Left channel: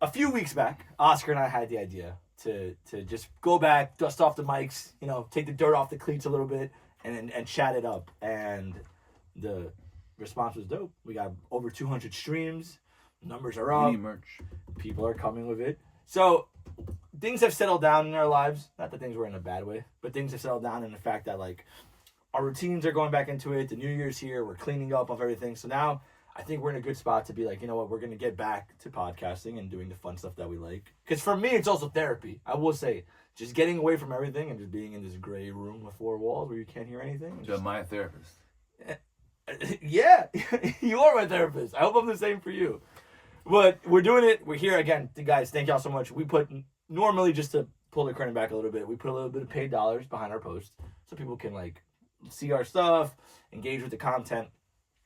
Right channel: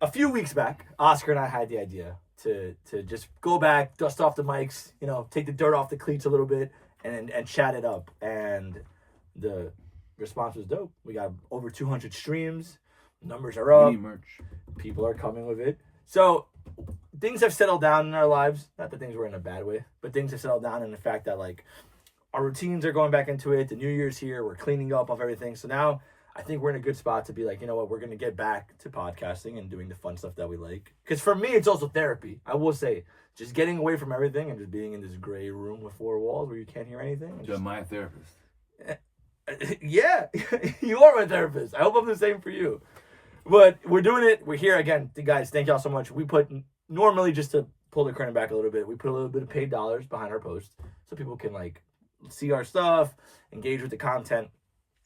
a few weeks back, Oscar and I had the idea to just go back, dust off the mics, take the dirt off the cleats a little bit, and chat it up. And the response was dope. We got over 200 streams. Numbers are up. Mini merch. People are coming with it. So things have settled down in our lives. Not that things were in a bad way, but things have settled down in the fact that like our routines are going back into it. The New Year's here. We're cleaning up of everything. So now I think we're in a good spot to be like, you know what, we're going to get back to podcasting and doing the fun stuff that we like. Because for me, it's also therapy. I will say, just getting away from everything and just being in this gray room with four walls where you can't hear anything. You're my therapist. Yeah, you are my therapist. I hope I'm the same for you. But we're doing it. We're here again. Guys, thank y'all so much. We put, normally just to pull the curtain back a little bit, we put a little bit of paid dollars behind our posts so people can like see our stuff, engage with the content.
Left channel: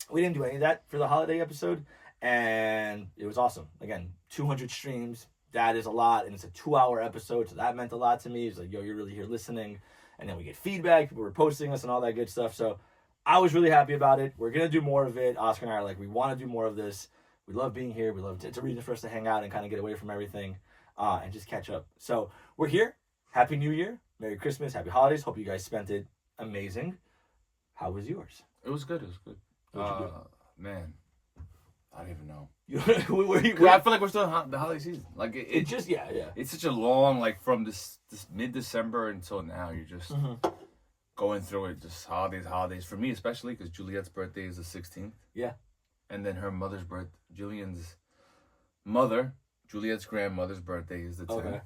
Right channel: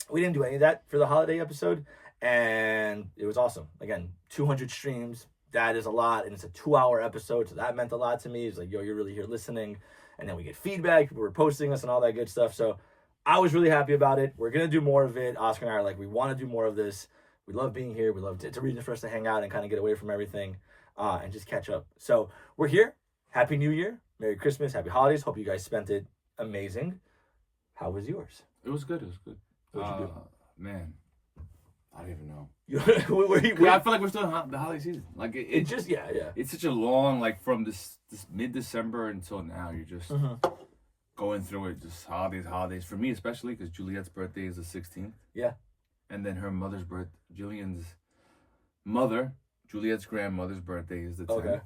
We didn't do any of that for the holiday episode, and it was awesome. Again, 200 streams. That is a lot, and it's a 2-hour episode, so that meant a lot to me. It's like, yo, you're really here listening. And then we get feedback. People were posting us and all that good stuff. So I was really happy about it. We're going to do more of it. Oscar and I are like, we want to do more of this. We love being here. We love it's a reason for us to hang out and kind of get away from everything and just catch up. So we're here. Happy New Year. Merry Christmas. Happy holidays. Hope you guys spent it amazing. How was yours? It was good. It was good. What'd you do? Man, I don't even know. I I feel like we're still in the holiday season. Like it just, yeah. It's such a long, like from this mid-December until now, you're just going through it, just holidays. For me, especially, because Juliet's birthday is the 16th. Yeah. And then her mother's birthday, Julian's mother, Juliet's grandmother's birthday is the 10th. Okay.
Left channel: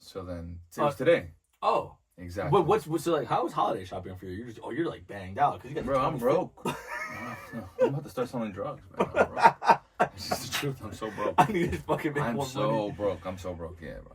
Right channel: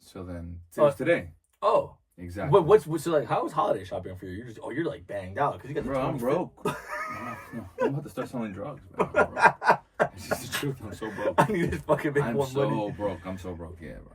So then, it's today. Oh. Exactly. What's so like? How was holiday shopping for you? You're like banged out because you got. Bro, I'm broke. I'm about to start selling drugs, man. I'm broke. It's just the truth. I'm so broke. I need to fucking make more money. I'm so broke. Yeah, bro.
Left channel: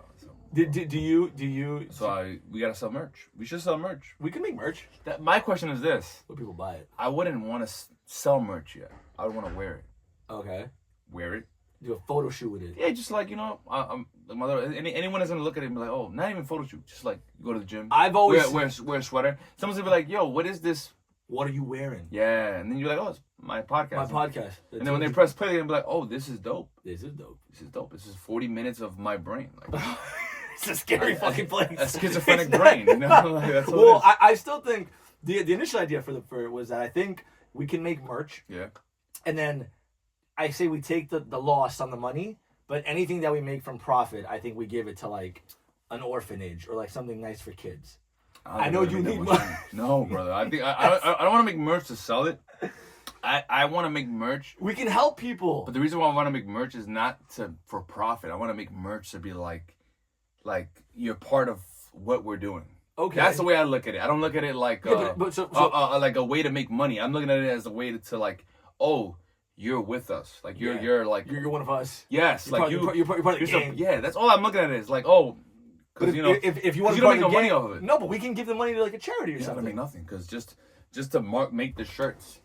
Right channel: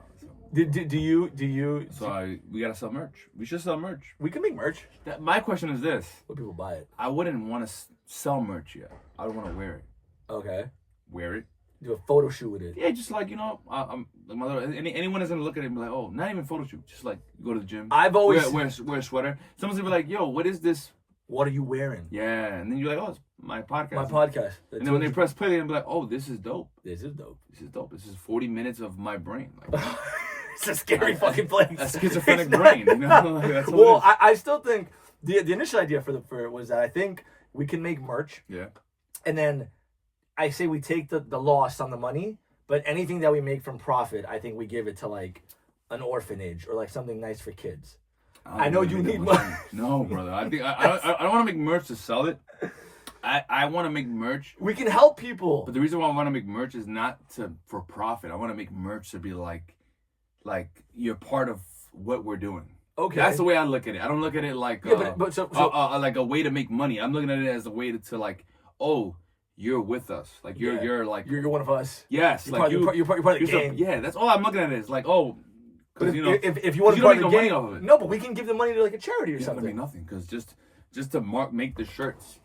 Do you? So we gotta sell merch. We should sell merch. We can make merch. My question is this: would people buy it? I wouldn't want to sell merch yet. I would want to wear it. Okay. Wear it. Do a photo shoot with it. Yeah, just like I'm the mother. Anyone is gonna look at it and be like, oh, not even photo shoot. Just like you go to the gym. I've always wear a sweater. Someone's gonna be like, yo, what is this? What are you wearing? Yeah, and then you're like, oh, it's my podcast. My podcast. And then when they press play, they're gonna be like, oh, this is dope. This is dope. This is dope. This is 40 minutes of my brain. Like, it's a scary fucking place. A schizophrenic brain. You know? Like, that's well, I still think the initial idea for it was that I think we can make merch. Yeah. And then I say we take the loss on the money. But anything that we make from profit, I think we give it to like an orphanage or like something nice for kids. I know you need money. No, brother. I think I don't want to make merch to sell it. I want to make merch. We can help people. But the reason why I want to make merch is not for profit. I want to make merch to be like you're part of what we're doing. Okay. That's the way I look at it. I don't look at it like like a way to make money. I'm looking at it as a way to like, oh, you're with us. Like you're one of us. Yes, you're part of the game. Yeah, that's all I'm looking at. Is like, oh, because if you want to make money off of it, no, but we can give the money to like a charity or something. Make nothing because just to make the shirts,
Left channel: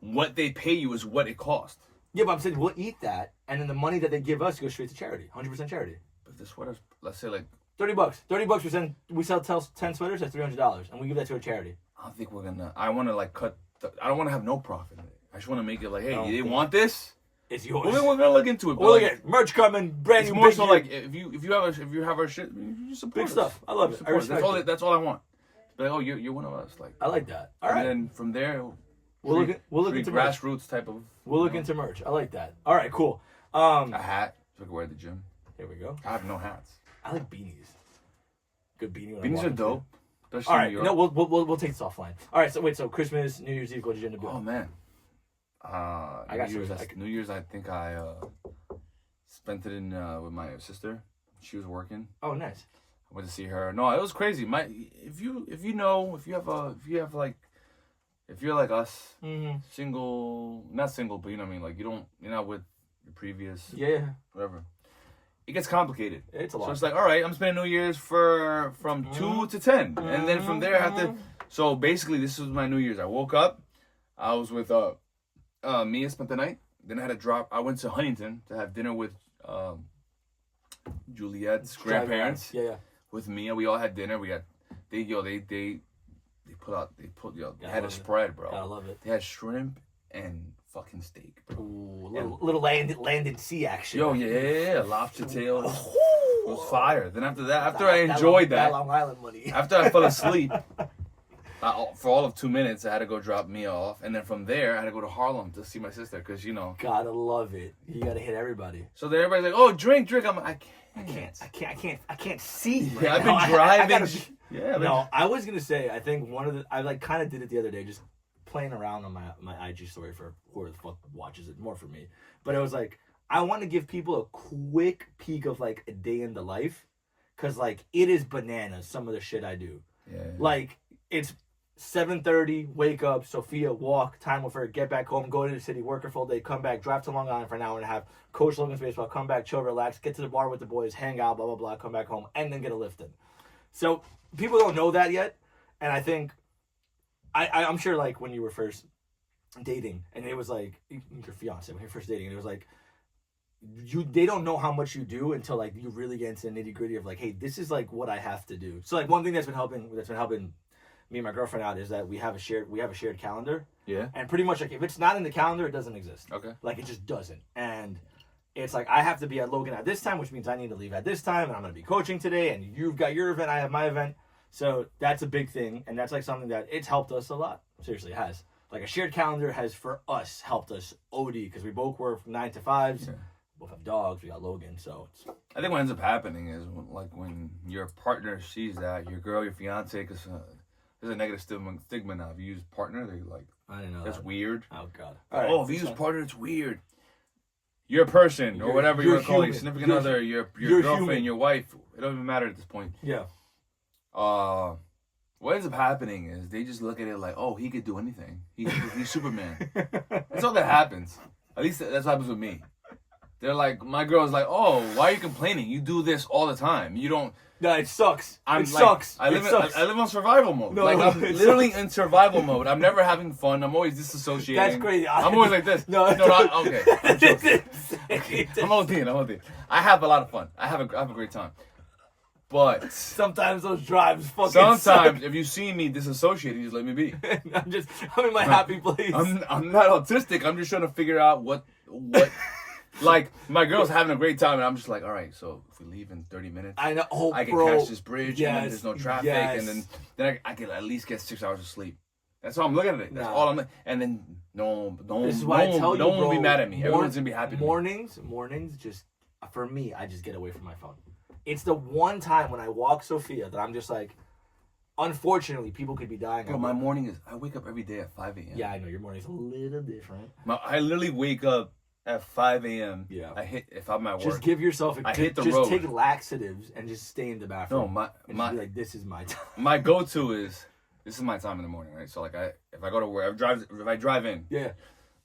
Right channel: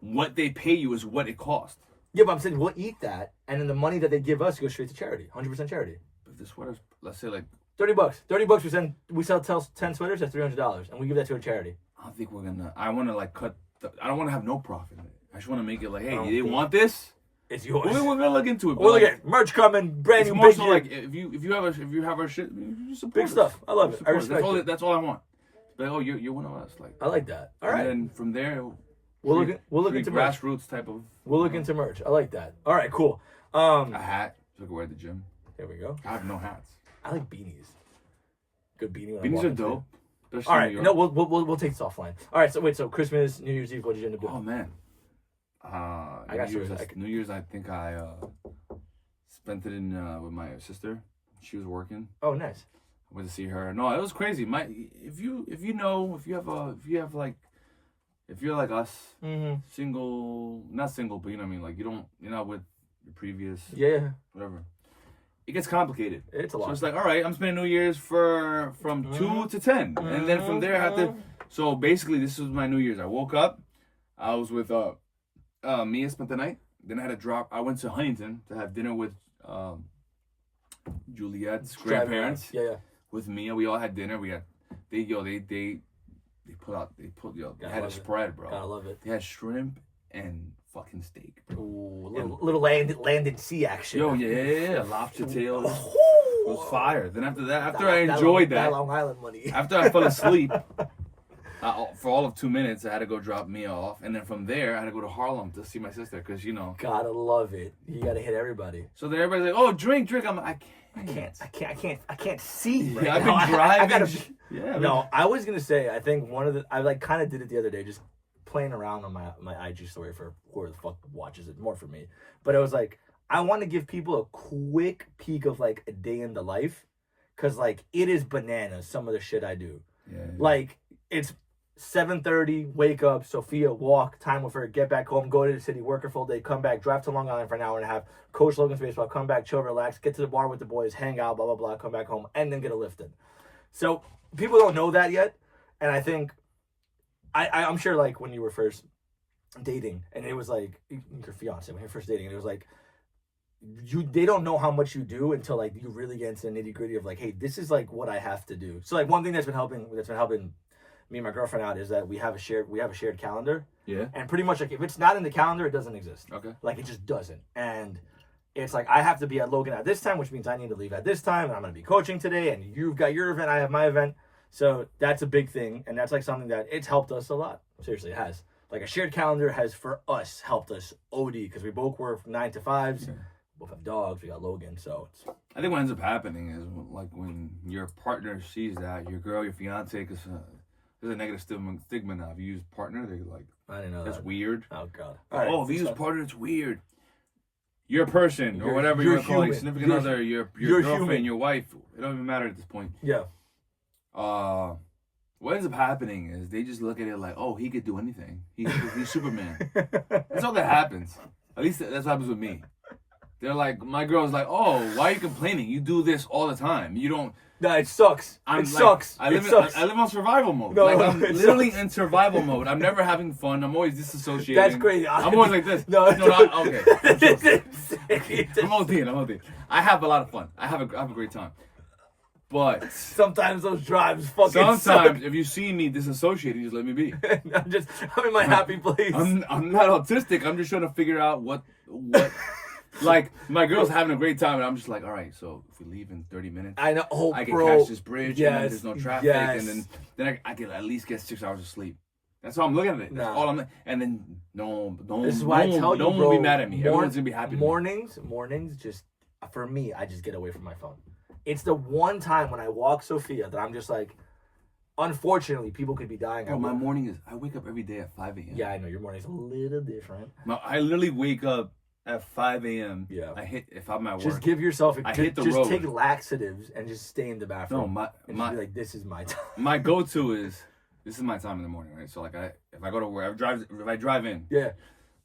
what they pay you is what it costs. Yeah, but I'm saying we'll eat that, and then the money that they give us goes straight to charity, 100% charity. But the sweaters, let's say like $30. $30. We sell 10 sweaters. That's $300, and we give that to a charity. I don't think we're gonna. I want to like cut. I don't want to have no profit in it. I just want to make it like, hey, you want this? It's yours. We're gonna look into it. We'll look at merch coming, brand new. More so like if you have our shit, you support big stuff. I love it. I respect it. That's all I want. But oh, you're one of us. Like I like that. All right. And then from there, we'll look into grassroots merch. Type of. We'll look into merch. I like that. All right, cool. A hat so I can wear at the gym. There we go. I have no hats. I like beanies. Good beanie. Beanies are dope. All right. No, we'll take this offline. All right. So wait. So Christmas, New Year's Eve. What did you end up doing? Oh man. I got New Year's. I think I spent it in with my sister. She was working. Oh, nice. I went to see her. No, it was crazy. If you're like us, single, not single, but you know what I mean. Like you're not with your previous. Yeah. Whatever. It gets complicated. It's a lot. So it's like, all right, I'm spending New Year's from 2 to 10, and then from there I have to. So basically, this was my New Year's. I woke up. I was with Mia, spent the night. Then I had to drop. I went to Huntington to have dinner with Juliet's grandparents. Yeah. With Mia, we all had dinner. We had they had a spread, bro. I love it. They had shrimp and fucking steak, bro. Ooh, little land and sea action. Yo, yeah, lobster tails. It was fire. Then after that, after That- I that enjoyed Long- that, Long Island money. after I fell asleep, for all of 2 minutes, I had to go drop Mia off, and then from there, I had to go to Harlem to see my sister, because Gotta love it. You gotta hit everybody. So then everybody's like, "Oh, drink." I'm like, I can't see. Right Yeah, I've now. been driving. I gotta be, Yeah. no, I was gonna say. I think I like kind of did it the other day, just playing around on my IG story for whoever the fuck watches it, more for me. But it was like, I want to give people a quick peek of like a day in the life, cause like it is bananas some of the shit I do. Yeah. Like it's 7:30, wake up, Sophia, walk, time with her, get back home, go to the city, work a full day, come back, drive to Long Island for an hour and a half, coach Logan's baseball, come back, chill, relax, get to the bar with the boys, hang out, blah, blah, blah, come back home, and then get a lift in. So people don't know that yet, and I think, I'm sure like when you were first dating, and it was like, your fiance, when you're first dating, and it was like, they don't know how much you do until like you really get into the nitty gritty of like, hey, this is like what I have to do. So like one thing that's been helping me and my girlfriend out is that we have a shared calendar. Yeah. And pretty much like if it's not in the calendar, it doesn't exist. Okay. Like it just doesn't. And it's like I have to be at Logan at this time, which means I need to leave at this time, and I'm gonna be coaching today, and you've got your event, I have my event. So that's a big thing, and that's like something that it's helped us a lot. Seriously, it has. Like a shared calendar has for us helped us OD because we both work 9 to 5s. Yeah. Both have dogs. We got Logan, so it's. I think what ends up happening is when your partner sees that your girl, your fiance, because there's a negative stigma now. If you use partner, they're like, I didn't know that's that. weird. Oh god. Right, if you use partner, it's weird. Your person or whatever you want to call it, significant other, your girlfriend, human. Your wife. It don't even matter at this point. Yeah. What ends up happening is they just look at it like, oh, he could do anything. He's Superman. That's all that happens. At least that's what happens with me. They're like, my girl's like, oh, why are you complaining? You do this all the time. You don't. No, it sucks. It sucks. I live on survival mode. No, I'm literally in survival mode. I'm never having fun. I'm always disassociating. That's crazy. I'm always like this. No, okay. I'm OD. I have a lot of fun. I have a great time. But sometimes those drives fucking sometimes suck. If you see me disassociating, just let me be. I'm in my happy place. I'm not autistic. I'm just trying to figure out what like my girl's having a great time and I'm just like, all right, so if we leave in 30 minutes, I know, I can catch this bridge and then there's no traffic yes. and then I can at least get 6 hours of sleep. That's how I'm looking at it. That's all I'm. And then no this is why I tell you, no one bro, will be mad at me. Everyone's gonna be happy. Mornings, just for me, I just get away from my phone. It's the one time when I walk Sophia that I'm just like, unfortunately, people could be dying. Bro, my morning is, I wake up every day at 5 a.m. Yeah, I know, your morning's a little different. I literally wake up at 5 a.m. Yeah. If I'm at work. Just give yourself hit the just road. take laxatives and just stay in the bathroom. No, and just be like, this is my time. My go-to is, this is my time in the morning, right? So like if I go to work, if I drive in. Yeah.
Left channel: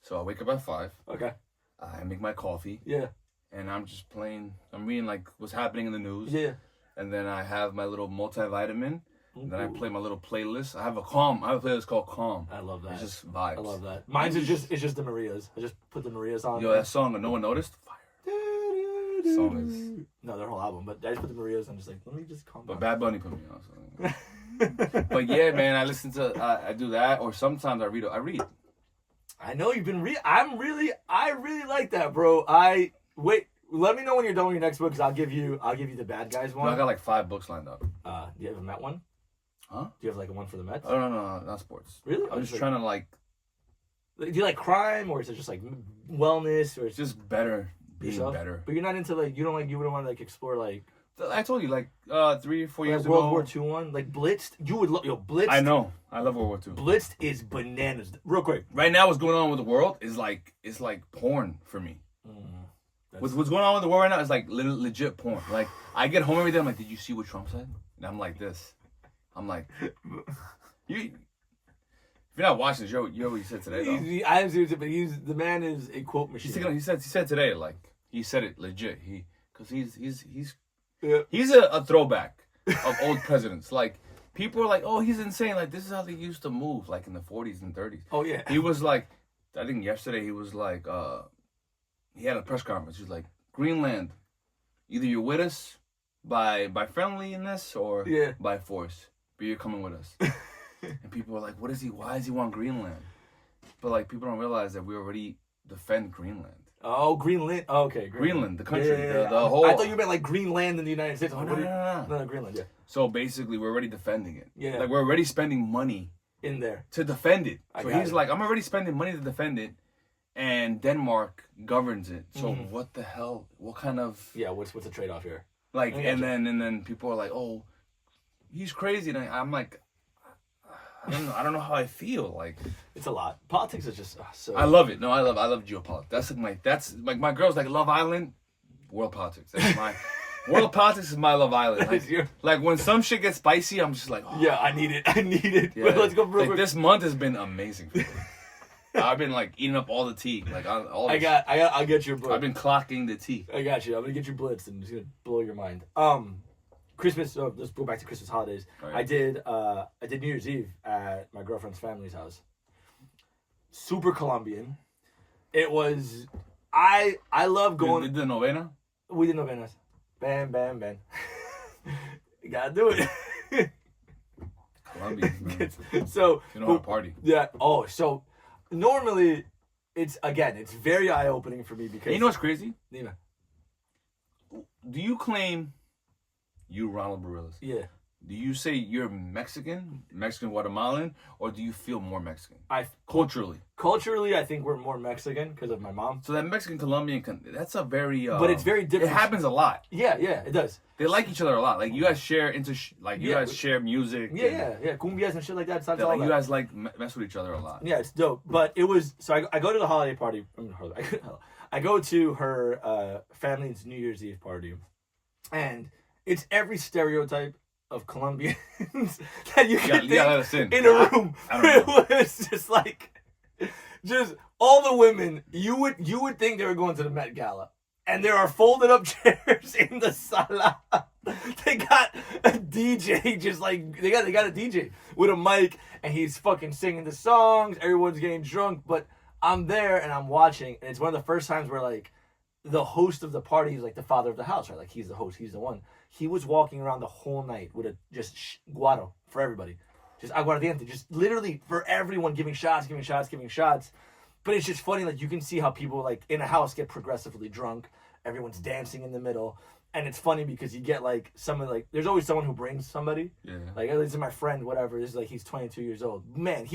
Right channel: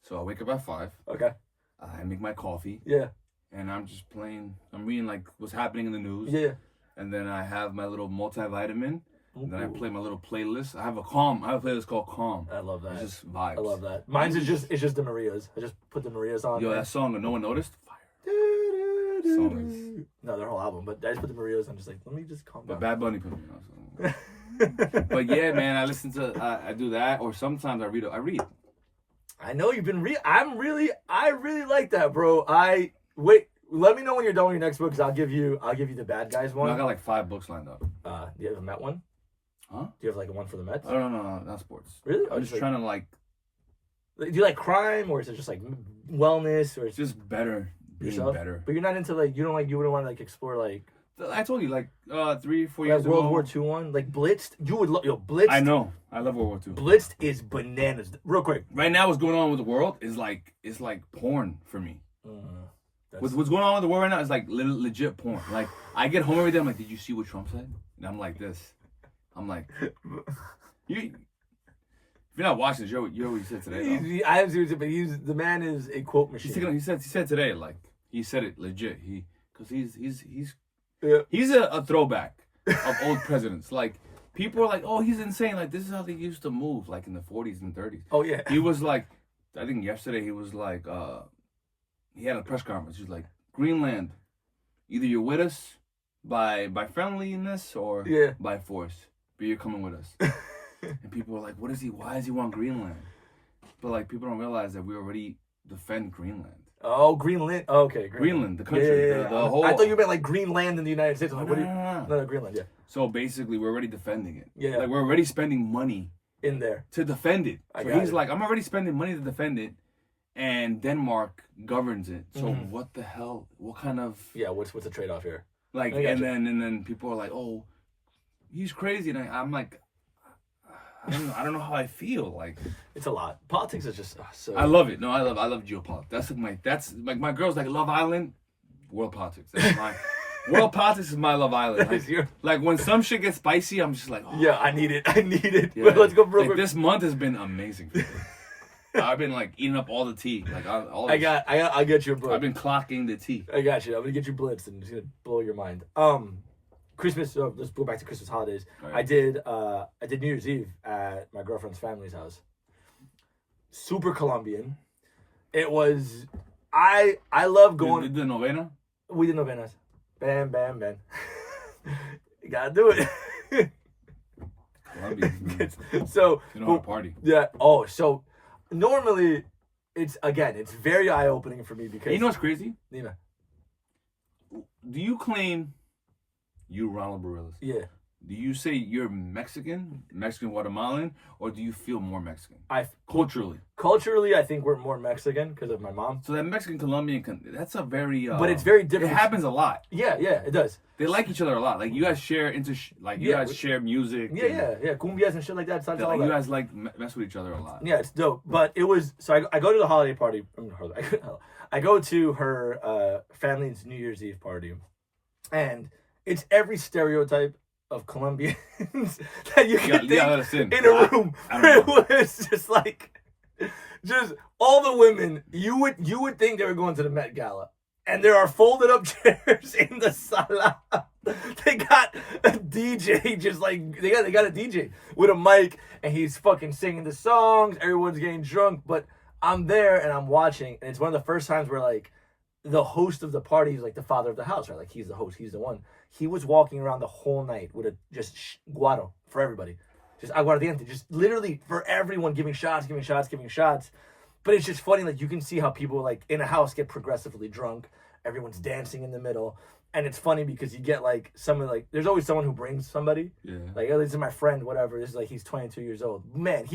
So I wake up at 5. Okay. I make my coffee. Yeah. And I'm just playing. I'm reading like what's happening in the news. Yeah. And then I have my little multivitamin. Ooh. And then I play my little playlist. I have a playlist called Calm. I love that. It's just vibes. I love that. Mine's it's just the Marias. I just put the Marias on. Yo, that song that no one noticed. Fire. Song is... No, their whole album. But I just put the Marias on. Just like, let me just calm down. But Bad Bunny put me on. So. But yeah, man, I listen to. I do that, or sometimes I read. I know you've been I really like that, bro. Wait. Let me know when you're done with your next book, because I'll give you the bad guys one. No, I got like 5 books lined up. Do you have a Met one? Huh? Do you have like one for the Mets? Oh, no, not sports. Really? I'm just trying to like. Do you like crime, or is it just like wellness, or it's just better, being yourself? Better? But you're not into like you wouldn't want to like explore like. I told you like 3 or 4 years ago. World War II one, like Blitzed. You would love Blitzed. I know. I love World War II. Blitzed is bananas. Real quick. Right now, what's going on with the world is like porn for me. What's going on with the world right now is like legit porn. Like I get home every day, I'm like, did you see what Trump said? And I'm like this. I'm like, if you're not watching this, you know what he said today. I have to, but the man is a quote machine. He said today, like he said it legit. Because he's a throwback of old presidents. Like people are like, oh, he's insane. Like this is how they used to move, like in the 40s and 30s. Oh yeah. He was like, I think yesterday he was like, he had a press conference. He's like, Greenland, either you're with us by friendliness or by force, but you're coming with us. And people are like, why does he want Greenland? But like people don't realize that we already defend Greenland. Oh, Greenland. Oh, okay, Greenland, the country. Yeah. The whole. I thought you meant like Greenland in the United States. I'm like, what do you? No. No, Greenland. Yeah. So basically, we're already defending it. Yeah. Like we're already spending money In there. to defend it. I So got he's it. like, I'm already spending money to defend it, and Denmark governs it. So what the hell? What kind of Yeah. What's the trade off here? like? I gotcha. And then people are like, oh, he's crazy, and I'm like, I don't know how I feel. Like It's a lot. Politics is just so. I love it. No, I love geopolitics. That's like my girls like Love Island, world politics. That's my world politics is my Love Island. Like when some shit gets spicy, I'm just like, oh. Yeah, I need it. Yeah. Well, let's go real Like quick. this month has been amazing. For me. I've been like eating up all the tea. Like I'll get you a book. I've been clocking the tea. I got you. I'm gonna get you blitzed and it's gonna blow your mind. Christmas. Let's go back to Christmas holidays. Right. I did New Year's Eve at my girlfriend's family's house. Super Colombian. It was. I love going. You did the novena? We did novenas. Bam, bam, bam. You gotta do it. Colombian. So You know how to party. yeah. Oh, so normally it's very eye opening for me because You know what's crazy? Yeah. Do you claim you Ronald Barillas? Yeah. Do you say you're Mexican Guatemalan, or do you feel more Mexican? Culturally, I think we're more Mexican because of my mom. So that Mexican Colombian, that's a very. But it's very different. It happens a lot. Yeah, it does. They like each other a lot. Like you guys share you guys share music. Yeah. Cumbias and shit like that. It's all Like you that. guys like mess with each other a lot. Yeah, it's dope. But it was so I go to the holiday party. I go to her family's New Year's Eve party, and it's every stereotype of Colombians that you can think in a room. It was just like, just all the women. You would think they were going to the Met Gala, and there are folded up chairs in the sala. They got a DJ, just like they got a DJ with a mic, and he's fucking singing the songs. Everyone's getting drunk, but I'm there and I'm watching, and it's one of the first times where like the host of the party is like the father of the house, right? Like he's the host, he's the one. He was walking around the whole night with just guaro for everybody. Just aguardiente, just literally for everyone giving shots. But it's just funny, like you can see how people like in a house get progressively drunk. Everyone's dancing in the middle. And it's funny because you get like someone like there's always someone who brings somebody. Yeah. Like this is my friend, whatever. This is like he's 22 years old. Man,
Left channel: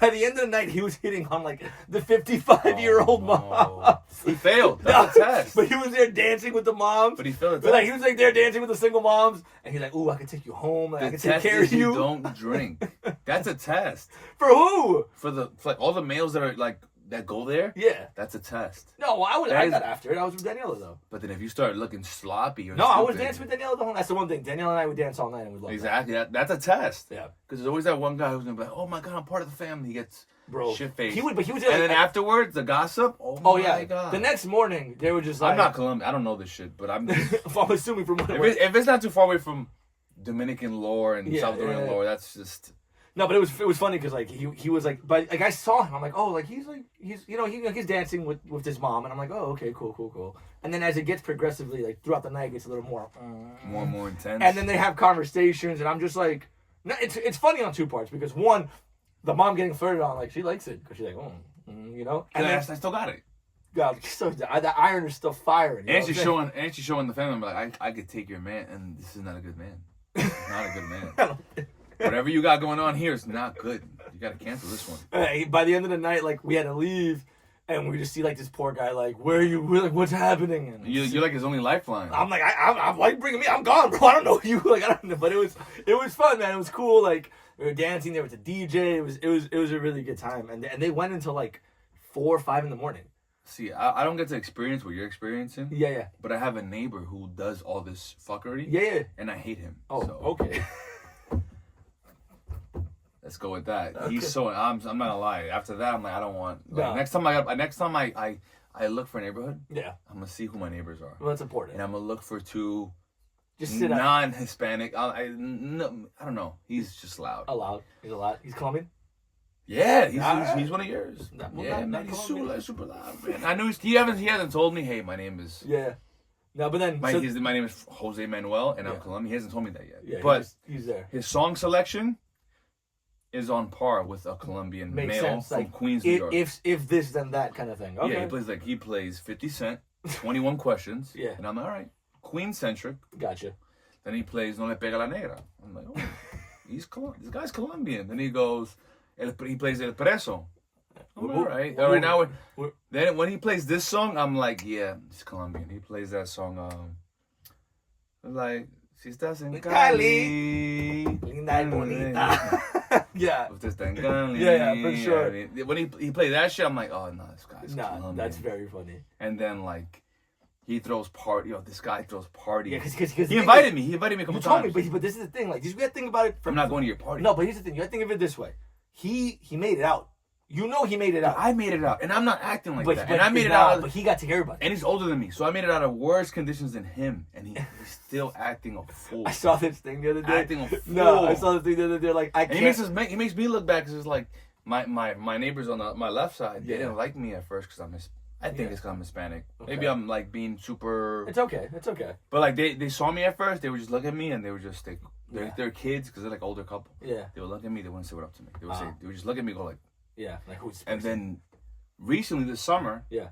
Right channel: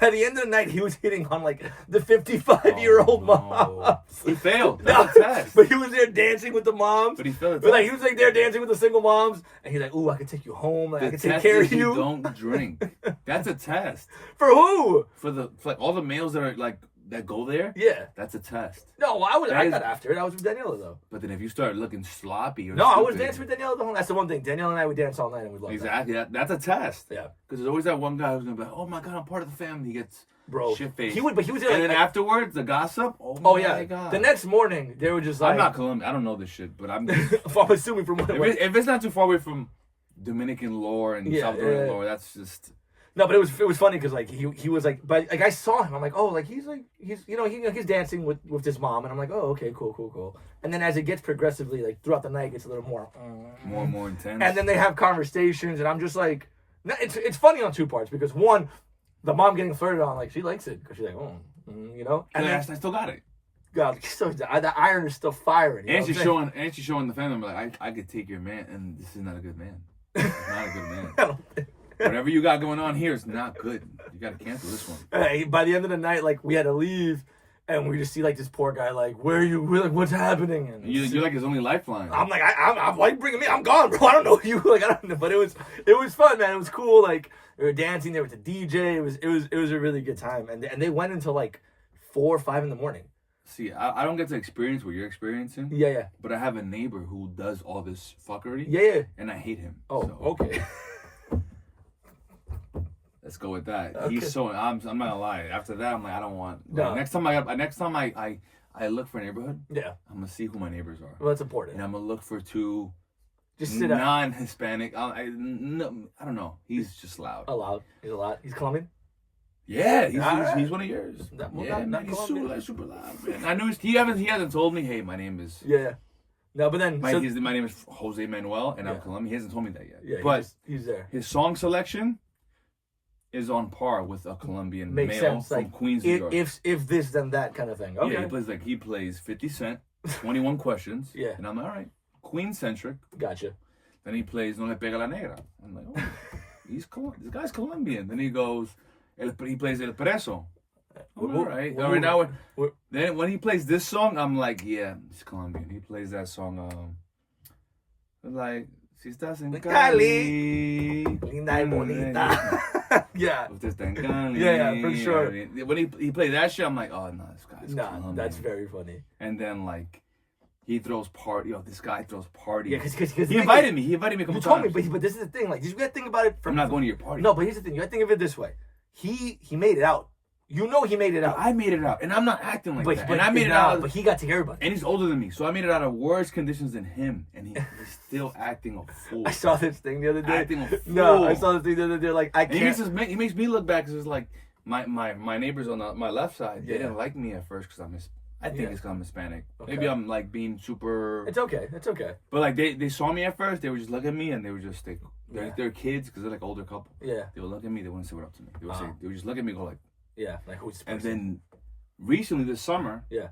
by the end of the night he was hitting on like the 55-year-old mom. He failed. That's a test. But he was there dancing with the moms. But he failed. But like he was like there dancing with the single moms, and he's like, "Ooh, I can take you home. Like, I can take care of you." Don't drink. That's a test. For who? For like all the males that are like that go there. Yeah. That's a test. No, I got after it. I was with Daniela though. But then if you start looking sloppy or no, I was dancing with Daniela the whole. That's the one thing. Daniela and I would dance all night and we loved exactly. That's a test. Yeah. Because there's always that one guy who's gonna be like, "Oh my god, I'm part of the family." He gets shit faced. He was there. And like, then afterwards, the gossip. Oh my god. The next morning, they were just like, I'm not Colombian. I don't know this shit, but I'm. I'm assuming from what if it's not too far away from Dominican lore and Salvadoran lore, that's just. No, but it was funny because like he was like, but like I saw him, I'm like, oh, like he's he's dancing with his mom, and I'm like, oh, okay, cool. And then as it gets progressively like throughout the night, it gets a little more and more intense. And then they have conversations, and I'm just like, it's funny on two parts because one, the mom getting flirted on, like she likes it because she's like, you know, and I still got it. God, so the iron is still firing. And she's showing the family member like, I could take your man, and this is not a good man. It's not a good man. Whatever you got going on here is not good. You got to cancel this one. By the end of the night, like we had to leave, and we just see like this poor guy, like, where are you? Like, what's happening? And you're like his only lifeline. I'm like, I'm like, bringing me. I'm gone, bro. I don't know you. Like, I don't know. But it was fun, man. It was cool. Like we were dancing there with the DJ. It was a really good time, and they went until like 4 or 5 in the morning. See, I don't get to experience what you're experiencing. Yeah. But I have a neighbor who does all this fuckery. Yeah. And I hate him. Oh, so. Okay. Let's go with that. Okay. He's so I'm not gonna lie. After that, I'm like, I don't want. Like, No. next time I look for a neighborhood. Yeah. I'm gonna see who my neighbors are. Well, that's important. And I'm gonna look for two. Just sit down. Non-Hispanic. I don't know. He's just loud. He's loud. He's Colombian. Yeah, he's one of yours. Not He's super loud, man. I knew he hasn't told me. Hey, my name is. Yeah. No, but then my name is Jose Manuel, and I'm Colombian. He hasn't told me that yet. Yeah, but he's there. His song selection. is on par with a Colombian Makes male sense. from Like, Queens, New York. if this then that kind of thing. Okay. Yeah, he plays 50 Cent, 21 Questions. Yeah. And I'm like, all right, Queen centric. Gotcha. Then he plays No Le Pega la Negra. I'm like, oh, this guy's Colombian. Then he goes, he plays El Preso. All right. All right, now then when he plays this song, I'm like, yeah, it's Colombian. He plays that song, like, si estás en Cali, linda y bonita. Yeah. Usted está en Cali. Yeah, for sure. I mean, when he plays that shit, I'm like, oh no, this guy's Colombian. That's very funny. And then like, he throws this guy throws parties. Yeah, because he invited me. He invited me a couple you told times. me, but this is the thing. Like, you gotta think about it. I'm not going to your party. No, but here's the thing. You gotta think of it this way. He made it out. You know he made it out. I made it out, and I'm not acting like that. But And I made it out. But he got to hear about it. And he's older than me, so I made it out of worse conditions than him, and he's still acting a fool. I saw this thing the other day. Acting a fool. No, I saw this thing the other day. Like, I can't. He makes me look bad because it's like my neighbors on my left side. They didn't like me at first because I think it's because I'm Hispanic. Okay. Maybe I'm like being super. It's okay. It's okay. But like they saw me at first, they would just look at me and they would just they're kids because they're like older couple. Yeah. They would look at me. They wouldn't say what up to me. They would just look at me and go like. Yeah, like who's. And then recently this summer. Yeah.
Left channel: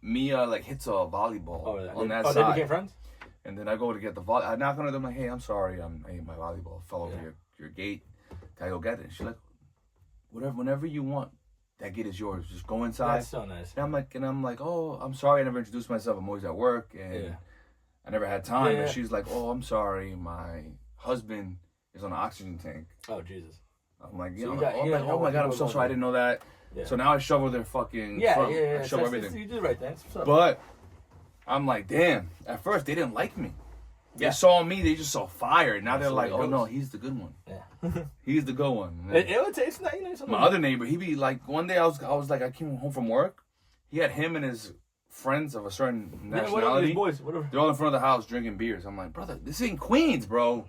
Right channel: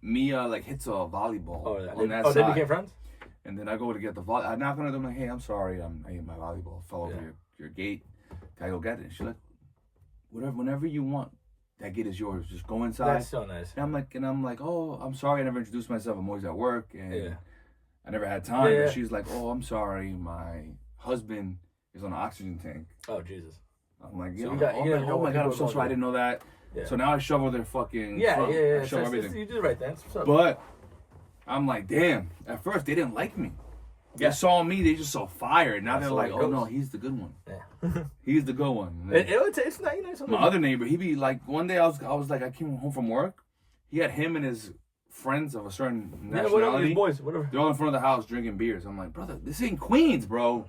Mia like hits a volleyball on that side. They became friends? And then I go to get the volley. I knock on her door. I'm like, hey, I'm sorry. I hit my volleyball. Fell over your gate. Can I go get it? And she's like, whenever you want. That gate is yours. Just go inside. That's so nice. And I'm like, oh, I'm sorry. I never introduced myself. I'm always at work. And I never had time. Yeah. And she's like, oh, I'm sorry. My husband is on an oxygen tank. Oh, Jesus. I'm like, oh my God, I'm so sorry. I didn't know that. Yeah. So now I shovel their fucking front. I shovel everything. You did the right thing. But I'm like, damn. At first, they didn't like me. They saw me. They just saw fire. Now they're like, oh, no, he's the good one. Yeah. He's the good one. It would taste nice. My other neighbor, he'd be like, one day I was like, I came home from work. He had him and his friends of a certain nationality. Whatever. They're all in front of the house drinking beers. I'm like, brother, this ain't Queens, bro.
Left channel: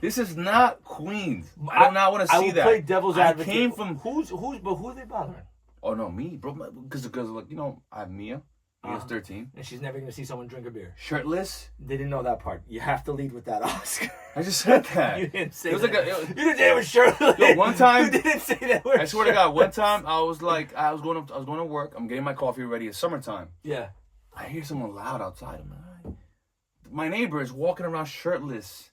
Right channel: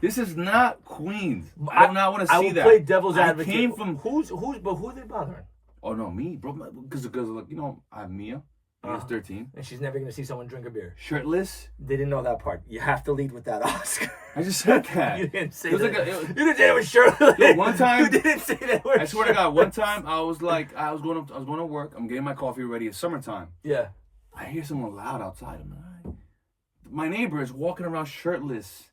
This is not Queens. I do not want to see that. I would play devil's advocate. I came from who are they bothering? Oh no, me, bro. Because like I have Mia. Mia's 13, and she's never gonna see someone drink a beer shirtless. They didn't know that part. You have to lead with that, Oscar. I just said that. You didn't say it was that. Like you didn't say it was shirtless. Yo, one time, you didn't say that. I swear to God, one time I was going to work. I'm getting my coffee ready. It's summertime. Yeah. I hear someone loud outside. I'm like, my neighbor is walking around shirtless,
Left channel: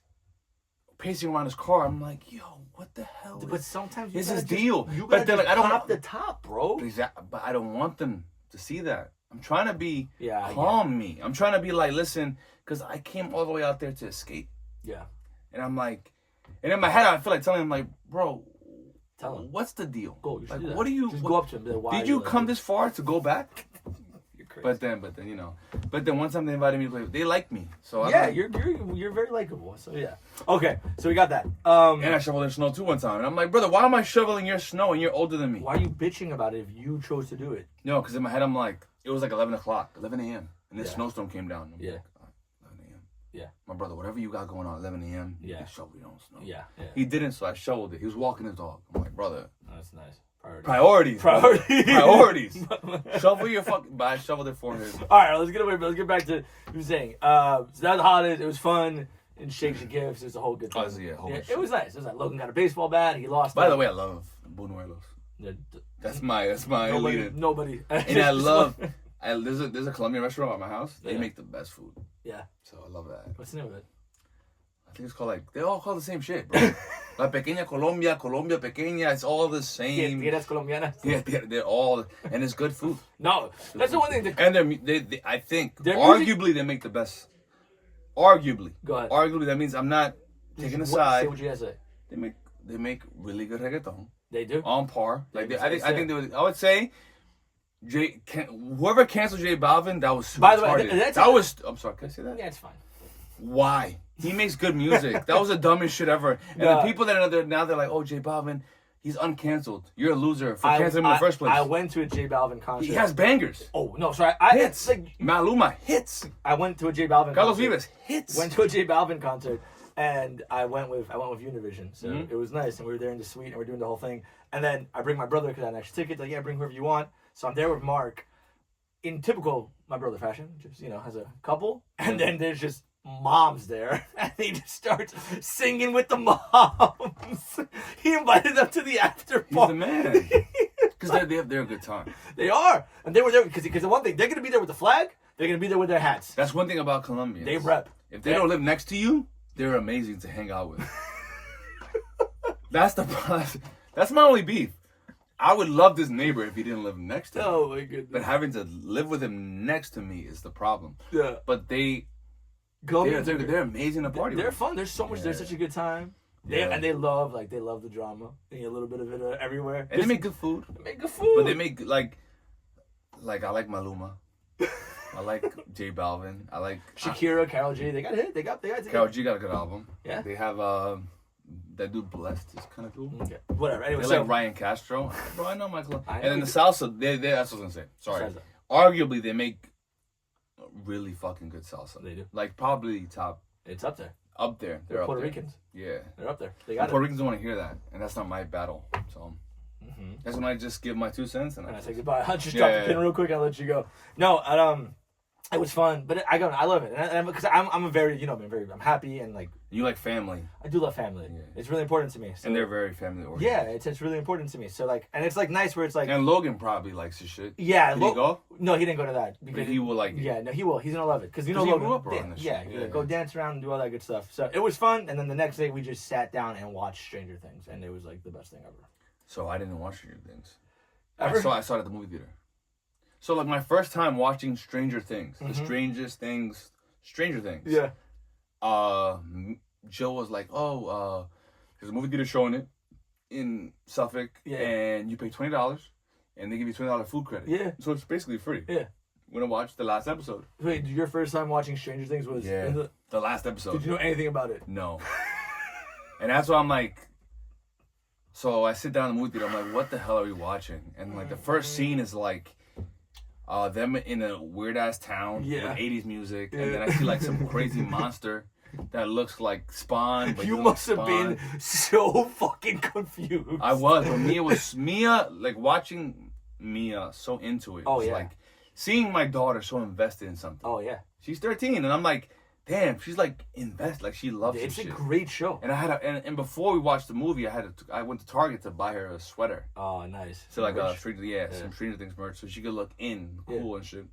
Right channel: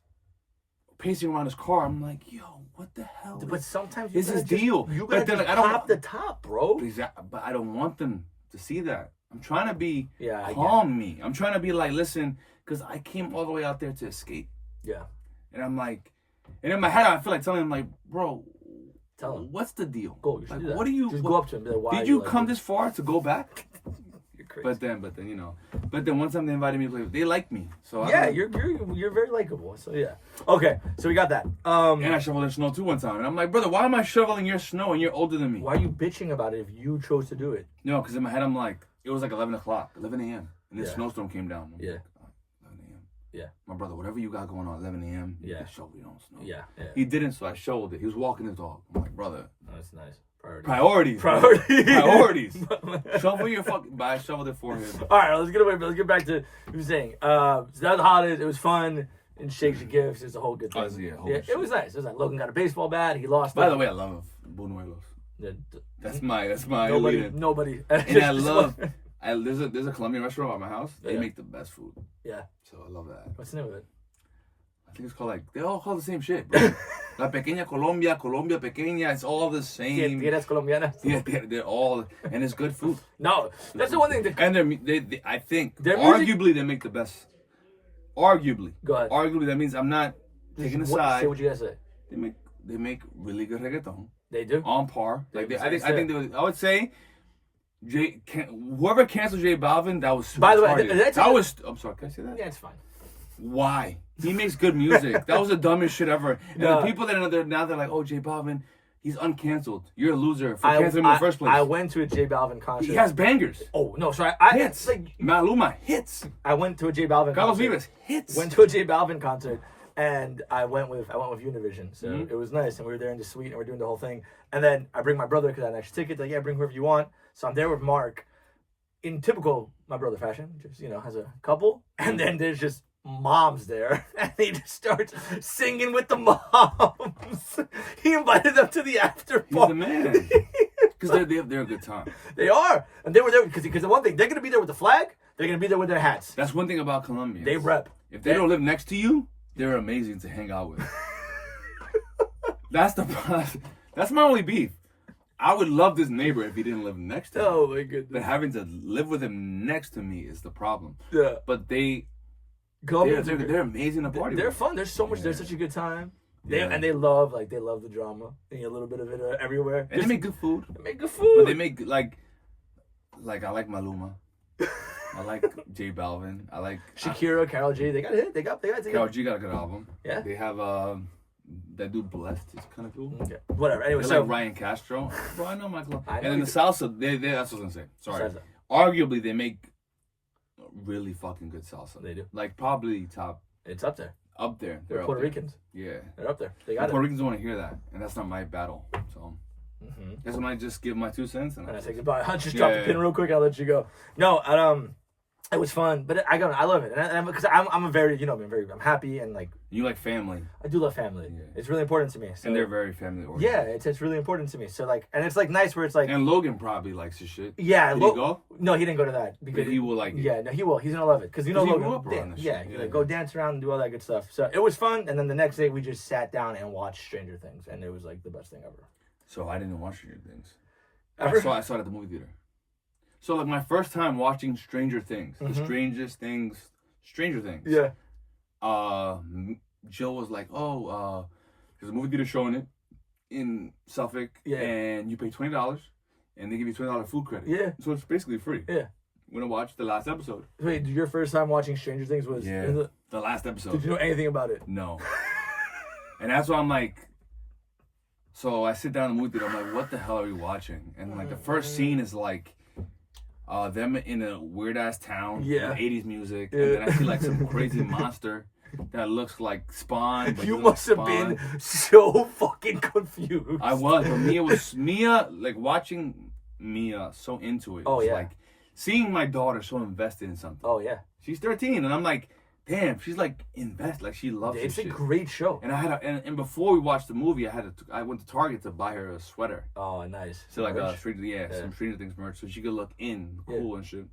pacing around his car. I'm like, yo, what the hell? But sometimes this is deal. You gotta just pop the top, bro. But I don't want them to see that. I'm trying to be calm me. I'm trying to be like, listen, because I came all the way out there to escape. Yeah. And I'm like, and in my head, I feel like telling him, like, bro, tell him. What's the deal? Go. You should do that. What do you? Just go up to him. Be like, why did you come this far to go back? You're crazy. But then one time they invited me to play. They liked me. So you're very likable. So yeah. Okay. So we got that. And I shoveled in snow too one time. And I'm like, brother, why am I shoveling your snow and you're older than me? Why are you bitching about it if you chose to do it? No, because in my head I'm like, it was like 11 a.m. And this snowstorm came down. Yeah. 11 a.m. Yeah. My brother, whatever you got going on 11 a.m., you can shovel your own snow. Yeah. He didn't, so I shoveled it. He was walking his dog. I'm like, brother. That's nice. Priorities. Shovel your fucking. But I shoveled it for him. All right, let's get back to what you were saying. So that was the holidays. It was fun. And shakes and gifts. It's a whole good thing. It was nice. It was like Logan got a baseball bat. He lost. By the way, I love Buñuelos. Yeah, that's my nobody. And I love. There's a Colombian restaurant at my house. They make the best food. Yeah. So I love that. What's the name of it? I think it's called they all call the same shit, bro. La Pequeña Colombia, Colombia Pequeña, it's all the same. Tierras colombianas. Yeah, they're all, and it's good food. No, that's the one thing. And I think, arguably, they make the best. Arguably. Go ahead. Arguably, that means I'm not taking a side. Say what you guys say. They make really good reggaeton. They do. On par. I would say, whoever canceled J Balvin, that was super By the way, I'm sorry, can I say that? Yeah, it's fine. Why? He makes good music. That was the dumbest shit ever. And the people that are there now, they're like, oh, J Balvin, he's uncanceled. You're a loser for canceling him in the first place. I went to a J Balvin concert. He has bangers. Oh, no, sorry. Hits. Maluma, hits. I went to a J Balvin Carlos concert. Vives, hits. Went to a J Balvin concert, and I went with Univision. So it was nice, and we were there in the suite, and we're doing the whole thing. And then I bring my brother, because I had an extra ticket. Like, bring whoever you want. So I'm there with Mark. In typical my brother fashion, just, has a couple. And then there's just moms there, and he just starts singing with the moms. He invited them to the after He's party. the man. Because they're a good time. They are, and they were there because the one thing, they're gonna be there with the flag. They're gonna be there with their hats. That's one thing about Colombians. They rep. If they don't live next to you, they're amazing to hang out with. That's my only beef. I would love this neighbor if he didn't live next to me. Oh my goodness. But having to live with him next to me is the problem. Yeah. But they're amazing to party They're with. fun. There's so much. Yeah. There's such a good time. They love the drama. They get a little bit of it everywhere. And they make good food. They make good food. But they make like I like Maluma. I like J Balvin. I like Shakira, Karol G. They got hit. They got it. Karol G got a good album. Yeah. They have that dude Blessed is kind of cool. Okay. Whatever. Anyway, They so like Ryan Castro. Bro, I know Michael. I know And then you the salsa, that's what I was gonna say. Sorry. Salsa. Arguably, they make really fucking good salsa. They do. Like probably top It's up there. up there. They're They're up Puerto there. Ricans. Yeah. They're up there. They And got Puerto it. Ricans don't want to hear that, and that's not my battle. So that's when I just give my 2 cents and And I I say goodbye. I'll just drop the pin real quick. I'll let you go. No, it was fun, but I love it, and because I'm a very, I'm happy and like you like family, I do love family. Yeah. It's really important to me. So, and they're very family oriented. yeah, it's really important to me. So like, and it's like nice where it's like, And Logan probably likes his shit. yeah. Did he go? No, he didn't go to that But he will like it. Yeah, no, he will. He's gonna love it because you know 'Cause he Logan. grew up around this yeah, shit. he's Yeah, like, go yeah. dance around and do all that good stuff. So it was fun, and then the next day we just sat down and watched Stranger Things, and it was like the best thing ever. So I didn't watch Stranger Things. Ever? I saw it at the movie theater. So like my first time watching Stranger Things, Mhm. the strangest things, Stranger Things. Yeah. Jill was like, "Oh, there's a movie theater showing it in Suffolk, Yeah. and you pay $20, and they give you $20 food credit. Yeah. So it's basically free. Yeah. We're gonna watch the last episode. Wait, your first time watching Stranger Things was? Yeah. The last episode. Did you know anything about it? No. And that's why I'm like, so I sit down in the movie theater, I'm like, what the hell are we watching? And like the first scene is like them in a weird ass town Yeah. with 80s music. Yeah. And then I see like some crazy monster that looks like Spawn. But You doesn't must have Spawn. been so fucking confused. I was, but Mia, like watching Mia so into it. Oh, was yeah. Like seeing my daughter so invested in something. Oh yeah. She's 13 and I'm like, damn, she's like invested, like she loves It's this a shit. great show. And I had and before we watched the movie, I went to Target to buy her a sweater. Oh, nice. So like Merch. some Stranger Things merch, so she could look cool Yeah. and shit.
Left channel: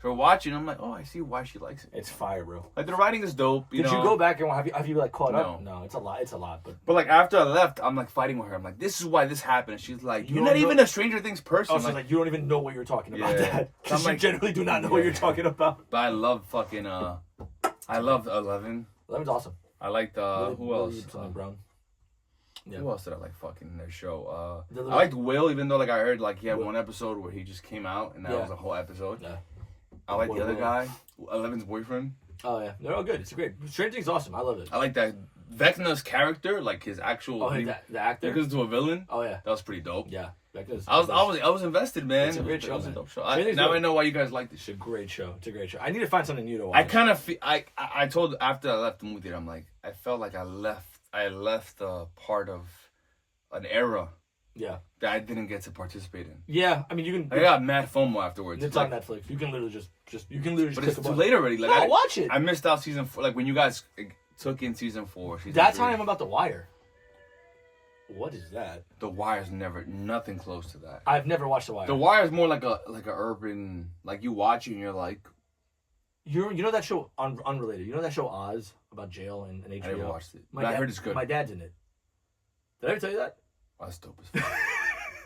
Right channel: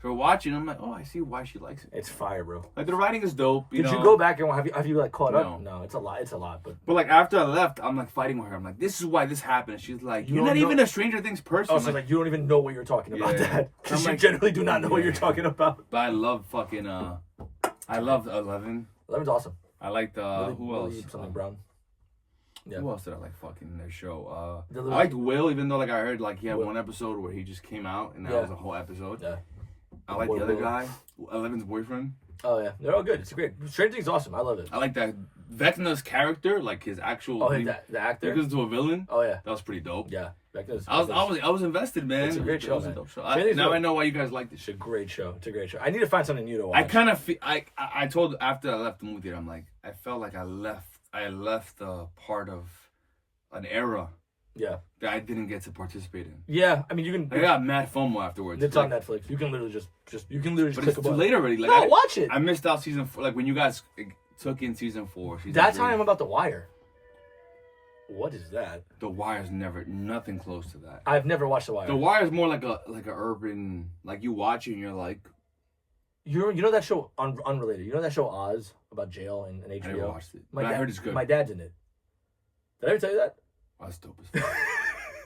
So we're watching, I'm like, oh, I see why she likes it. It's fire, bro. Like the writing is dope. Did you go back and have you like caught up? No. No, it's a lot. It's a lot, but But like after I left, I'm like fighting with her. I'm like, this is why this happened. And she's like, You you're don't not know- even a Stranger Things person. also like you don't even know what you're talking about. Yeah. That I'm because you like- generally do not know what you're talking about. But I love fucking I loved 11. Eleven's awesome. I liked who else? Something brown. Yeah. Who else did I like fucking in their show? The I little- liked Will, even though like I heard like he had Will. one episode where he just came out and that Yeah. was a whole episode. Yeah. I like the Will. other guy, 11's boyfriend. Oh yeah, they're all good. It's great. Stranger Things is awesome. I love it. I like that Vecna's character, like his actual. Oh, he the actor. goes to a villain. Oh yeah, That was pretty dope. yeah. I was invested, man. It's a great It show, was man. dope show. Stranger Things Now is- I know why you guys like this It's a shit. great show. It's a great show. I need to find something new to watch. I kind of feel I told after I left the movie theater, I'm like I felt like I left a part of an era Yeah. that I didn't get to participate in. Yeah. I mean, you can. I got mad FOMO afterwards. It's like, on Netflix. You can literally just click but it's a too button. late already. Like No, I watch it. I missed out season 4. Like when you guys took in season 4. That's how three. I'm about The Wire. What is that? The Wire's nothing close to that. I've never watched The Wire. The Wire's more like a urban, like you watch it and you're like, You know that show unrelated. You know that show Oz about jail and HBO. I never watched it, My but I dad- heard it's good. My dad's in it. Did I ever tell you that? Oh, that's dope as fuck.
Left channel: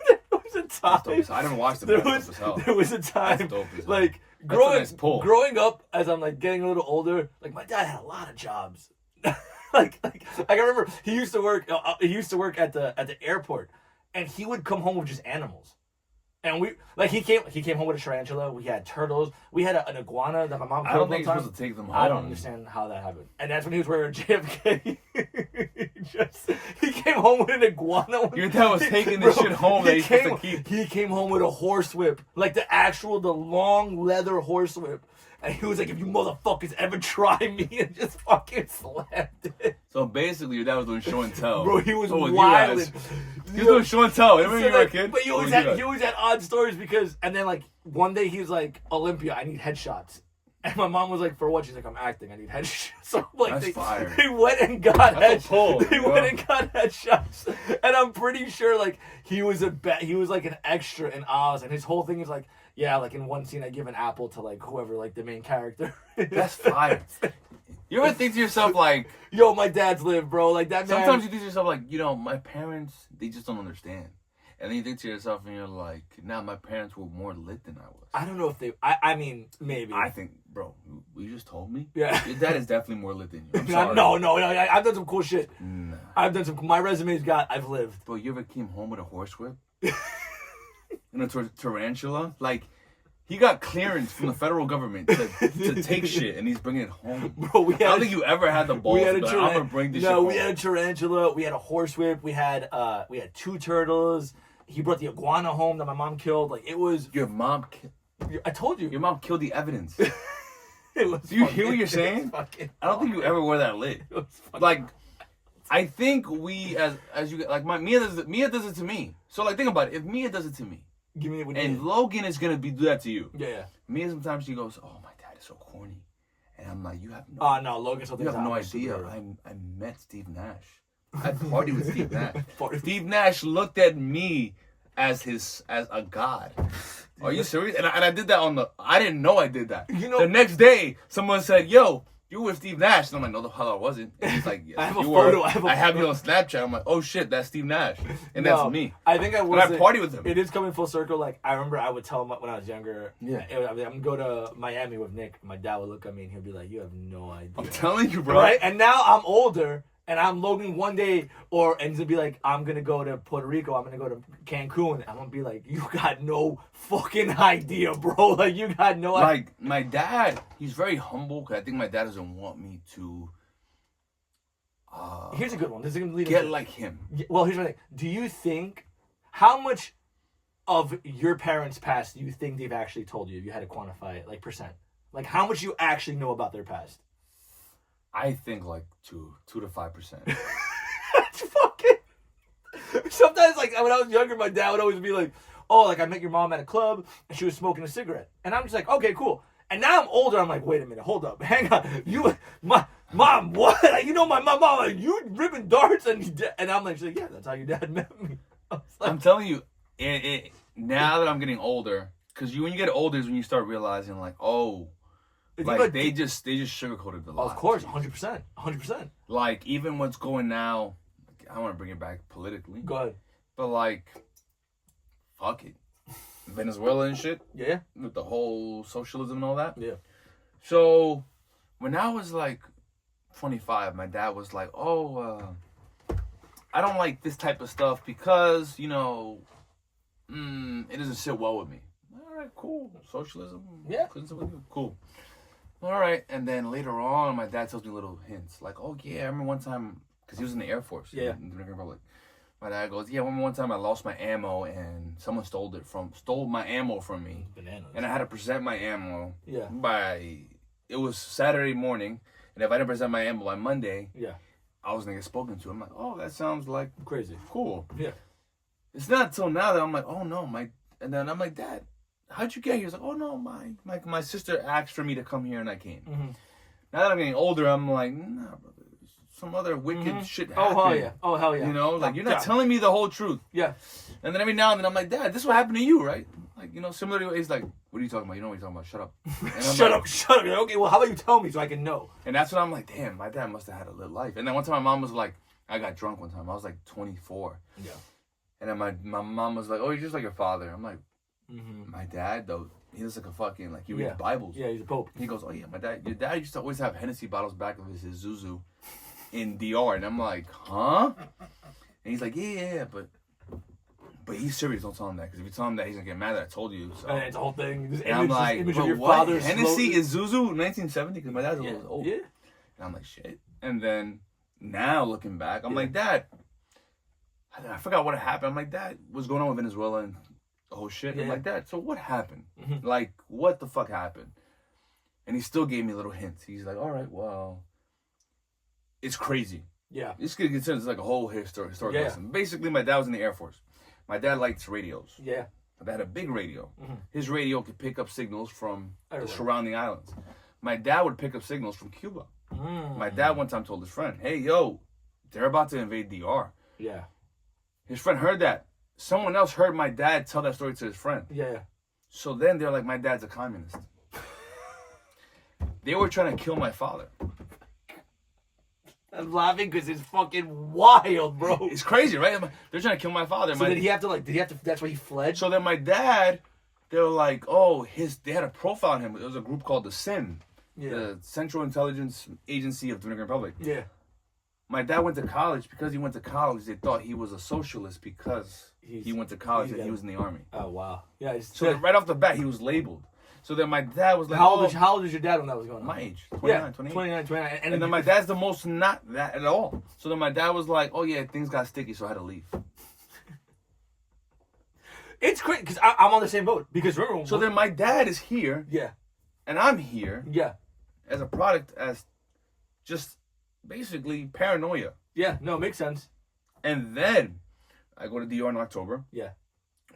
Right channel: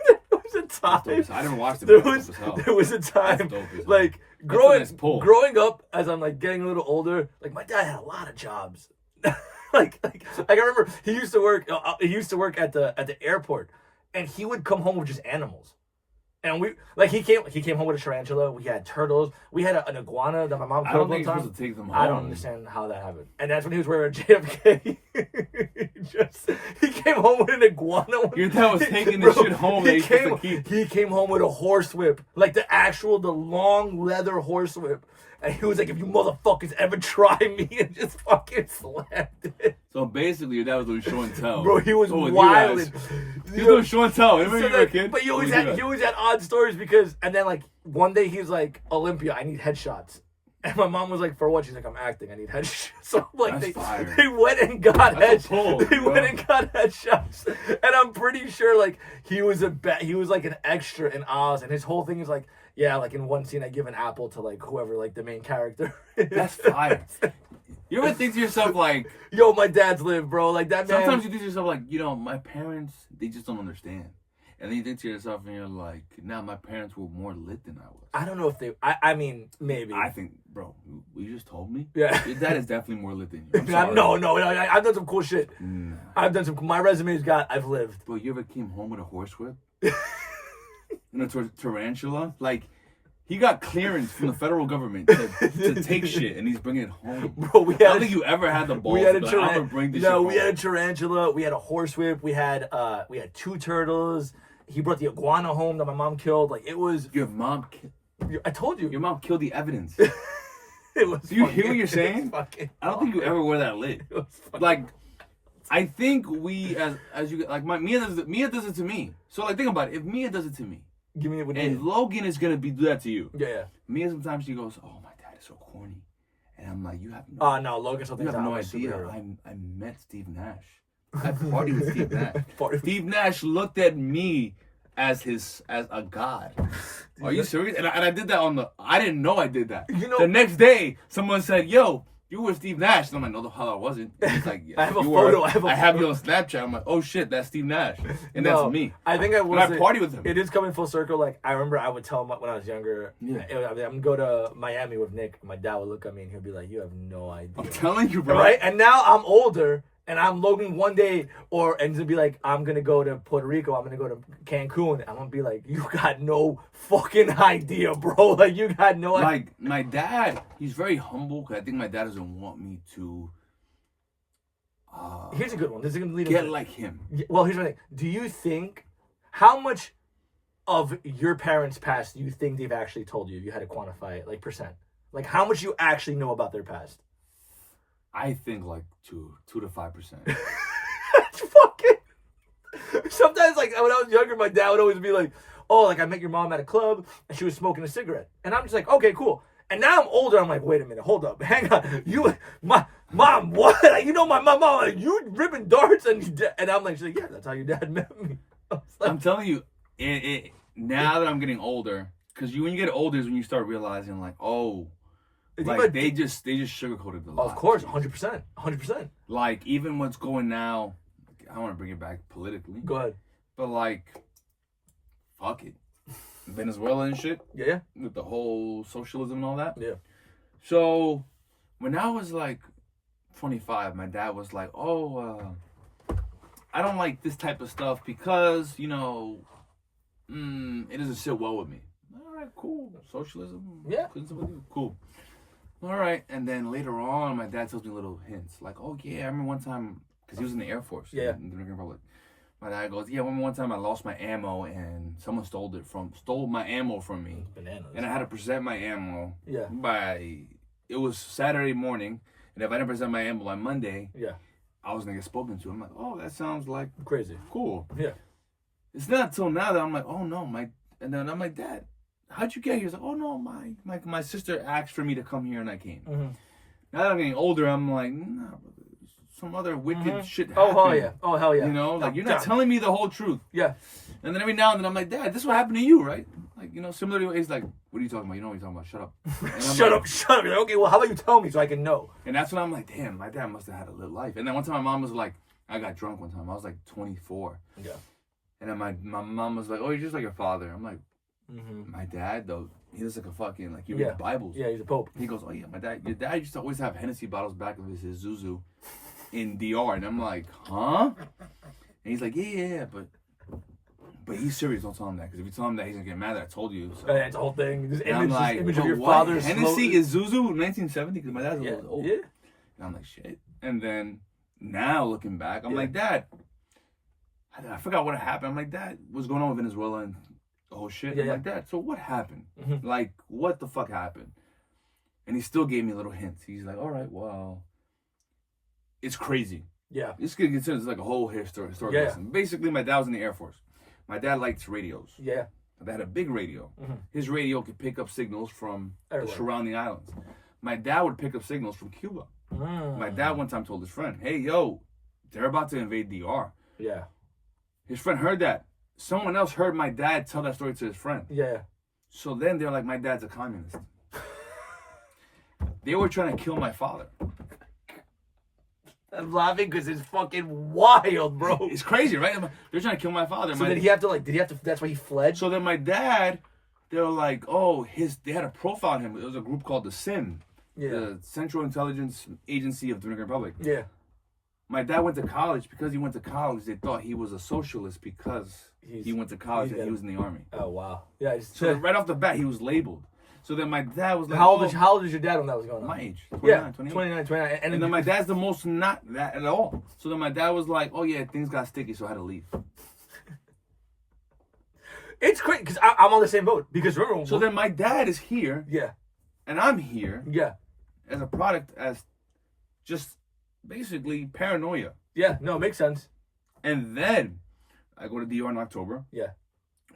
There was a That's dope time. as hell. I didn't watch it, There but that's was dope as hell. there was a time That's dope as hell. like That's a nice pull. growing up as I'm like getting a little older. Like my dad had a lot of jobs. like I remember he used to work at the airport, and he would come home with just animals. And he came home with a tarantula. We had turtles. We had an iguana that my mom I killed don't one think you're time. supposed to take them home. I don't understand how that happened. And that's when he was wearing a JFK. He came home with an iguana. Your dad was taking this shit home that he's supposed to keep. He came home with a horsewhip, like the long leather horsewhip. And he was like, if you motherfuckers ever try me, and just fucking slapped it. So basically, your dad was doing show and tell. Bro, he was Oh, with you wilding. guys. He was doing show and tell. Remember So, you were a like, kid? but he What always was you had guys? odd stories because, and then like one day he was like, Olympia, I need headshots. And my mom was like, for what? She's like, I'm acting. I need headshots. So like, That's fire. they went and got That's a pull, They bro. went and got headshots. And I'm pretty sure like he was like an extra in Oz, and his whole thing is like, yeah, like in one scene I give an apple to like whoever like the main character is. That's fire. You ever think to yourself like, yo, my dad's lived, bro. Like that man. sometimes you think to yourself like, my parents, they just don't understand. And then you think to yourself and you're like, nah, my parents were more lit than I was. I don't know if they. I mean, maybe. I think, bro, you just told me. Yeah. Your dad is definitely more lit than you. I'm sorry. No. I've done some cool shit. Nah. I've done some. My resume's got. I've lived. Bro, you ever came home with a horsewhip? Tarantula? Like, he got clearance from the federal government to take shit, and he's bringing it home. Bro, I don't think you ever had the balls. We had a I'm gonna bring this shit No, home. we had a tarantula. We had a horsewhip. We had 2 turtles. He brought the iguana home that my mom killed. Like it was. Your mom. I told you. Your mom killed the evidence. It was. Do you hear what you're saying? I don't think you fire. ever were that lit. It was Like, I think we as you like Mia does it to me. So like think about it. If Mia does it to me, Give me what and Logan is gonna do that to you. Yeah. Mia sometimes she goes, "Oh, my dad is so corny," and I'm like, "You have no." Oh no, Logan. You have no idea. I met Steve Nash. I partied with Steve Nash. Steve Nash looked at me as a god. Are you serious? And I did that I didn't know I did that. The next day, someone said, "Yo, you were Steve Nash." And I'm like, "No, the hell I wasn't." And he's like, "Yeah, I have a you photo. were. I have you on Snapchat." I'm like, "Oh shit, that's Steve Nash," and that's me. I think I was. But I party with him. It is coming full circle. Like I remember, I would tell him when I was younger. Yeah. I'm gonna go to Miami with Nick. My dad would look at me and he'll be like, "You have no idea." I'm telling you, bro. Right? And now I'm older. And I'm Logan one day, and to be like, I'm gonna go to Puerto Rico, I'm gonna go to Cancun. I'm gonna be like, you got no fucking idea, bro. Like, you got no idea. Like, my dad, he's very humble, because I think my dad doesn't want me to Here's a good one. This is gonna lead get into, like him. Well, here's the thing. Do you think, how much of your parents' past do you think they've actually told you, if you had to quantify it, like percent? Like, how much you actually know about their past? I think like 2 to 5%. That's fucking. Sometimes, like when I was younger, my dad would always be like, "Oh, like I met your mom at a club and she was smoking a cigarette," and I'm just like, "Okay, cool." And now I'm older. I'm like, "Wait a minute, hold up, hang on. My mom, what? Like, my mom, like you ripping darts and I'm like, she's like, yeah, that's how your dad met me." I was like, I'm telling you, now that I'm getting older, because when you get older is when you start realizing like, oh. Like they just sugarcoated the lie. Of course, 100%. Like even what's going now, I don't want to bring it back politically. Go ahead. But like, fuck it, Venezuela and shit. Yeah. With the whole socialism and all that. Yeah. So when I was like 25, my dad was like, "Oh, I don't like this type of stuff because it doesn't sit well with me." All right, cool. Socialism. Yeah. Cool. All right, and then later on, my dad tells me little hints, like, "Oh yeah, I remember one time, because he was in the Air Force, in the Dominican Republic." My dad goes, "Yeah, I remember one time I lost my ammo and someone stole my ammo from me, Bananas. and I had to present my ammo. Yeah. It was Saturday morning, and if I didn't present my ammo by Monday, Yeah. I was gonna get spoken to." I'm like, "Oh, that sounds like Crazy. cool." Yeah. It's not until now that I'm like, "Oh no, and then I'm like, "Dad, how'd you get here?" He's like, "Oh no, my sister asked for me to come here and I came." Mm-hmm. Now that I'm getting older, I'm like, "Nah, brother, some other wicked shit happened." Oh hell yeah! Oh hell yeah! Like you're not telling me the whole truth. Yeah. And then every now and then I'm like, "Dad, this is what happened to you, right?" Like similarly, he's like, "What are you talking about? You know what you're talking about? Shut up." And I'm Shut like, up! You're like, okay, well, how about you tell me so I can know? And that's when I'm like, "Damn, my dad must have had a lit life." And then one time my mom was like, I got drunk one time. I was like 24. Yeah. And then my mom was like, "Oh, you're just like your father." I'm like, Mm-hmm. "My dad though, he looks like a fucking he reads Bibles." Yeah, he's a pope. He goes, "Oh yeah, your dad used to always have Hennessy bottles back of his Zuzu in DR," and I'm like, "Huh?" And he's like, "Yeah, but he's serious. Don't tell him that, because if you tell him that, he's gonna get mad that I told you." So It's a whole thing. This and I'm like, image of your what? father's Hennessy is Zuzu 1970, because my dad's a little old. Yeah. And I'm like, shit. And then now looking back, I'm like, "Dad, I forgot what happened." I'm like, "Dad, what's going on with Venezuela and the whole shit?" I'm like, "Dad, so what happened? Mm-hmm. Like, what the fuck happened?" And he still gave me little hints. He's like, "All right, well, it's crazy." Yeah. This could consider like a whole historical lesson. Basically, my dad was in the Air Force. My dad likes radios. Yeah. My dad had a big radio. Mm-hmm. His radio could pick up signals from the surrounding islands. my dad would pick up signals from Cuba. My dad one time told his friend, hey, yo, they're about to invade DR. Yeah. His friend heard that. Someone else heard my dad tell that story to his friend. Yeah. So then they're like, my dad's a communist. They were trying to kill my father. I'm laughing because it's fucking wild, bro. It's crazy, right? They're trying to kill my father. So did he have to, that's why he fled? So then my dad, they were like, oh, they had a profile on him. It was a group called the SIM, the Central Intelligence Agency of the Dominican Republic. Yeah. My dad went to college. Because he went to college, they thought he was a socialist because he went to college and he was in the army. Oh, wow. Yeah. So right off the bat, he was labeled. So then my dad was like, how old was your dad when that was going on? My age. 29, 29. And then my dad's the most not that at all. So then my dad was like, oh yeah, things got sticky, so I had to leave. It's crazy because I'm on the same boat. Because remember, so then my dad is here. Yeah. And I'm here. Yeah. As a product, as just basically paranoia. Yeah, no, it makes sense. And then I go to DR in October. Yeah.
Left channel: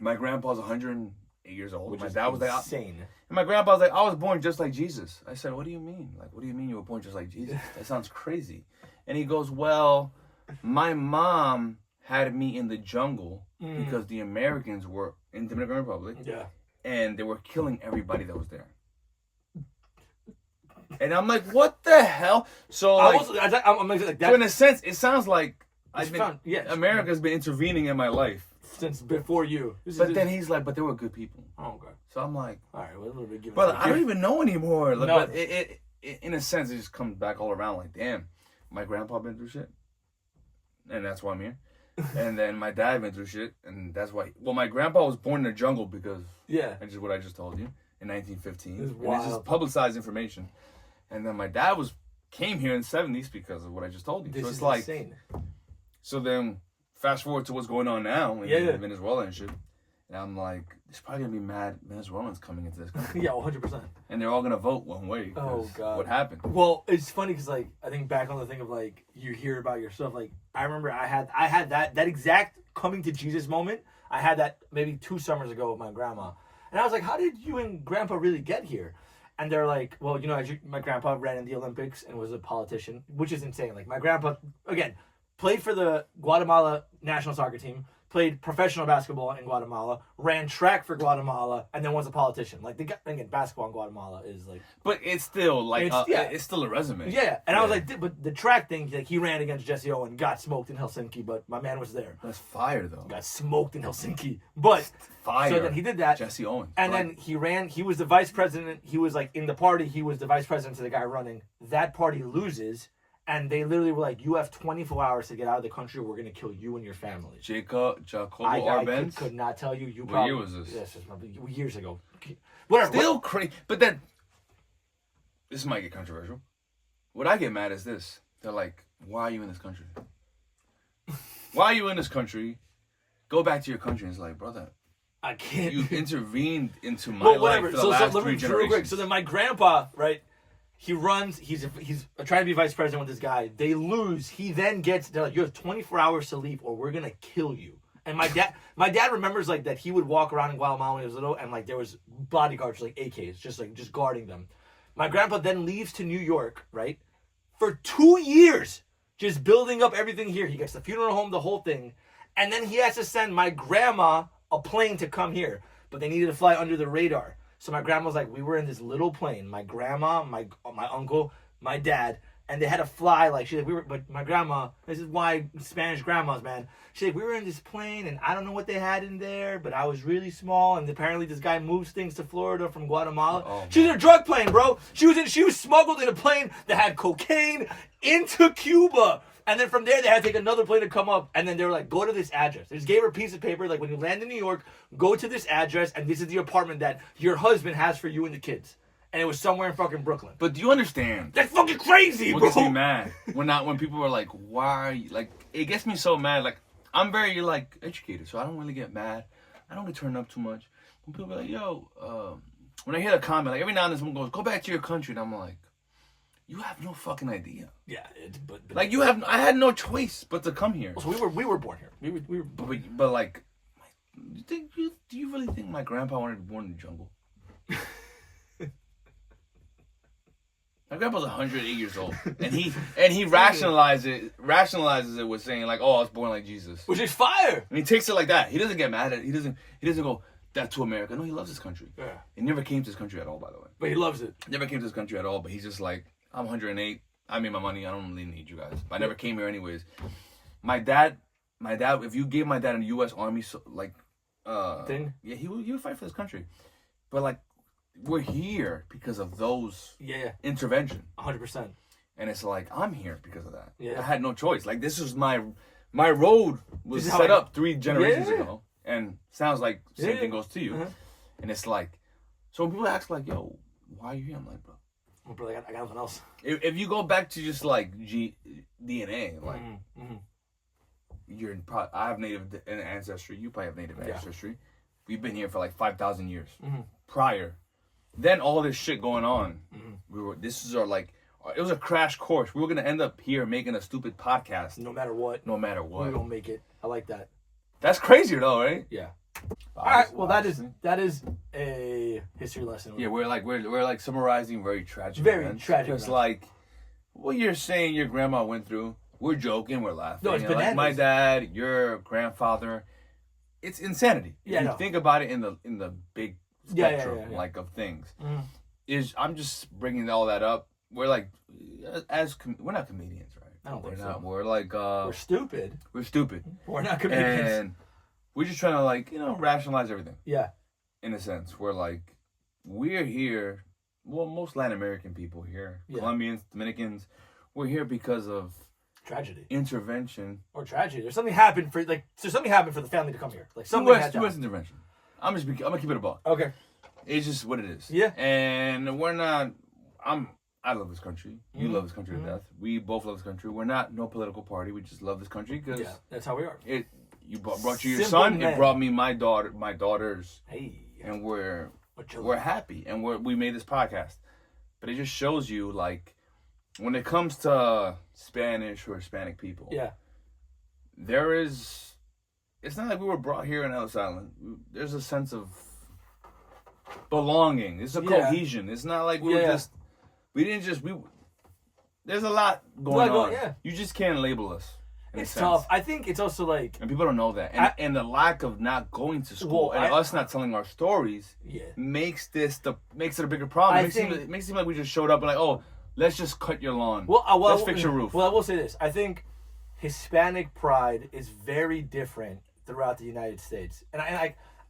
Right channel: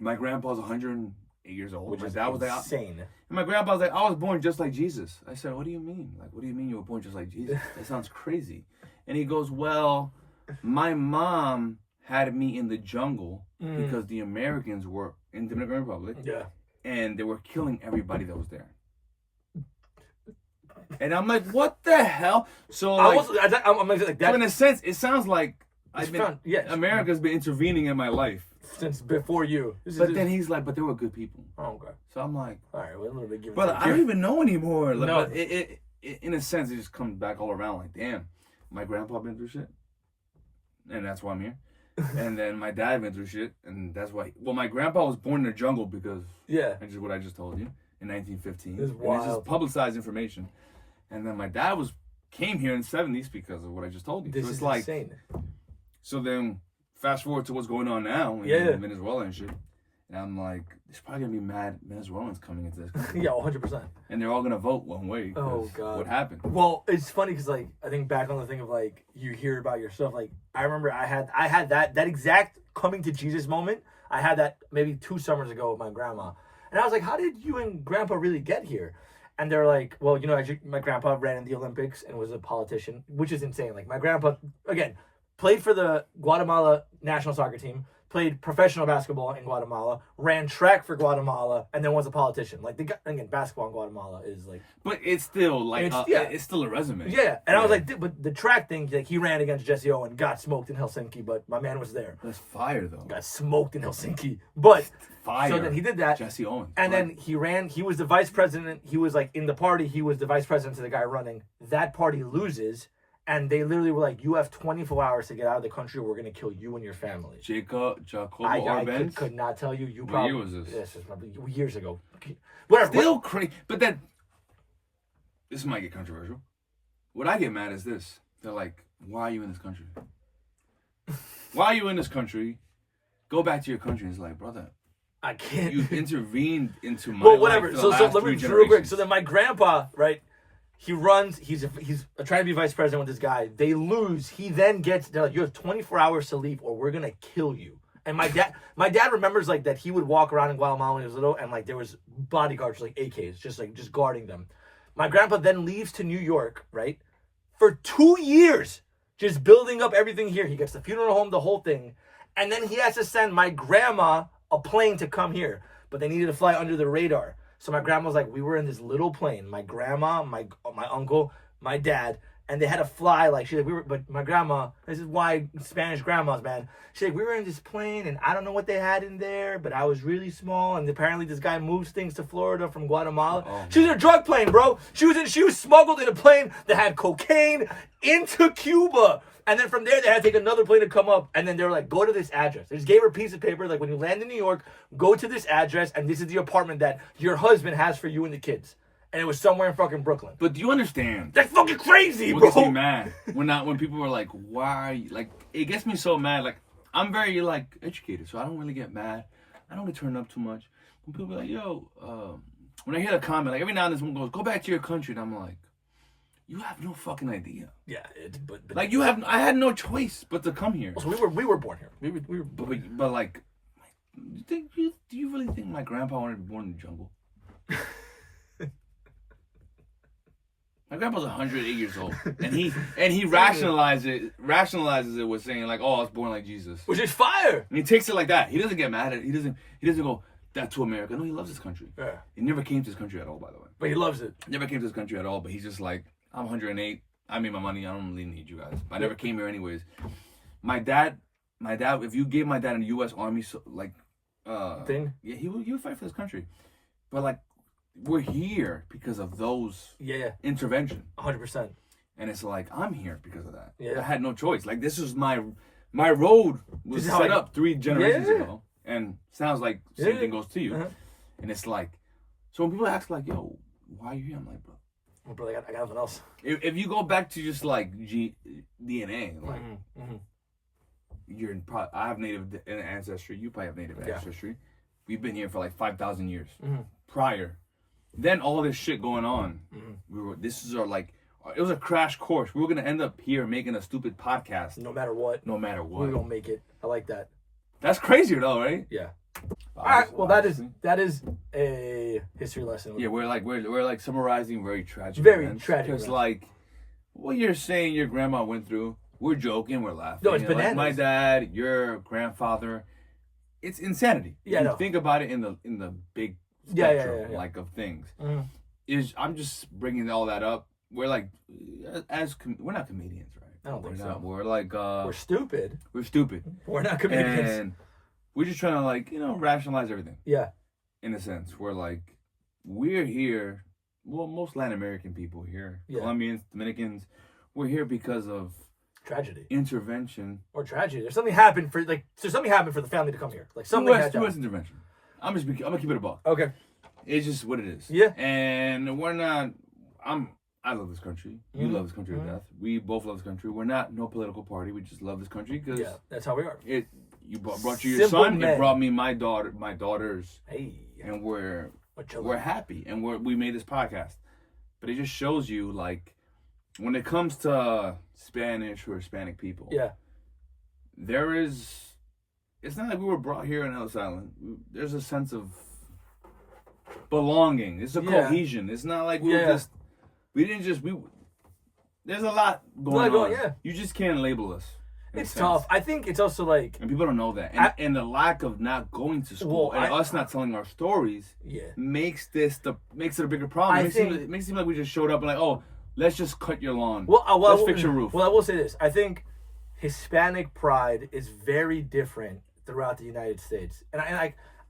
My grandpa's 108 years old. Which my is dad was insane. And my grandpa's like, I was born just like Jesus. I said, what do you mean? Like, what do you mean you were born just like Jesus? That sounds crazy. And he goes, well, my mom had me in the jungle because the Americans were in the Dominican Republic. Yeah. And they were killing everybody that was there. And I'm like, what the hell? So like, I'm like that. So in a sense, it sounds like America's been intervening in my life. Since before you. But then he's like, but they were good people. Oh, okay. So I'm like, all right, we're a little bit giving. Brother, I don't even know anymore. Like, no. But it in a sense, it just comes back all around. Like, damn, my grandpa been through shit, and that's why I'm here. And then my dad been through shit, and that's why. Well, my grandpa was born in the jungle because which is what I just told you in 1915. It's wild. This is publicized information. And then my dad came here in the 70s because of what I just told you. This so it's is like insane. So then fast forward to what's going on now in Venezuela and shit. And I'm like, there's probably gonna be mad Venezuelans coming into this country. Yeah, 100%. And they're all gonna vote one way. Oh god. What happened? Well, it's funny because like I think back on the thing of like you hear about yourself. Like I remember I had that exact coming to Jesus moment. I had that maybe 2 summers ago with my grandma, and I was like, how did you and Grandpa really get here? And they're like, well, you know, my grandpa ran in the Olympics and was a politician, which is insane. Like my grandpa, again, played for the Guatemala national soccer team, played professional basketball in Guatemala, ran track for Guatemala, and then was a politician. Like, again, basketball in Guatemala is like... But it's still, like, it's still a resume. Yeah, and I was like, but the track thing, like, he ran against Jesse Owen, got smoked in Helsinki, but my man was there. That's fire, though. Got smoked in Helsinki. But... Fire. So then he did that. Jesse Owen. And then he was the vice president. He was, like, in the party. He was the vice president to the guy running. That party loses... And they literally were like, you have 24 hours to get out of the country or we're going to kill you and your family. Jacobo I could not tell you. What year was this? This was probably years ago. Whatever. Still crazy. But then, this might get controversial. What I get mad is this. They're like, why are you in this country? Why are you in this country? Go back to your country. It's like, brother, I can't. You intervened into my life. Whatever. For the last let me real quick. So then my grandpa, right? He runs. He's trying to be vice president with this guy. They lose. He then gets. They're like, you have 24 hours to leave, or we're gonna kill you. And my dad remembers like that he would walk around in Guatemala when he was little, and like there was bodyguards like AKs, just guarding them. My grandpa then leaves to New York, right, for 2 years, just building up everything here. He gets the funeral home, the whole thing, and then he has to send my grandma a plane to come here, but they needed to fly under the radar. So my grandma was like, we were in this little plane, my grandma, my uncle, my dad, and they had to fly like she's like but my grandma, this is why Spanish grandmas, man. She's like, we were in this plane and I don't know what they had in there, but I was really small and apparently this guy moves things to Florida from Guatemala. She was in a drug plane, bro. She was smuggled in a plane that had cocaine into Cuba. And then from there, they had to take another plane to come up. And then they were like, go to this address. They just gave her a piece of paper. Like, when you land in New York, go to this address. And this is the apartment that your husband has for you and the kids. And it was somewhere in fucking Brooklyn. But do you understand? That's fucking crazy, what bro. What gets me mad? When people are like, why? Like, it gets me so mad. Like, I'm very, like, educated. So I don't really get mad. I don't get turned up too much. When people are like, yo, when I hear a comment, like, every now and then someone goes, go back to your country. And I'm like, you have no fucking idea. Yeah, but like you have, I had no choice but to come here. So we were born here. We were. But like, do you really think my grandpa wanted to be born in the jungle? My grandpa's 108 years old, and he rationalizes it with saying like, "Oh, I was born like Jesus," which is fire. And he takes it like that. He doesn't get mad at it. He doesn't go that to America. No, he loves his country. Yeah. He never came to this country at all, by the way. But he loves it. Never came to this country at all. But he's just like, I'm 108. I made my money. I don't really need you guys. I never came here anyways. My dad. If you gave my dad a U.S. Army thing, yeah, he would fight for this country. But like, we're here because of those intervention. 100%. And it's like, I'm here because of that. Yeah. I had no choice. Like, this is my road was set up 3 generations ago. And sounds like same thing goes to you. Uh-huh. And it's like, so when people ask like, yo, why are you here? I'm like, bro. Oh, bro, I got nothing else. If you go back to just like DNA, like, I have native ancestry. You probably have native ancestry. We've been here for like 5,000 years prior. Then all this shit going on. It was a crash course. We were gonna end up here making a stupid podcast. No matter what. We're gonna make it. I like that. That's crazy though, right? Yeah. All right. Well, that is a history lesson. Yeah, we're like summarizing very tragic. Very tragic. Because like what you're saying, your grandma went through. We're joking. We're laughing. No, it's bananas. Like my dad, your grandfather. It's insanity. Yeah. You think about it in the big spectrum like of things. I'm just bringing all that up. We're like, we're not comedians, right? I don't think so. We're like, we're stupid. We're stupid. We're not comedians. And we're just trying to like, rationalize everything. Yeah. In a sense, we're here. Well, most Latin American people here, Colombians, Dominicans, we're here because of tragedy, intervention, or tragedy. There's something happened for the family to come here. Like something U.S. intervention. I'm gonna keep it a buck. Okay. It's just what it is. Yeah. And we're not. I love this country. You love this country to death. We both love this country. We're not no political party. We just love this country because that's how we are. You brought you your son. Men. It brought me my daughters. Hey. And we're happy, and we made this podcast. But it just shows you like when it comes to Spanish or Hispanic people. Yeah. It's not like we were brought here in Ellis Island. There's a sense of belonging. It's a cohesion. It's not like there's a lot going on. Yeah. You just can't label us. It's tough. I think it's also like... And people don't know that. And the lack of not going to school and us not telling our stories makes it a bigger problem. It makes it seem like we just showed up and like, oh, let's just cut your lawn. Let's fix your roof. Well, I will say this. I think Hispanic pride is very different throughout the United States. And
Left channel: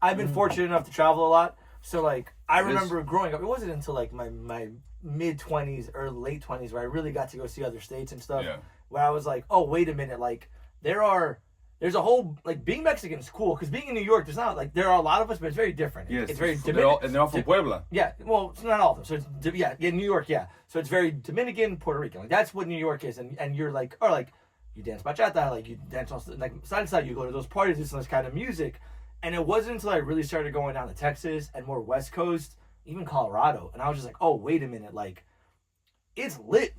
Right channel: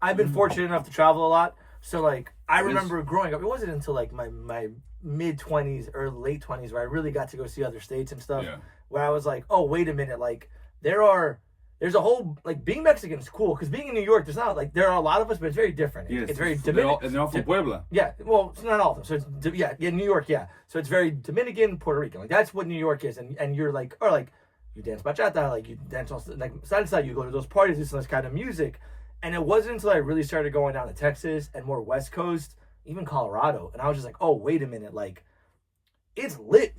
I've been fortunate enough to travel a lot. So, like, I remember growing up, it wasn't until, like, my mid-20s or late 20s where I really got to go see other states and stuff. Yeah. Where I was like, oh, wait a minute, like, there's a whole, like, being Mexican is cool, because being in New York, there are a lot of us, but it's very different. Yes, it's very Dominican. And they're all from Puebla. Yeah, well, it's not all of them. So, New York, So it's very Dominican, Puerto Rican. Like, that's what New York is. And you're like, or like, you dance bachata, like, you dance on, like, salsa, you go to those parties, listen to this kind of music. And it wasn't until I really started going down to Texas and more West Coast, even Colorado, and I was just like, oh, wait a minute, like, it's lit.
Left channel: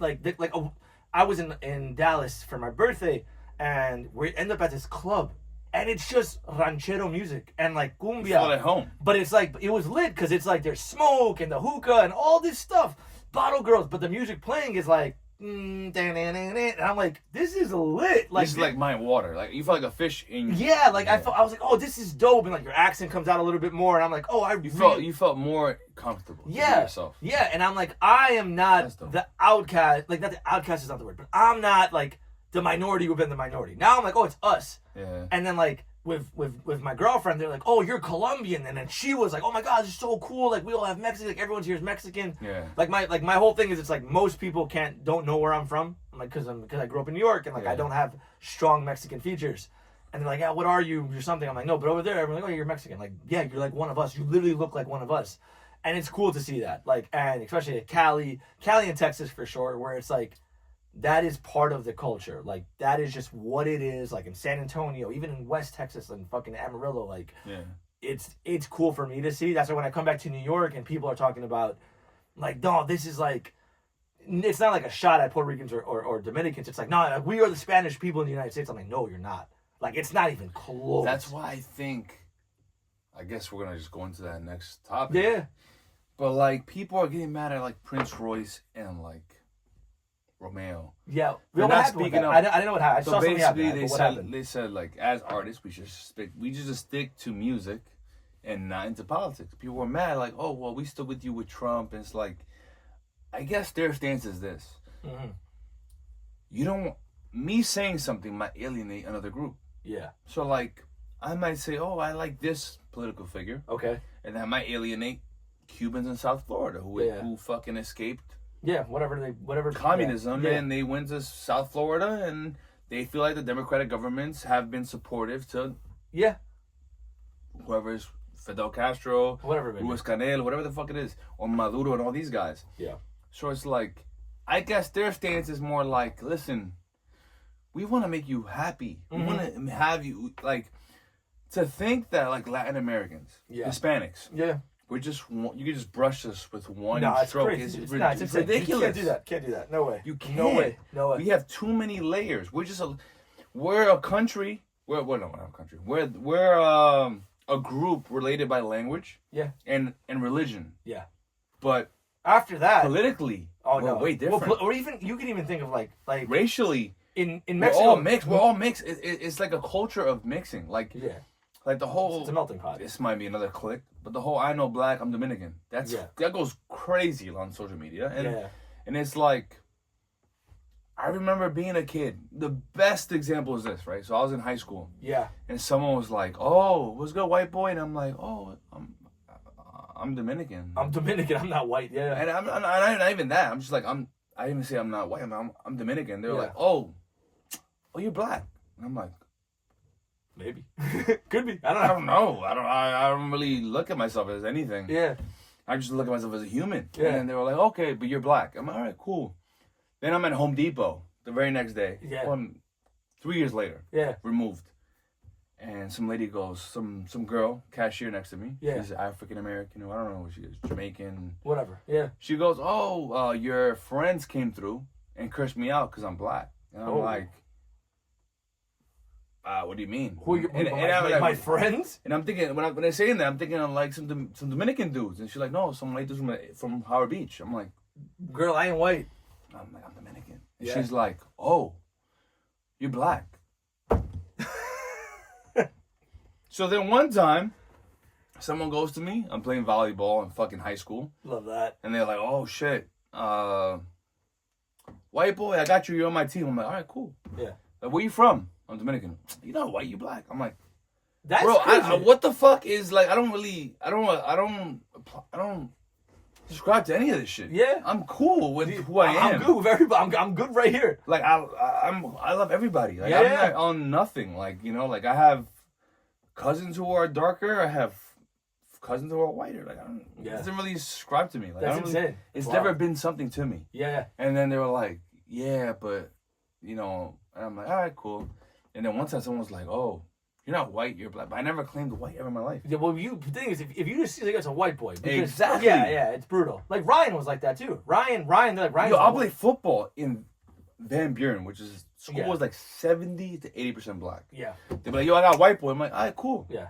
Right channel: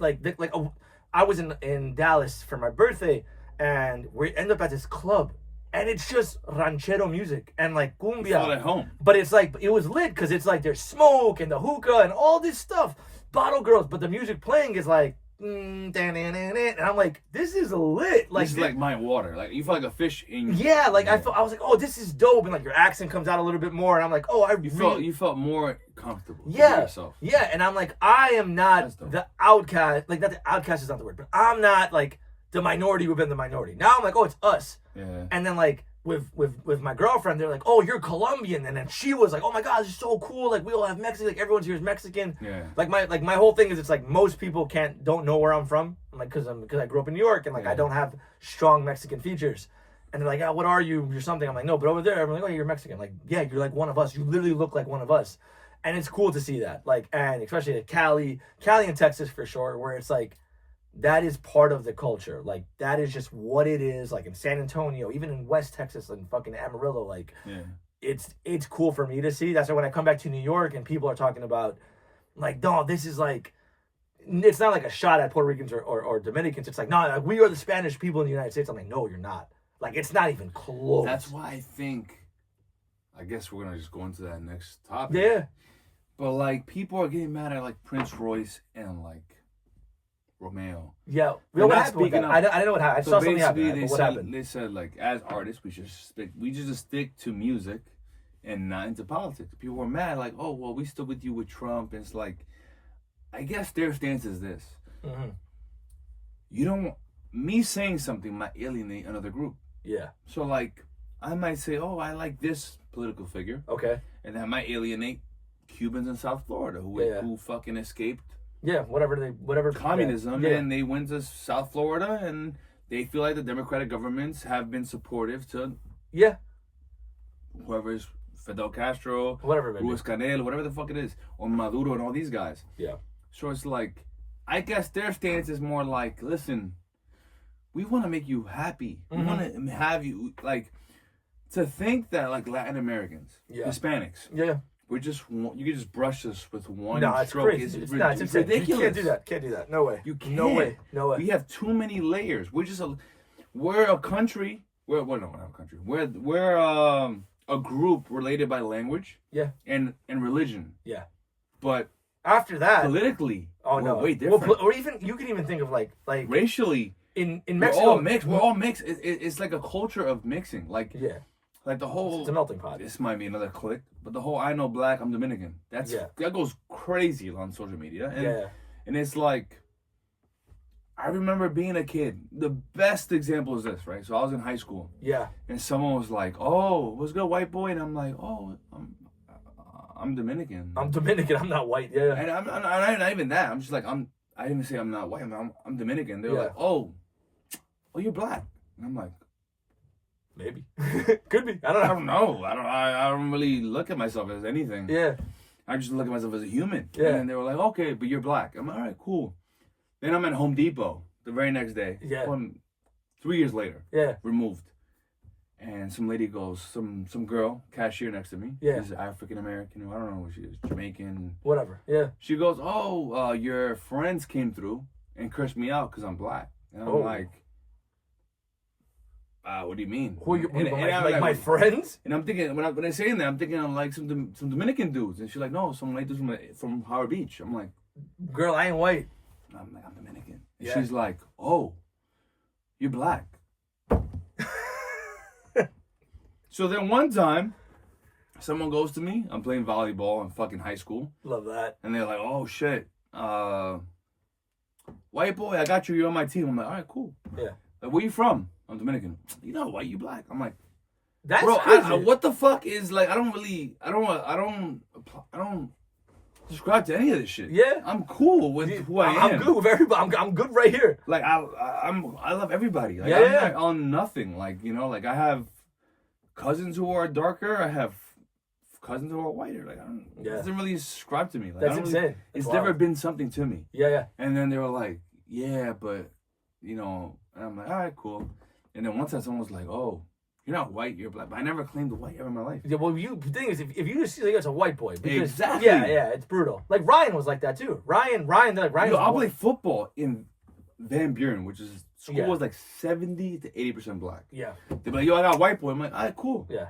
I was in Dallas for my birthday, and we end up at this club, and it's just ranchero music and like cumbia. It's all at home. But it's like, it was lit because it's like there's smoke and the hookah and all this stuff, bottle girls, but the music playing is like, and I'm like, this is lit. Like, this is like my water. Like, you feel like a fish in. Yeah, like I was like, oh, this is dope, and like your accent comes out a little bit more, and I'm like, oh, you felt more comfortable. Yeah, yourself. Yeah, and I'm like, I am not the outcast. Like, not the outcast is not the word, but I'm not like the minority within the minority. Now I'm like, oh, it's us. Yeah. And then like with my girlfriend, they're like, oh, you're Colombian, and then she was like, oh my God, this is so cool. Like, we all have Mexican. Like, everyone's here is Mexican. Yeah. Like my whole thing is, it's like most people don't know where I'm from. I'm like, because I grew up in New York, and like I don't have strong Mexican features. And they're like, oh, what are you? You're something. I'm like, no, but over there, I'm like, oh, you're Mexican. Like, yeah, you're like one of us. You literally look like one of us. And it's cool to see that. Like, and especially at Cali and Texas for sure, where it's like, that is part of the culture. Like, that is just what it is. Like, in San Antonio, even in West Texas and fucking Amarillo, like, it's cool for me to see. That's why when I come back to New York and people are talking about, like, no, this is like, it's not like a shot at Puerto Ricans or Dominicans. It's like, no, like, we are the Spanish people in the United States. I'm like, no, you're not. Like, it's not even close. That's why I guess we're going to just go into that next topic. Yeah. But like people are getting mad at like Prince Royce and like Romeo. Yeah. They're What not happened with speaking that? up. I didn't know what happened. I So saw something basically, happen. What happened? they said like as artists we just stick to music and not into politics. People were mad like, oh well, we stood with you with Trump. And it's like, I guess their stance is this: you don't me saying something might alienate another group. Yeah. So like I might say, oh, I like this political figure. Okay. And that might alienate Cubans in South Florida who fucking escaped whatever communism and they went to South Florida and they feel like the Democratic governments have been supportive to whoever's Fidel Castro, whatever, Luis Canel, whatever the fuck it is, or Maduro and all these guys. Yeah. So it's like, I guess their stance is more like, listen, we want to make you happy. We want to have you like to think that like Latin Americans, Hispanics, we're just you can just brush us with one stroke. Crazy. It's ridiculous. You can't do that. Can't do that. No way. You can't. No way. No way. We have too many layers. We're a country. We're not a country. We're a group related by language. Yeah. And religion. Yeah. But after that, politically, we're way different. Well, or even you can even think of like racially. In We're Mexico, all mixed. We're all mixed. It's like a culture of mixing. Like like the whole. It's a melting pot. This might be another click, but the whole I know black, I'm Dominican. That goes crazy on social media, and it's like. I remember being a kid. The best example is this, right? So I was in high school. Yeah. And someone was like, "Oh, what's good, white boy?" And I'm like, "Oh, I'm Dominican. I'm Dominican. I'm not white." Yeah. And I'm not even that. I'm just like I didn't say I'm not white. I'm Dominican. They were like, "Oh, you're black." And I'm like, maybe. Could be. I don't know. I don't really look at myself as anything. Yeah. I just look at myself as a human. Yeah. And they were like, "Okay, but you're black." I'm like, "All right, cool." Then I'm at Home Depot the very next day. Yeah. 3 years later. Yeah. Removed. And some lady goes, some girl, cashier next to me. Yeah. She's African American, I don't know what she is, Jamaican. Whatever. Yeah. She goes, "Oh, your friends came through and cursed me out because I'm black." And I'm like, what do you mean? Who are my friends? And I'm thinking, when I'm saying that, I'm thinking of like some Dominican dudes. And she's like, "No, some white dudes from Howard Beach." I'm like, "Girl, I ain't white." I'm like, "I'm Dominican." And she's like, "Oh, you're black." So then one time, someone goes to me. I'm playing volleyball in fucking high school. Love that. And they're like, "Oh, shit. White boy, I got you. You're on my team." I'm like, "All right, cool." Yeah. Like, "Where you from?" "I'm Dominican." "You know white, you black." I'm like, "That's bro, crazy." What the fuck is like? I don't subscribe to any of this shit. Yeah. I'm cool with who I am. I'm good with everybody. I'm good right here. Like I love everybody. Like, I'm not on nothing. Like, you know, like I have cousins who are darker. I have cousins who are whiter. Like it doesn't really subscribe to me. Like, That's insane. It's never been something to me. Yeah. And then they were like, "Yeah, but you know," and I'm like, "All right, cool." And then one time someone was like, "Oh, you're not white, you're black." But I never claimed white ever in my life. Yeah, well, the thing is, if you just see like it's a white boy, because, exactly. Yeah, it's brutal. Like Ryan was like that too. Ryan, they're like Ryan. I'll play football in Van Buren, which is school was like 70 to 80% black. Yeah. They'd be like, "Yo, I got a white boy." I'm like, "All right, cool." Yeah.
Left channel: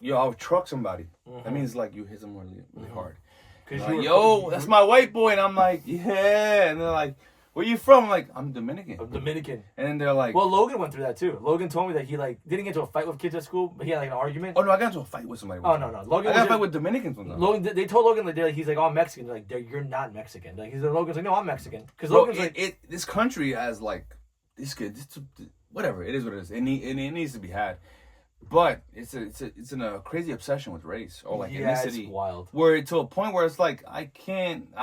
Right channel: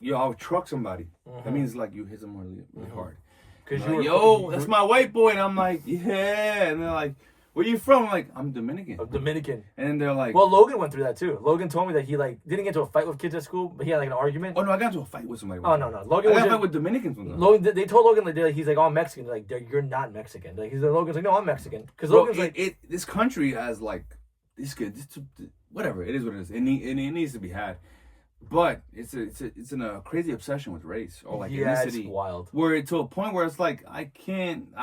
Yo, I'll truck somebody. That means like you hit someone really hard. Because like, "Yo, that's my white boy," and I'm like, "Yeah," and they're like, "Where you from?" I'm like, "I'm Dominican." I'm Dominican. And then they're like, well, Logan went through that too. Logan told me that he like didn't get into a fight with kids at school, but he had like an argument. "Oh no, I got into a fight with somebody." Oh no, Logan. I got a fight with Dominicans one time. Logan, they told Logan like he's like, "Oh, I'm Mexican." Like, "You're not Mexican." Like Logan's like, "No, I'm Mexican." Because Logan's like, this country has like this kid, whatever it is, what it is. It needs to be had. But it's in a crazy obsession with race or like ethnicity. It's wild. Where to a point where it's like I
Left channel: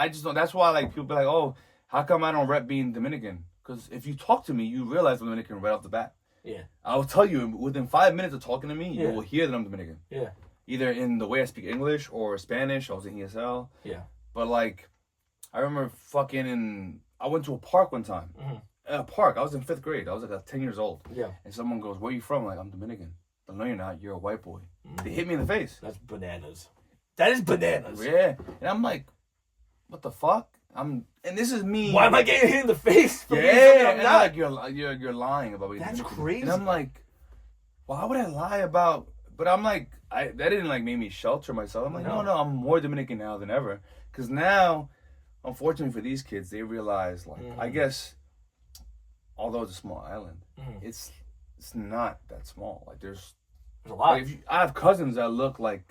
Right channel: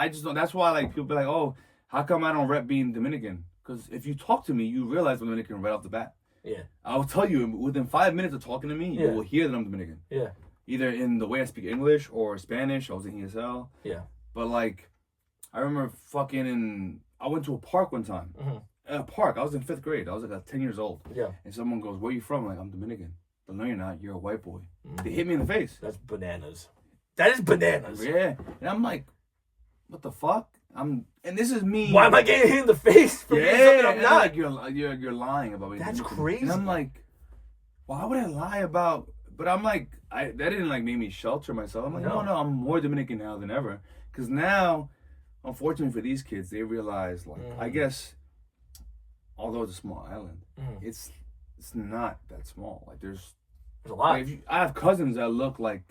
just don't. That's why like people be like, "Oh, how come I don't rep being Dominican?" Because if you talk to me, you realize I'm Dominican right off the bat. Yeah. I'll tell you within 5 minutes of talking to me, you will hear that I'm Dominican. Yeah. Either in the way I speak English or Spanish. I was in ESL. Yeah. But like, I remember I went to a park one time. A park. I was in 5th grade. I was like 10 years old. Yeah. And someone goes, "Where are you from?" I'm like, "I'm Dominican." "But no, you're not. You're a white boy." They hit me in the face. That's bananas. That is bananas. Yeah. And I'm like, what the fuck? And this is me. Why am I getting hit in the face for being something I'm not? Like you're lying about being That's Dominican. crazy. And I'm like, why would I lie about? But I'm like, that didn't like make me shelter myself. I'm like, no, I'm more Dominican now than ever Because now, unfortunately for these kids, they realize, like, I guess, although it's a small island, it's not that small. Like, there's a lot. Like, I have cousins that look like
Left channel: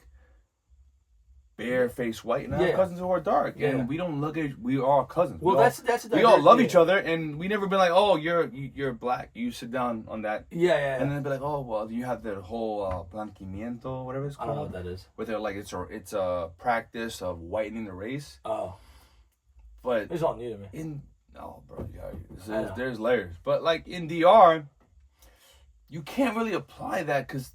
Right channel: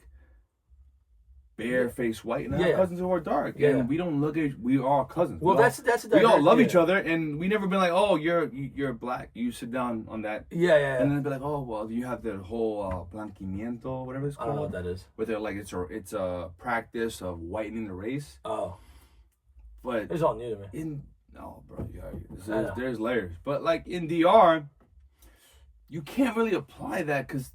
bare-faced white, and I have cousins who are dark, and we don't look at. We are cousins. Well, that's we all love each other, and we never been like, oh, you're black. You sit down on that. Yeah. And then be like, oh, well, you have the whole blanquimiento, whatever it's called. I don't know what that is. Where they're like, it's a practice of whitening the race. Oh. But it's all new to me. Bro, there's layers. But like in DR, you can't really apply that because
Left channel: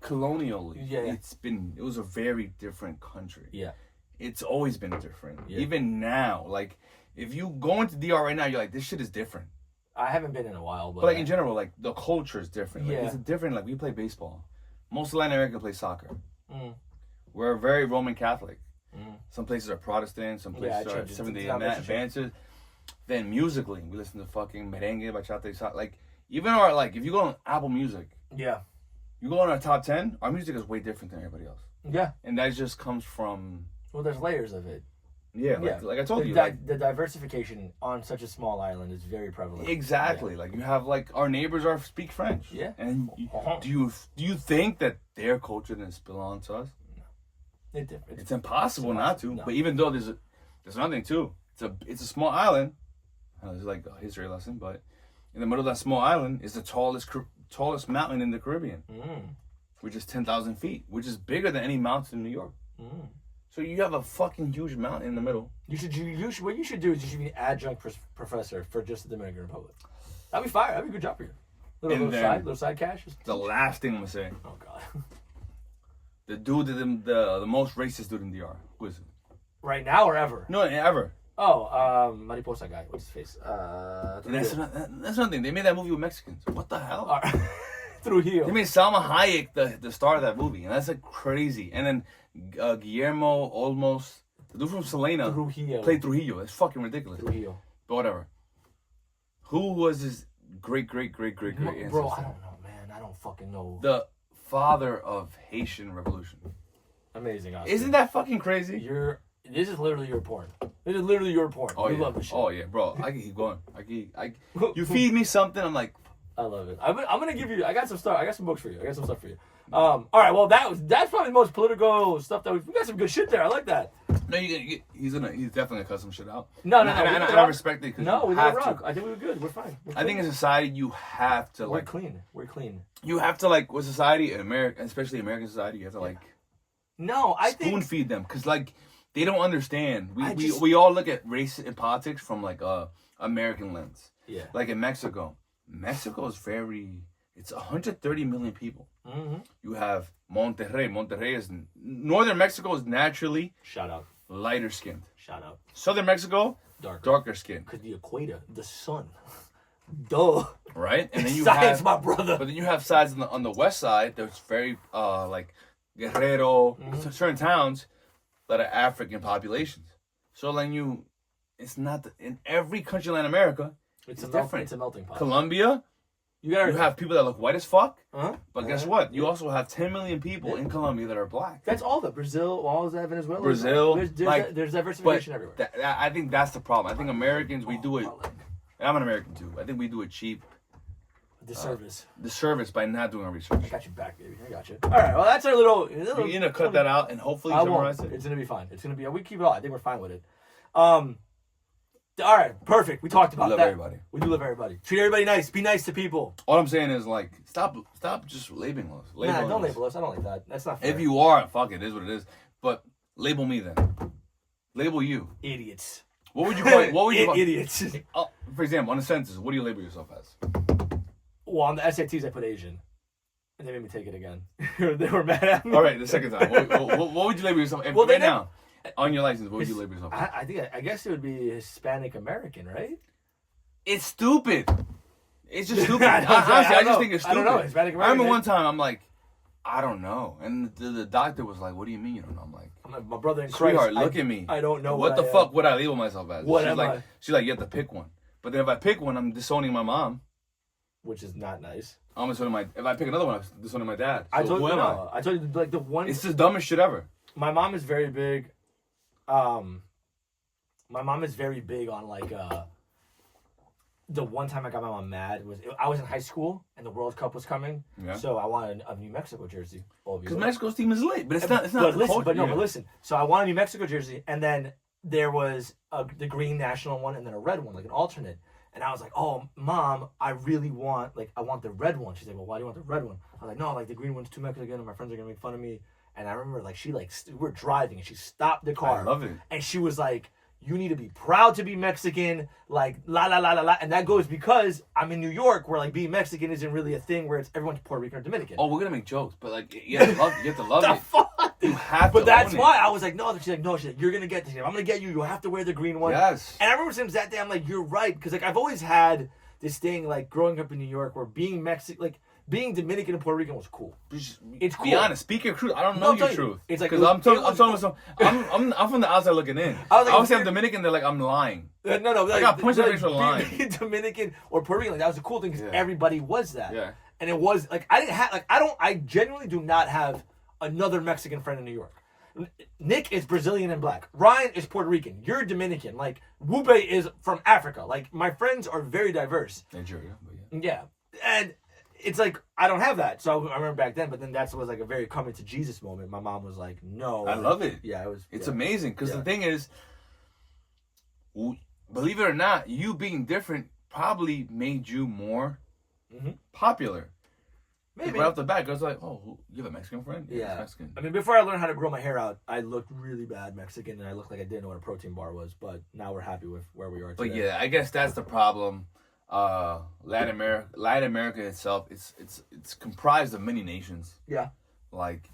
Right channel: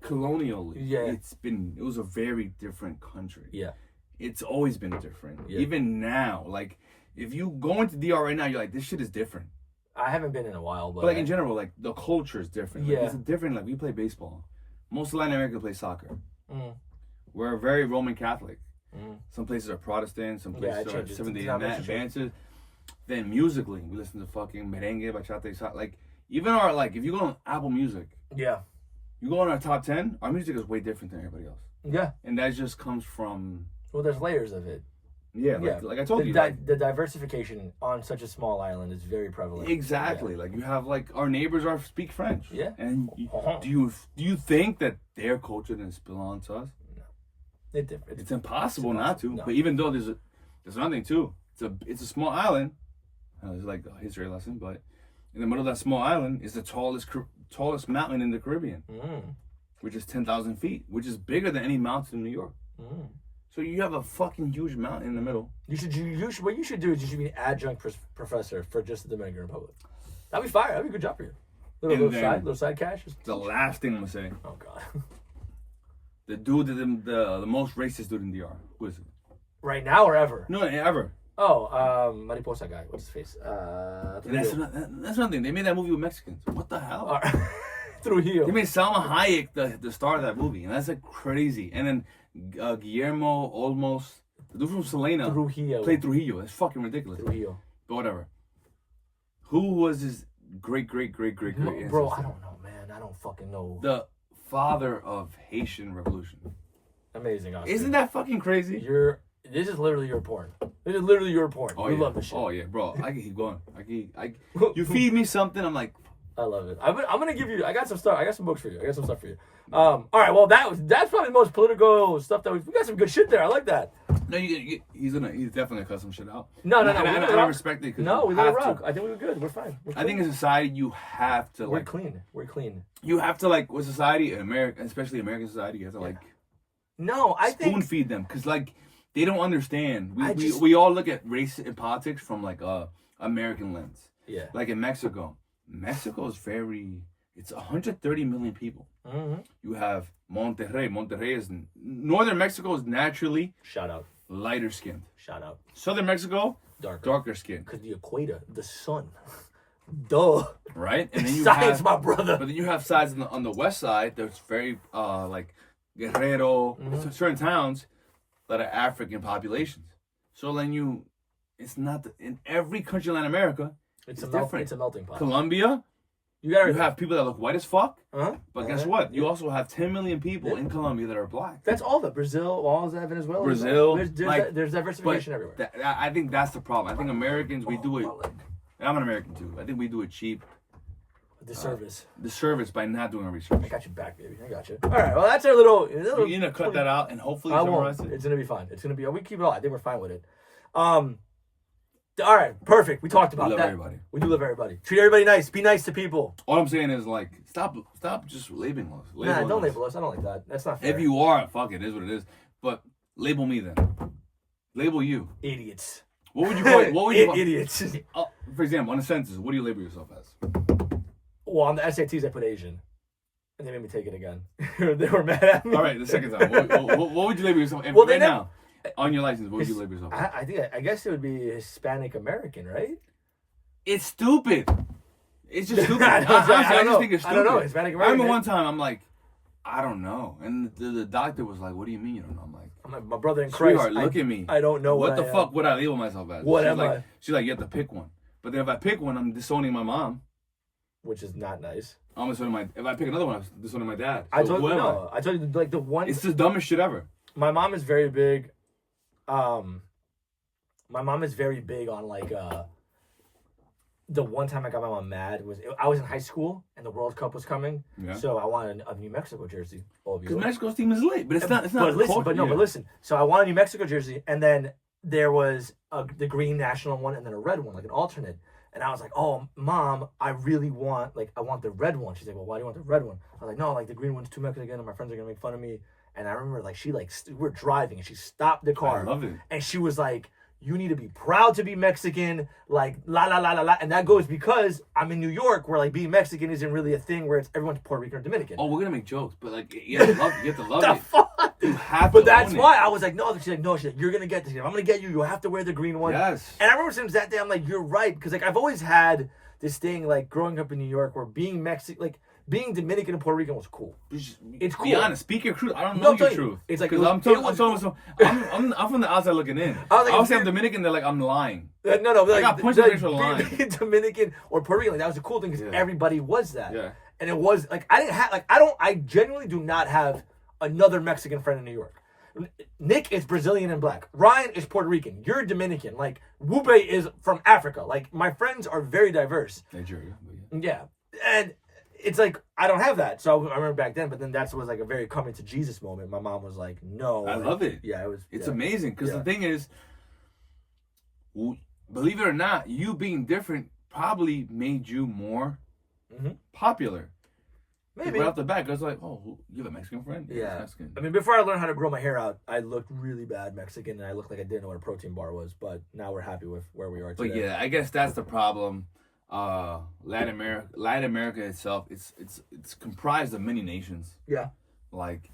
colonially, it was a very different country. Yeah. It's always been different. Yeah. Even now, like if you go into DR right now, you're like, this shit is different. I haven't been in a while, but like in general, like the culture is different. Like, yeah. It's different. Like we play baseball. Most Latin America play soccer. We're very Roman Catholic. Some places are Protestant, some places are Seventh-day Adventist. Then musically, we listen to fucking merengue, bachata, like even our like if you go on Apple Music, you go on our top 10, our music is way different than everybody else. Yeah, and that just comes from there's layers of it. Yeah, like I told you, the diversification on such a small island is very prevalent. Exactly, like you have like our neighbors speak French. Yeah, and do you think that their culture didn't spill onto us? It's impossible not to. No. But even though there's another thing too. It's a small island. It's like a history lesson, but in the middle of that small island is the tallest mountain in the Caribbean, which is 10,000 feet, which is bigger than any mountain in New York. So you have a fucking huge mountain in the middle. What you should do is you should be an adjunct professor for just the Dominican Republic. That'd be fire. That'd be a good job for you. Little side cash. The last thing I'm gonna say. Oh God. The dude, the most racist dude in DR. Who is it? Right now or ever? No, ever. Oh, Mariposa guy. What's his face? That's one thing. They made that movie with Mexicans. What the hell? Trujillo. They made Salma Hayek the star of that movie, and that's like crazy. And then Guillermo Olmos, the dude from Selena, played Trujillo. It's fucking ridiculous. Trujillo. But whatever. Who was his great ancestor? Bro, I don't know, man. I don't fucking know. The father of Haitian Revolution. Amazing, Oscar. Isn't that fucking crazy? This is literally your porn. This is literally your porn. Oh, you love this shit. Oh yeah, bro. I can keep going. You feed me something, I'm like, I love it. I'm gonna give you. I got some books for you. I got some stuff for you. All right. Well, that's probably the most political stuff that we got some good shit there. I like that. No, he's definitely gonna cut some shit out. No. I respect it. No, we didn't rock. I think we were good. We're fine. I think in society you have to We're clean. You have to like with society, especially American society, you have to like. No, I think spoon feed them because like they don't understand. We all look at race and politics from like American lens. Yeah. Like in Mexico is it's 130 million people. You have Monterrey. Monterrey is northern Mexico is naturally lighter skinned. Southern Mexico darker skinned. Because the equator, the sun. Duh. Right? And then you Science, my brother. But then you have sides on the west side that's very like Guerrero, certain towns that are African populations. So then it's not in every country in Latin America. It's different. It's a melting pot. Colombia, you have people that look white as fuck. But guess what? You also have 10 million people in Colombia that are black. That's all that. Brazil, all of that, Venezuela. Brazil. There's diversification everywhere. I think that's the problem. I think Americans, we do it. I'm an American too. I think we do it cheap. Disservice by not doing our research. I got you back, baby. I got you. All right. Well, that's our little. You're gonna cut that out and hopefully summarize it. It's gonna be fine. It's gonna be. We keep it all. I think we're fine with it. All right. Perfect. We talked about that. Everybody. We do love everybody. Treat everybody nice. Be nice to people. All I'm saying is like stop just labeling us. Don't label us. I don't like that. That's not fair. If you are, fuck it is what it is. But label me then. Label you. Idiots. What would you call it? What would you idiots? For example, on the census, what do you label yourself as? Well, on the SATs, I put Asian. And they made me take it again. They were mad at me. All right, the second time. What would you label yourself? And right now, on your license, what would you label yourself? I guess it would be Hispanic American, right? It's stupid. It's just stupid. I just think it's stupid. I don't know. Hispanic American. I remember one time, I'm like, I don't know. And the doctor was like, what do you mean you don't know? I'm like, my brother in Christ. Sweetheart, look at me. I don't know what the fuck would I label myself as? What am I? She's like, you have to pick one. But then if I pick one, I'm disowning my mom. Which is not nice. I'm disowning if I pick another one, I'm disowning my dad. So I told you like the one. It's the dumbest shit ever. My mom is very big my mom is very big on like the one time I got my mom mad was I was in high school and the World Cup was coming, so I wanted a New Mexico jersey. Because Mexico's team is lit, but it's not. But listen. So I wanted a New Mexico jersey, and then there was the green national one, and then a red one, like an alternate. And I was like, "Oh, Mom, I really want I want the red one." She's like, "Well, why do you want the red one?" I was like, "No, like the green one's too Mexican, and my friends are gonna make fun of me." And I remember we're driving, and she stopped the car. I love it. And she was like, "You need to be proud to be Mexican, like la la la la la." And that goes because I'm in New York, where like being Mexican isn't really a thing, where it's everyone's Puerto Rican or Dominican. Oh, we're gonna make jokes, but like you have to love the it. Fuck? You have to. But that's why I was like, no. She's like, you're gonna get this. I'm gonna get you. You have to wear the green one. Yes. And I remember since that day, I'm like, you're right, because like I've always had this thing like growing up in New York, where being Mexican, like being Dominican and Puerto Rican was cool. It's cool. Be honest. Speak your truth. I don't know your truth. It's like because I'm from the outside looking in. I was saying Dominican. They're like I'm lying. No. Like, I got punched in the face for lying. Being Dominican or Puerto Rican, like that was a cool thing because everybody was that. Yeah. And it was like I genuinely do not have another Mexican friend in New York. Nick is Brazilian and black. Ryan is Puerto Rican. You're Dominican. Like Wube is from Africa. Like my friends are very diverse. Nigeria. Yeah. And it's like I don't have that. So I remember back then, but then that was like a very coming to Jesus moment. My mom was like, "No." I love it. Yeah, it was. It's amazing because the thing is, believe it or not, you being different probably made you more popular. Maybe right off the bat, I was like, "Oh, you have a Mexican friend?" Yeah. Mexican. I mean, before I learned how to grow my hair out, I looked really bad Mexican, and I looked like I didn't know what a protein bar was. But now we're happy with where we are today. But yeah, I guess that's the problem. Latin America itself, it's comprised of many nations. Yeah. Like,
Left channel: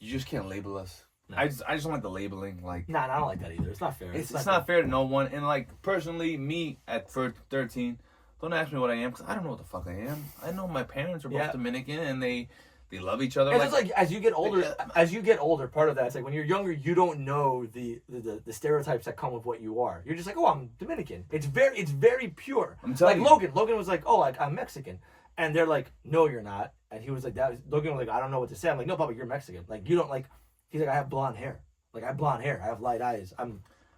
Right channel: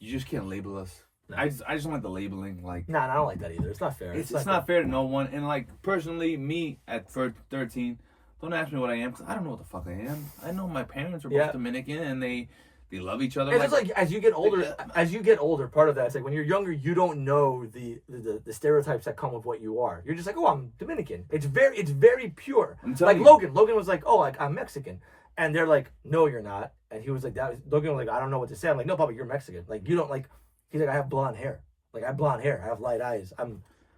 you just can't label us. No. I just don't like the labeling. Like, I don't like that either. It's not fair. It's not fair to no one. And like personally, me at 13. Don't ask me what I am, because I don't know what the fuck I am. I know my parents are both Dominican, and they love each other. And it's like as you get older, part of that is like when you're younger, you don't know the stereotypes that come with what you are. You're just like, oh, I'm Dominican. It's very pure. I'm telling you. Logan was like, oh, like I'm Mexican, and they're like, no, you're not. And he was like, Logan was like, I don't know what to say. I'm like, no, Papa, you're Mexican. Like you don't like. He's like, I have blonde hair. Like I have blonde hair. I have light eyes.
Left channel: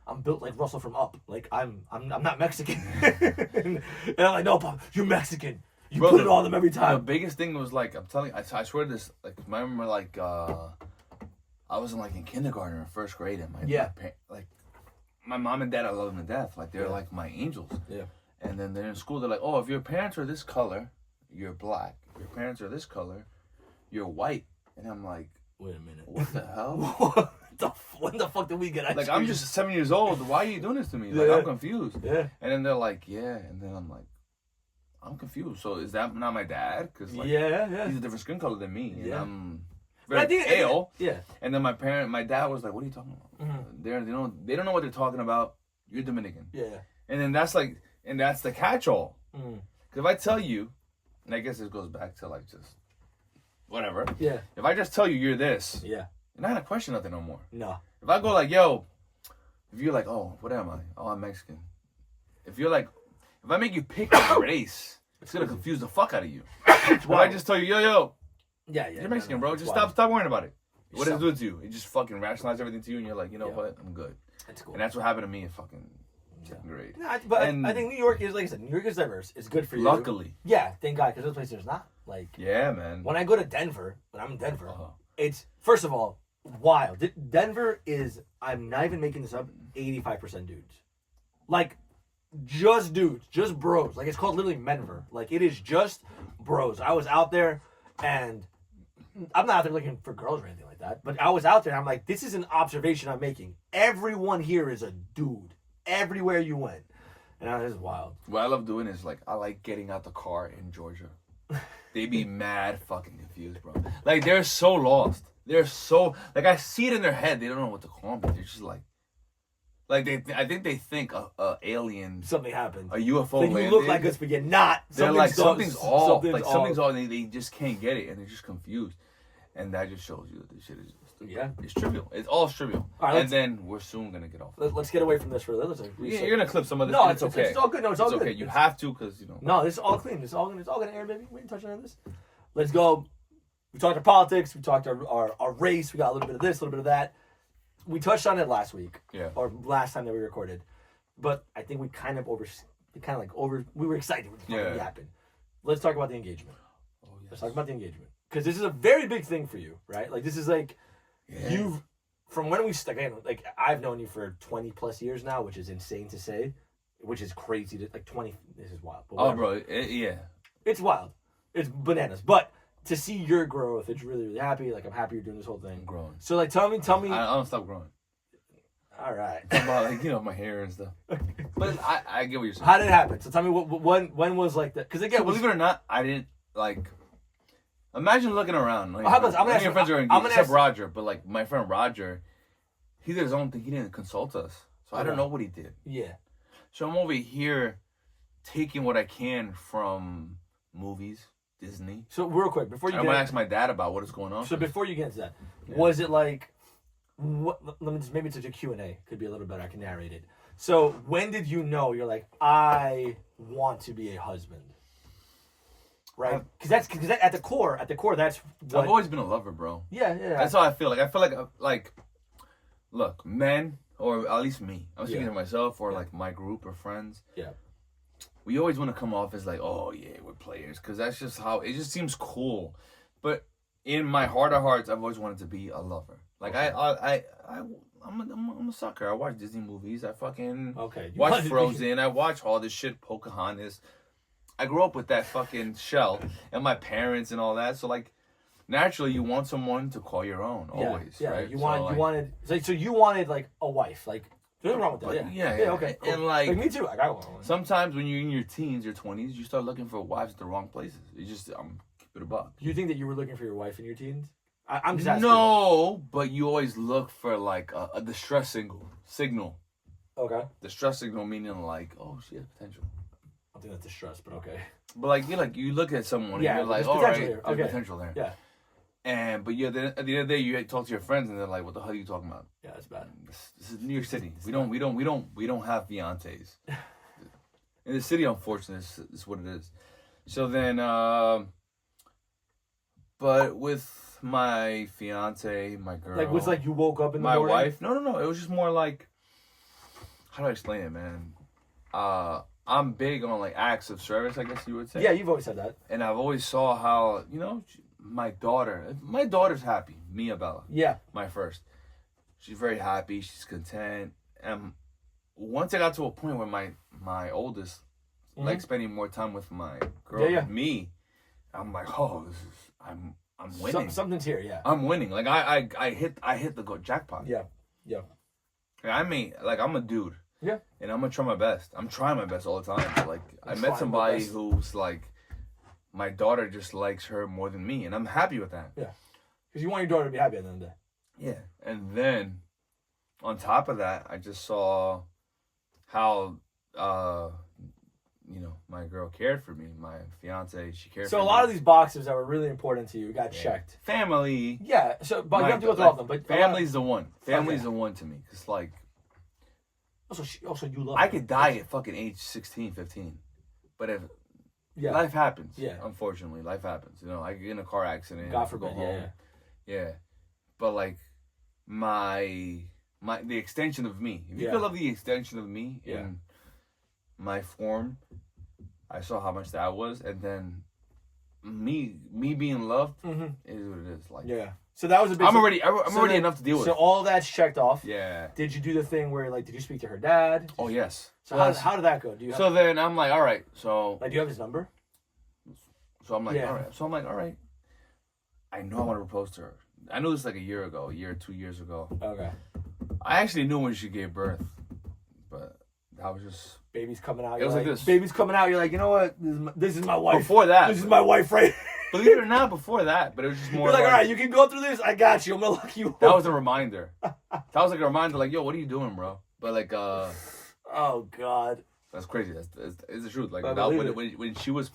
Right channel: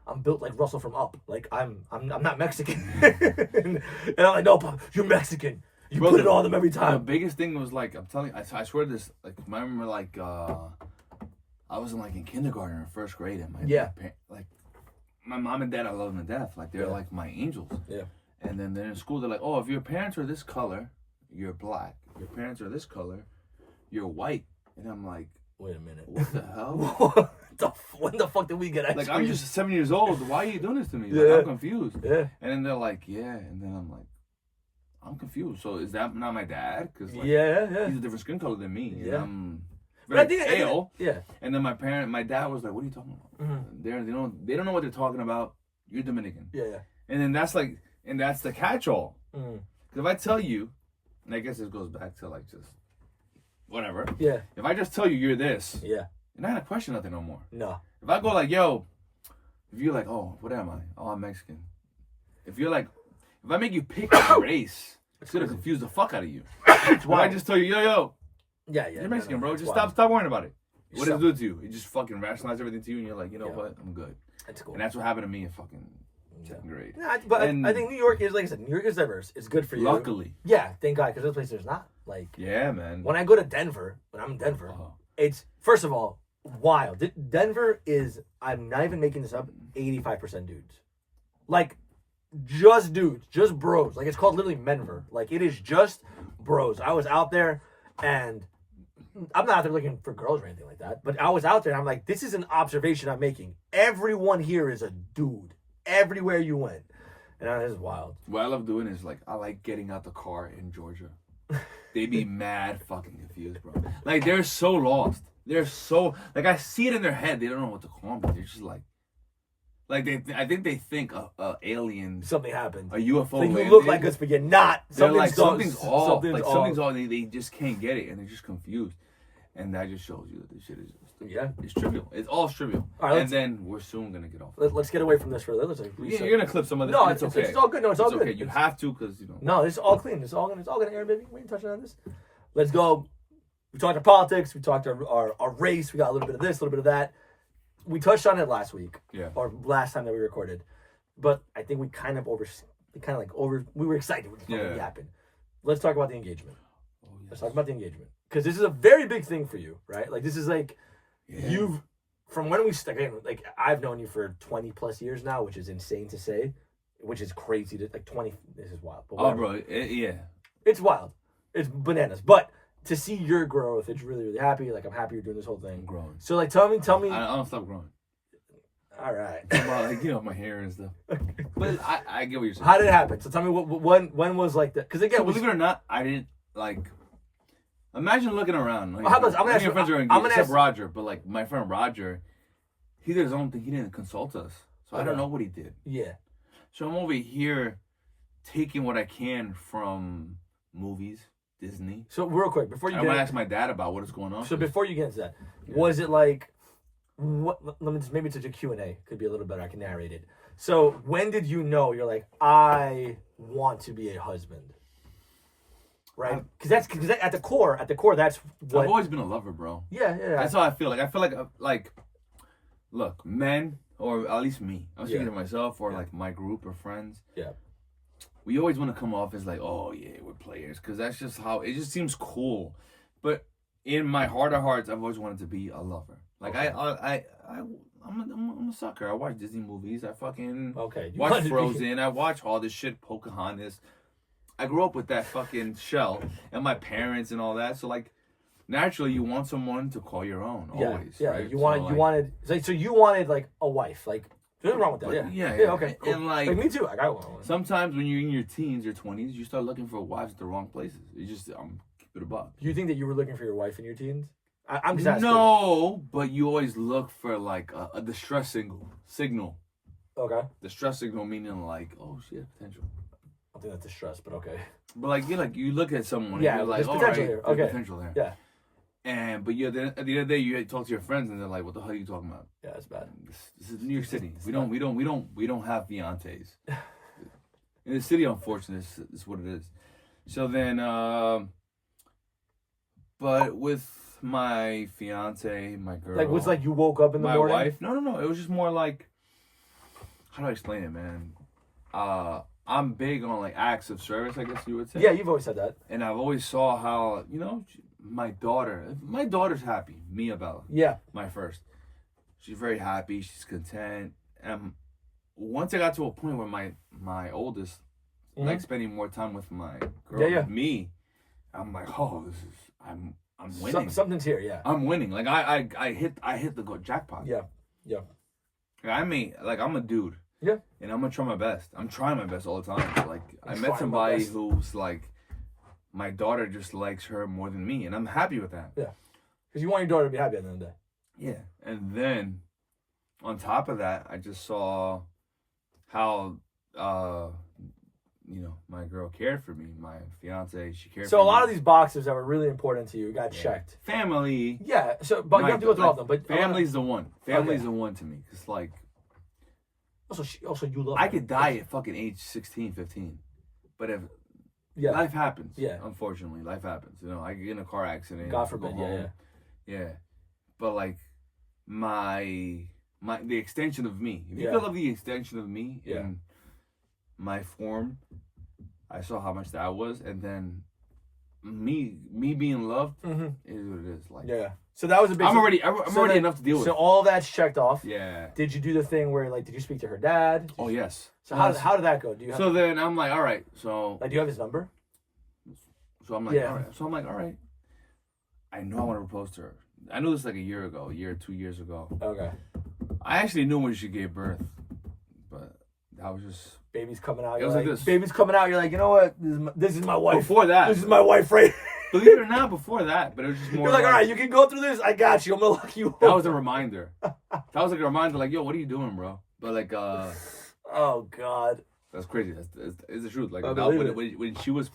I'm built like Russell from Up. Like I'm not Mexican. and I'm like, no, Pop, you're Mexican. You put it on them every time. The biggest thing was like, I'm telling you, I swear this. Like I remember like I was in kindergarten or first grade, and my mom and dad, I love them to death. Like they're like my angels. Yeah. And then they're in school. They're like, oh, if your parents are this color, you're black. If your parents are this color, you're white. And I'm like, wait a minute. What the hell? When the fuck did we get ice like cream? I'm just 7 years old. Why are you doing this to me? Like, I'm confused. Yeah. And then they're like, yeah. And then I'm like, I'm confused. So is that not my dad? Because he's a different skin color than me. Yeah. And I'm very pale. Yeah. And then my dad was like, what are you talking about? Mm-hmm. They don't know what they're talking about. You're Dominican. Yeah. And then that's the catch-all. Because if I tell you, and I guess this goes back to like just whatever. Yeah. If I just tell you you're this. Yeah. You're not gonna question nothing no more. No. If I go like, yo, if you're like, oh, what am I? Oh, I'm Mexican. If you're like, if I make you pick a race, it's gonna confuse the fuck out of you. When I just tell you, yo. Yeah. You're Mexican, bro. Just stop worrying about it. What does it do to you? It just fucking rationalize everything to you, and you're like, you know what? I'm good. That's cool. And that's what happened to me in fucking second grade. Yeah, but I think New York is, like I said, New York is diverse. It's good for you. Luckily. Yeah, thank God, because those places there's not. Like. Yeah, man. When I go to Denver, when I'm in Denver, it's first of all wild. Denver is, I'm not even making this up, 85% dudes. Like, just dudes, just bros. Like, it's called literally Menver. Like, it is just bros. I was out there, and I'm not out there looking for girls or anything like that, but I was out there, and I'm like, this is an observation I'm making. Everyone here is a dude. Everywhere you went. And this is wild. What I love doing is, like, I like getting out the car in Georgia. They be mad fucking confused, bro. Like, they're so lost. They're so, like, I see it in their head. They don't know what to call me. They're just like I think they think a alien, something happened, a UFO. Like you look like us, but you're not. Something's off. Something's off. They just can't get it, and they're just confused. And that just shows you that this shit is it's trivial. It's all trivial. All right, and then we're soon gonna get off. Let's get away from this for a little. You're gonna clip some of this. No, it's okay. It's all good. No, it's all good. Okay. You have to, because No, it's all clean. It's all gonna air, baby. We ain't touching on this. Let's go. We talked our politics. We talked our race. We got a little bit of this, a little bit of that. we touched on it last week. Yeah. Or last time that we recorded, but I think we we were excited when it fucking happened. Let's talk about the engagement. Oh, yes. Let's talk about the engagement because this is a very big thing for you, right? Like this is like you've from when we like I've known you for 20 plus years now, which is insane to say, which is crazy to like 20. This is wild. But bro, yeah, it's wild. It's bananas, but. To see your growth, it's really, really happy. Like I'm happy you're doing this whole thing. I'm growing. So like, tell me. I don't stop growing. All right. About like my hair and stuff. But I get what you're saying. How did it happen? So tell me when was like that? Because again, believe it or not, I didn't like. Imagine looking around. Like, I'm gonna ask you. Friends are engaged, except Roger, but like my friend Roger, he did his own thing. He didn't consult us, so I don't know what he did. Yeah. So I'm over here taking what I can from movies. Disney. So real quick before you I'm gonna ask my dad about what is going on. So before you get into that, was it like what? Let me just maybe it's a Q&A. Could be a little better. I can narrate it. So when did you know you're like I want to be a husband? Right? Because at the core that's what I've always been a lover, bro. Yeah. That's how I feel. Like I feel like look, men or at least me. I'm speaking to myself or like my group of friends. Yeah. We always want to come off as like, oh yeah, we're players, because that's just how it just seems cool. But in my heart of hearts, I've always wanted to be a lover. Like I'm a sucker. I watch Disney movies. I fucking watch Frozen. I watch all this shit, Pocahontas. I grew up with that fucking shell and my parents and all that. So like, naturally, you want someone to call your own. Always. Yeah. Right? You wanted like a wife, like. There's nothing wrong with that. Yeah. Okay. Cool. And like me too. I got one. Sometimes when you're in your teens or 20s, you start looking for wives at the wrong places. You just keep it above. You think that you were looking for your wife in your teens? I'm just asking. No, but you always look for like a distress signal. Okay. Distress signal meaning like, oh, she has potential. I think that's distress, but okay. But like you look at someone and you're like, oh, right, there's potential there. Yeah. But then at the end of the day, you talk to your friends and they're like, "What the hell are you talking about?" Yeah, it's bad. This is New York City. We don't have fiancés. In the city, unfortunately, is what it is. So then, but with my fiance, my girl, like was like you woke up in the morning. My wife, no. It was just more like, how do I explain it, man? I'm big on like acts of service, I guess you would say. Yeah, you've always said that. And I've always saw how my daughter's happy. Mia Bella. Yeah. My first. She's very happy. She's content. And once I got to a point where my oldest like spending more time with my girl, with me, I'm like, oh, I'm winning. Something's here, yeah. I'm winning. Like I hit the jackpot. Yeah. I'm a dude. Yeah. And I'm gonna try my best. I'm trying my best all the time. Like I met somebody who's like, my daughter just likes her more than me, and I'm happy with that. Yeah. Because you want your daughter to be happy at the end of the day. Yeah. And then, on top of that, I just saw how, my girl cared for me. My fiance, she cared for me. So a lot of these boxes that were really important to you got checked. Family. Yeah. So, but you have to go through all of them. But family's the one. Family's the one to me. It's like. Also, you love. I could die at fucking age 16, 15, but if. Yeah. Life happens. Yeah. Unfortunately, life happens. I get in a car accident. God forbid. Yeah. But like the extension of me. If you could love the extension of me in my form, I saw how much that was, and then me being loved is what it is. Like So that was a big. I'm already enough to deal with. So all that's checked off. Yeah. Did you do the thing where did you speak to her dad? Oh yes. So how did that go? Then I'm like, all right. So do you have his number? So I'm like, all right. So I'm like, all right. I know I want to propose to her. I knew this like a year or 2 years ago. Okay. I actually knew when she gave birth, but that was just baby's coming out. It was like this. Baby's coming out. You're like, you know what? This is my wife. Before that, this is my wife, right? Believe it or not, before that, but it was just more. You're like, all right, you can go through this. I got you. I'm gonna lock you up. That was a reminder. That was like a reminder, like, yo, what are you doing, bro? But like, oh God. That's crazy. That's the truth. Like when she was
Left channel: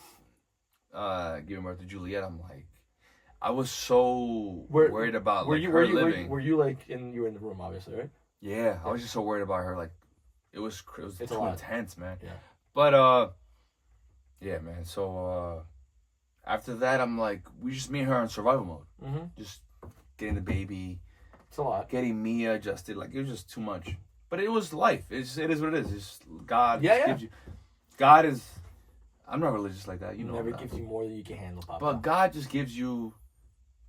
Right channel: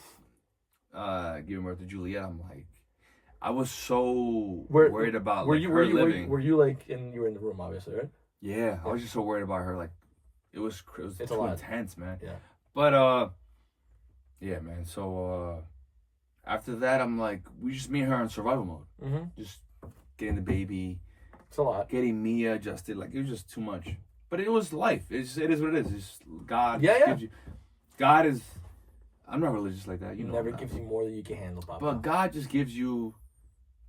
giving birth to Juliet, I'm like, I was so worried about her living. Were you like you were in the room, obviously, right? Yeah, I was just so worried about her. Like, it was too intense, man. Yeah. But yeah, man. So after that, I'm like, we just me and her in survival mode. Just getting the baby, It's a lot. getting Mia adjusted. Like, it was just too much. But it was life. It is what it is. It's God. Yeah, yeah. Gives you, God is. I'm not religious like that. You know. Never gives you more than you can handle, Papa. But God just gives you.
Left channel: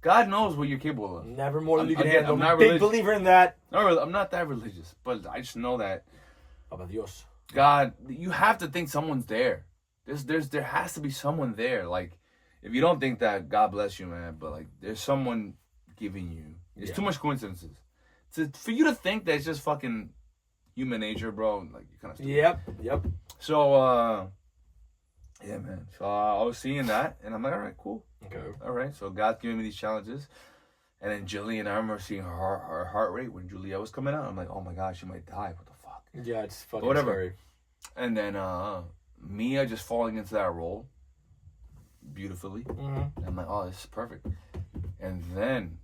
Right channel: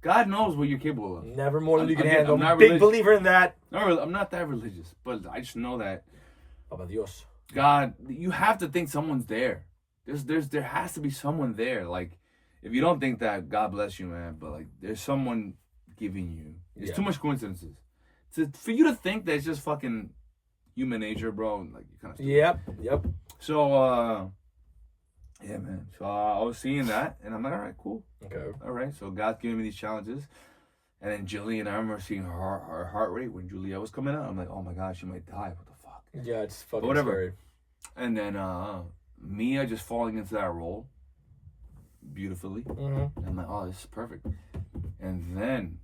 God knows what you're capable of. Never more than you can Again, handle. I'm not Big religious. believer in that. I'm not that religious, but I just know that Papa Dios. God, you have to think someone's there. There has to be someone there. Like, if you don't think that, God bless you, man. But like, there's someone giving you. There's too much coincidences. For you to think that it's just fucking human nature, bro. Like, you kind of. Yep. So, yeah, man. So I was seeing that, and I'm like, all right, cool. Okay. All right. So God's giving me these challenges, and then Jillian, I remember seeing her heart rate when Juliet was coming out. I'm like, oh my God, she might die. What the fuck? Yeah, it's fucking Whatever. scary. And then Mia just falling into that role beautifully. Mm-hmm. I'm like, oh, this is perfect. And then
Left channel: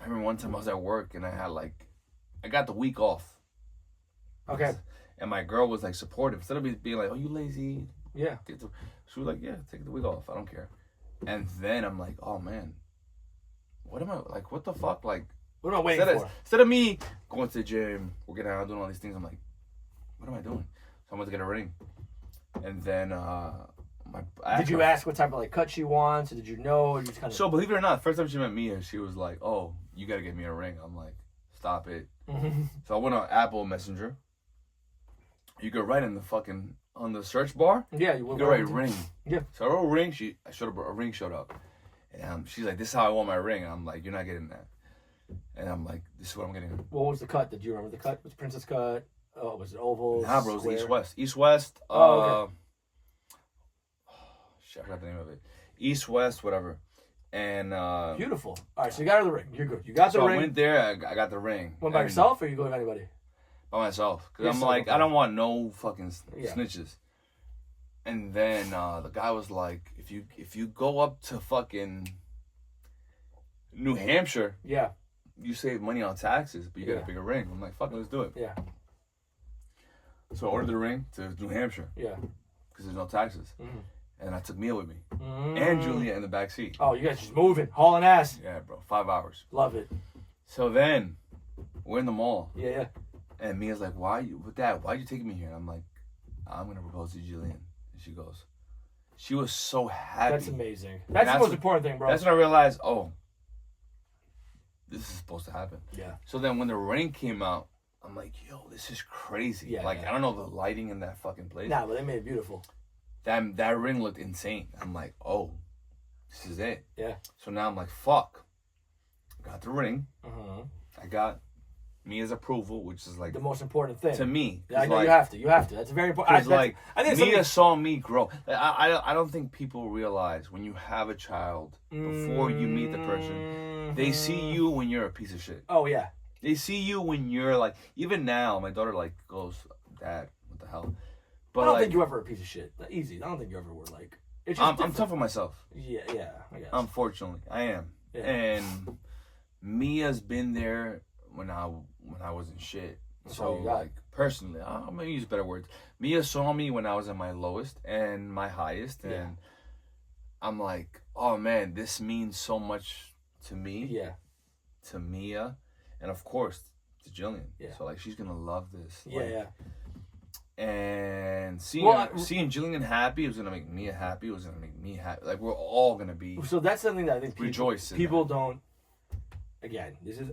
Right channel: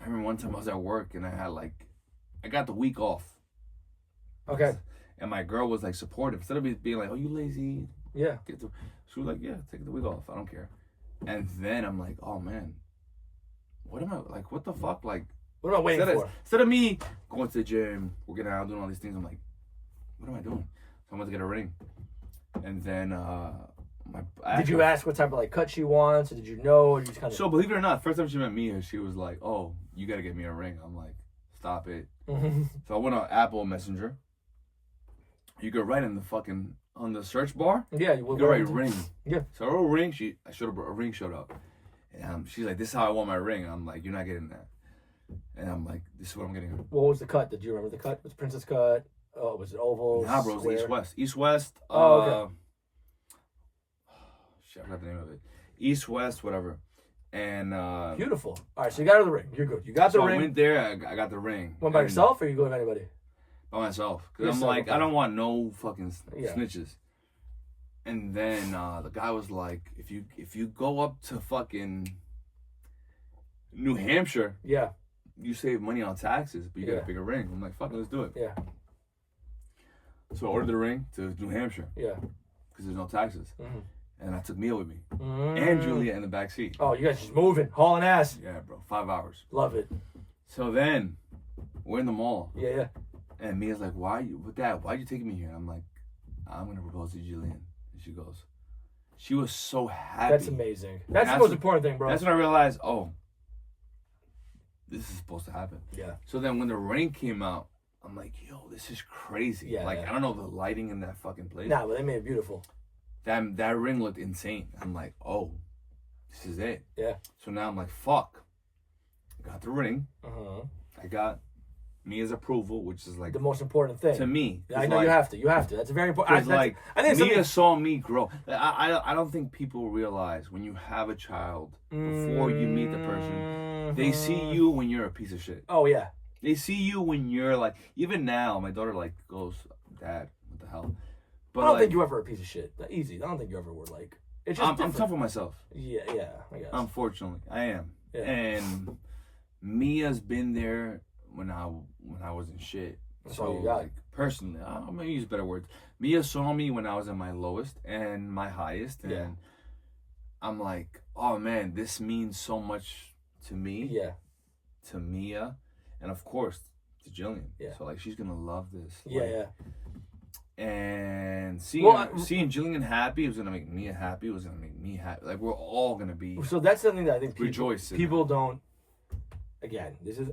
I remember one time I was at work and I got the week off. Okay. And my girl was like supportive. Instead of being like, oh, you lazy. Yeah. She was like, yeah, take the week off. I don't care. And then I'm like, oh man, what am I, like, what the fuck? Like, What am I waiting for? Instead of me going to the gym, working out, doing all these things, I'm like, what am I doing? So I'm going to get a ring. And then, Did you ask what type of like cut she wants, or did you know? Or you just kind of... So believe it or not, first time she met me, she was like, oh, you got to get me a ring. I'm like, stop it. Mm-hmm. So I went on Apple Messenger. You could write in the fucking, on the search bar. Yeah, you could write ring. Yeah. So I wrote ring. A ring showed up. And she's like, this is how I want my ring. And I'm like, you're not getting that. And I'm like, this is what I'm getting. What was the cut? Did you remember the cut? Was it princess cut? Oh, was it oval? Nah, bro, it was East-West. East-West. Oh, okay. Shit, I forgot the name of it. East-West, whatever. And beautiful. All right, so you got her the ring. You're good. You got the ring. I went there. I got the ring. Went by yourself, or you going with anybody? By myself, because I'm like, I don't want no fucking snitches. And then the guy was like, if you go up to fucking New Hampshire, yeah, you save money on taxes, but you get a bigger ring. I'm like, fuck it, let's do it. Yeah. So I ordered the ring to New Hampshire. Yeah. Because there's no taxes. Mm-hmm. And I took Mia with me. Mm-hmm. And Julia in the back seat. Oh, you guys just moving, hauling ass. Yeah, bro. 5 hours. Love it. So then, we're in the mall. Yeah. And Mia's like, why'd you taking me here? And I'm like, I'm going to propose to Jillian. And she goes, she was so happy. That's amazing. That's the most important thing, bro. That's when I realized, oh, this is supposed to happen. Yeah. So then when the ring came out, I'm like, yo, this is crazy. Yeah. Like, I don't know the lighting in that fucking place. Nah, but they made it beautiful. That ring looked insane. I'm like, oh, this is it. Yeah. So now I'm like, fuck. I got the ring. Uh-huh. I got Mia's approval, which is like the most important thing to me. Yeah, I know, you have to. You have to. That's very important. Like, I think Mia saw me grow. I don't think people realize when you have a child before you meet the person, they see you when you're a piece of shit. Oh yeah. They see you when you're like, even now, my daughter like goes, Dad, what the hell? But I don't like, think you ever were a piece of shit. Easy. I don't think you ever were like. It's just I'm tough on myself. Yeah. I guess. Unfortunately, I am. Yeah. And Mia's been there when I wasn't shit. That's So all you got. like personally, I'm gonna use better words. Mia saw me when I was at my lowest and my highest, and I'm like, oh man, this means so much to me. Yeah. To Mia, and of course to Jillian. Yeah. So like she's gonna love this. Yeah. Like, yeah. And seeing Jillian happy was gonna make Mia happy. It was gonna make me happy. Like we're all gonna be. So that's something that I think people don't. Again, this is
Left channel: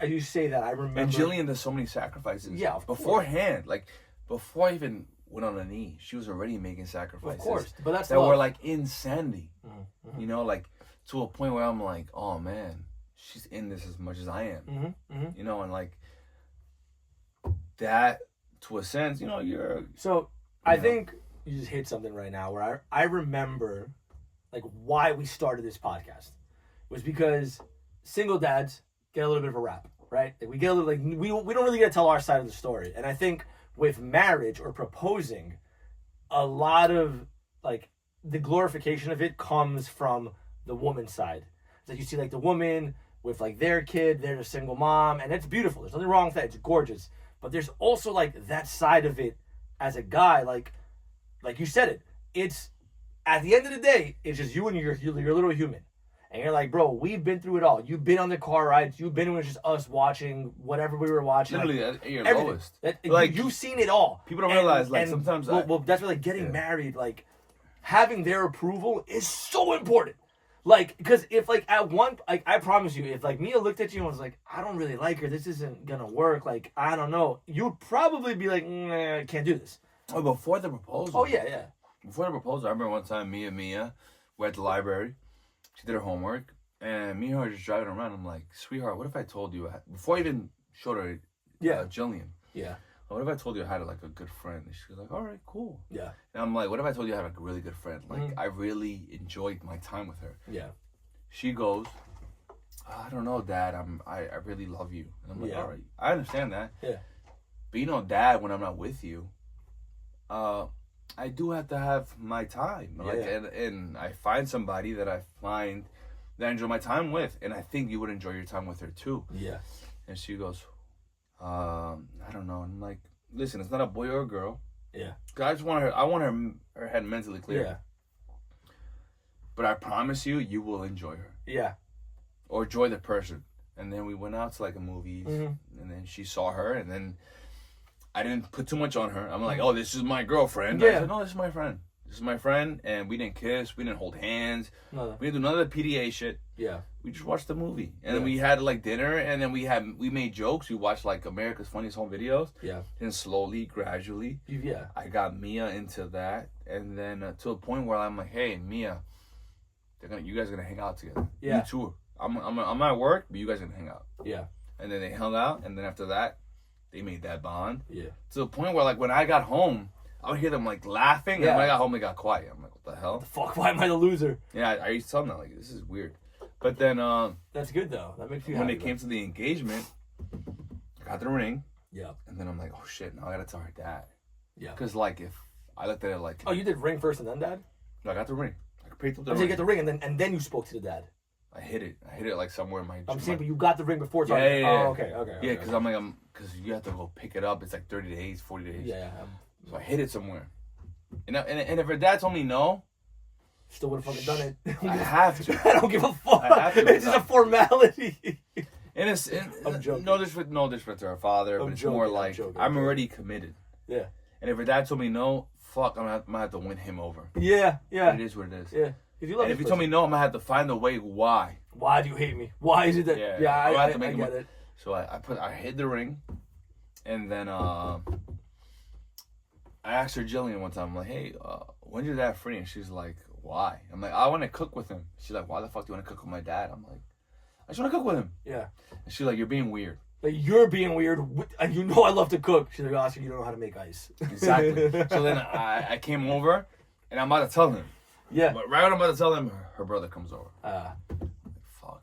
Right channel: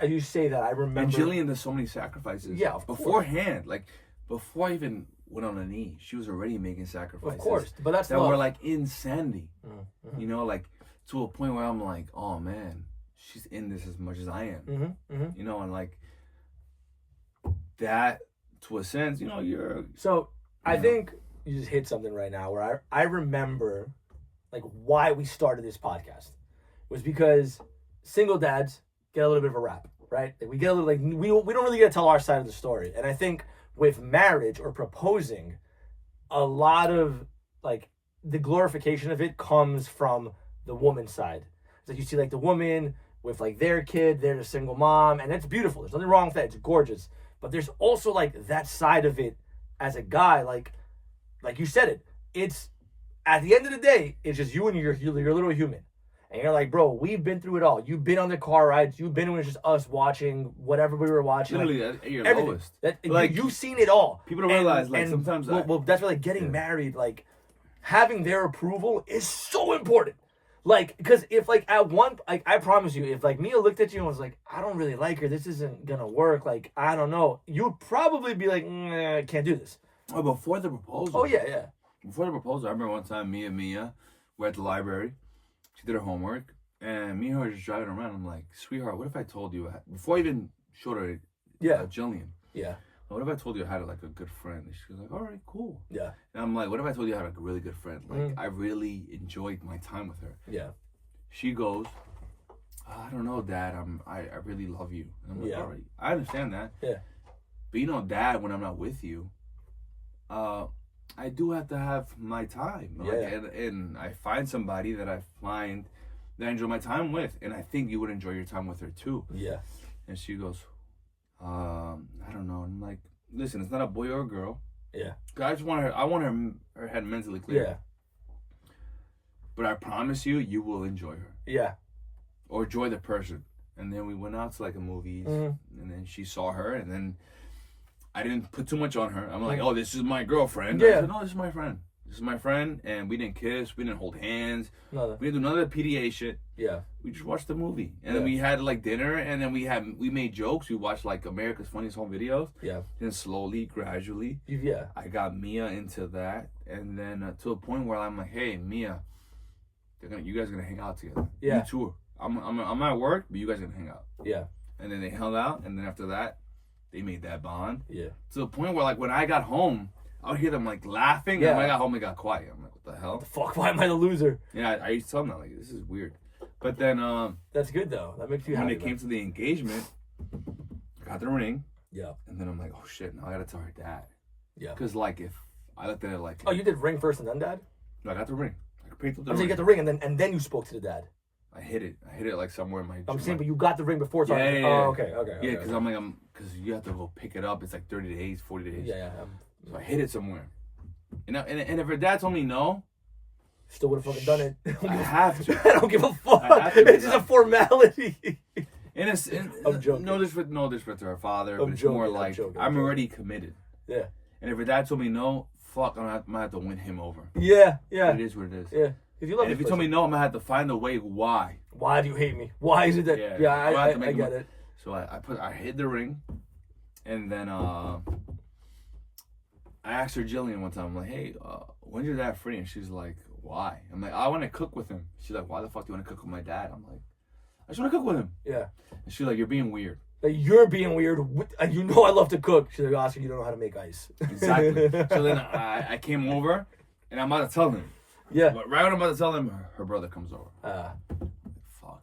as you say that I remember. And Jillian does so many sacrifices. Yeah, of course. Beforehand, like before I even went on a knee, she was already making sacrifices. Of course, but that's that love. were like insanity. Mm-hmm. You know, like to a point where I'm like, oh man, she's in this as much as I am. Mm-hmm. Mm-hmm. You know, and like that. To a sense, you know, you're. So I think you just hit something right now where I remember, like, why we started this podcast was because single dads get a little bit of a rap, right? Like, we get a little like we don't really get to tell our side of the story, and I think with marriage or proposing, a lot of like the glorification of it comes from the woman's side. So you see like the woman with like their kid, they're a single mom, and it's beautiful. There's nothing wrong with that. It's gorgeous. But there's also like that side of it as a guy, like you said it. It's at the end of the day, it's just you and your little human. And you're like, bro, we've been through it all. You've been on the car rides. You've been when it's just us watching whatever we were watching. Literally, like, at your everything. lowest. Like, you've seen it all. People don't realize, like, sometimes... Well, that's why, like, getting married, like, having their approval is so important. Like, because if, like, at one... Like, I promise you, if, like, Mia looked at you and was like, I don't really like her. This isn't going to work. Like, I don't know. You'd probably be like, I can't do this. Oh, before the proposal. Oh, yeah. Before the proposal, I remember one time me and Mia were at the library. She did her homework. And me and her were just driving around. I'm like, sweetheart, what if I told you... Before I even showed her Jillian. Yeah. What if I told you I had like a good friend? And she was like, all right, cool. Yeah. And I'm like, what if I told you I had like a really good friend? Like, I really enjoyed my time with her. Yeah. She goes, I don't know, Dad. I really love you. And I'm like, all right, I understand that. Yeah. But you know, Dad, when I'm not with you, I do have to have my time. Like, and I find somebody that I enjoy my time with, and I think you would enjoy your time with her too. Yeah. And she goes, I don't know. And I'm like, listen, it's not a boy or a girl. Yeah. I just want her. I want her head mentally clear. Yeah. But I promise you, you will enjoy her. Yeah. Or enjoy the person. And then we went out to like a movie, and then she saw her, and then I didn't put too much on her. I'm like, oh, this is my girlfriend. Yeah. I said, no, this is my friend. This is my friend, and we didn't kiss, we didn't hold hands, Nothing. we didn't do none of the PDA shit. Yeah. We just watched the movie, and then we had like dinner, and then we made jokes. We watched like America's Funniest Home Videos. Yeah. And slowly, gradually, I got Mia into that, and then to a point where I'm like, hey, Mia, you guys are gonna hang out together. Yeah. You two. I'm at work, but you guys are gonna hang out. Yeah. And then they hung out, and then after that, they made that bond. Yeah. To the point where like when I got home, I would hear them like laughing, and when I got home, they got quiet. I'm like, what the hell? The fuck? Why am I the loser? Yeah, I used to tell them that, like, this is weird. But then that's good though. That makes you when happy. it came to the engagement, I got the ring. Yeah. And then I'm like, oh shit, now I gotta tell her dad. Yeah. Because like if I looked at it like, oh, you did ring first and then dad? No, I got the ring. I picked up the I'm saying you got the ring and then you spoke to the dad. I hit it like somewhere in my. I'm saying, but you got the ring before talking. Yeah. Oh, okay. Yeah, because because you have to go pick it up. It's like 30 days, 40 days. Yeah. So I hit it somewhere, and if her dad told me no, still would have fucking done it. I have to. I don't give a fuck. It's just a formality. And it's I'm joking. No disrespect to her father, but it's more like I'm already committed. Yeah. And if her dad told me no, fuck, I'm gonna have to win him over. Yeah. It is what it is. Yeah. If you love and if you told me no, I'm gonna have to find a way why. Why do you hate me? Why is it that? Yeah, I get it. So I hid the ring, and then I asked her Jillian one time. I'm like, hey, when's your dad free? And she's like, why? I'm like, I want to cook with him. She's like, why the fuck do you want to cook with my dad? I'm like, I just want to cook with him. Yeah. And she's like, you're being weird. Like, you're being weird. And you know I love to cook. She's like, Oscar, you don't know how to make ice. Exactly. So then I came over, and I'm about to tell him. Yeah. But right when I'm about to tell him, her brother comes over. Fuck.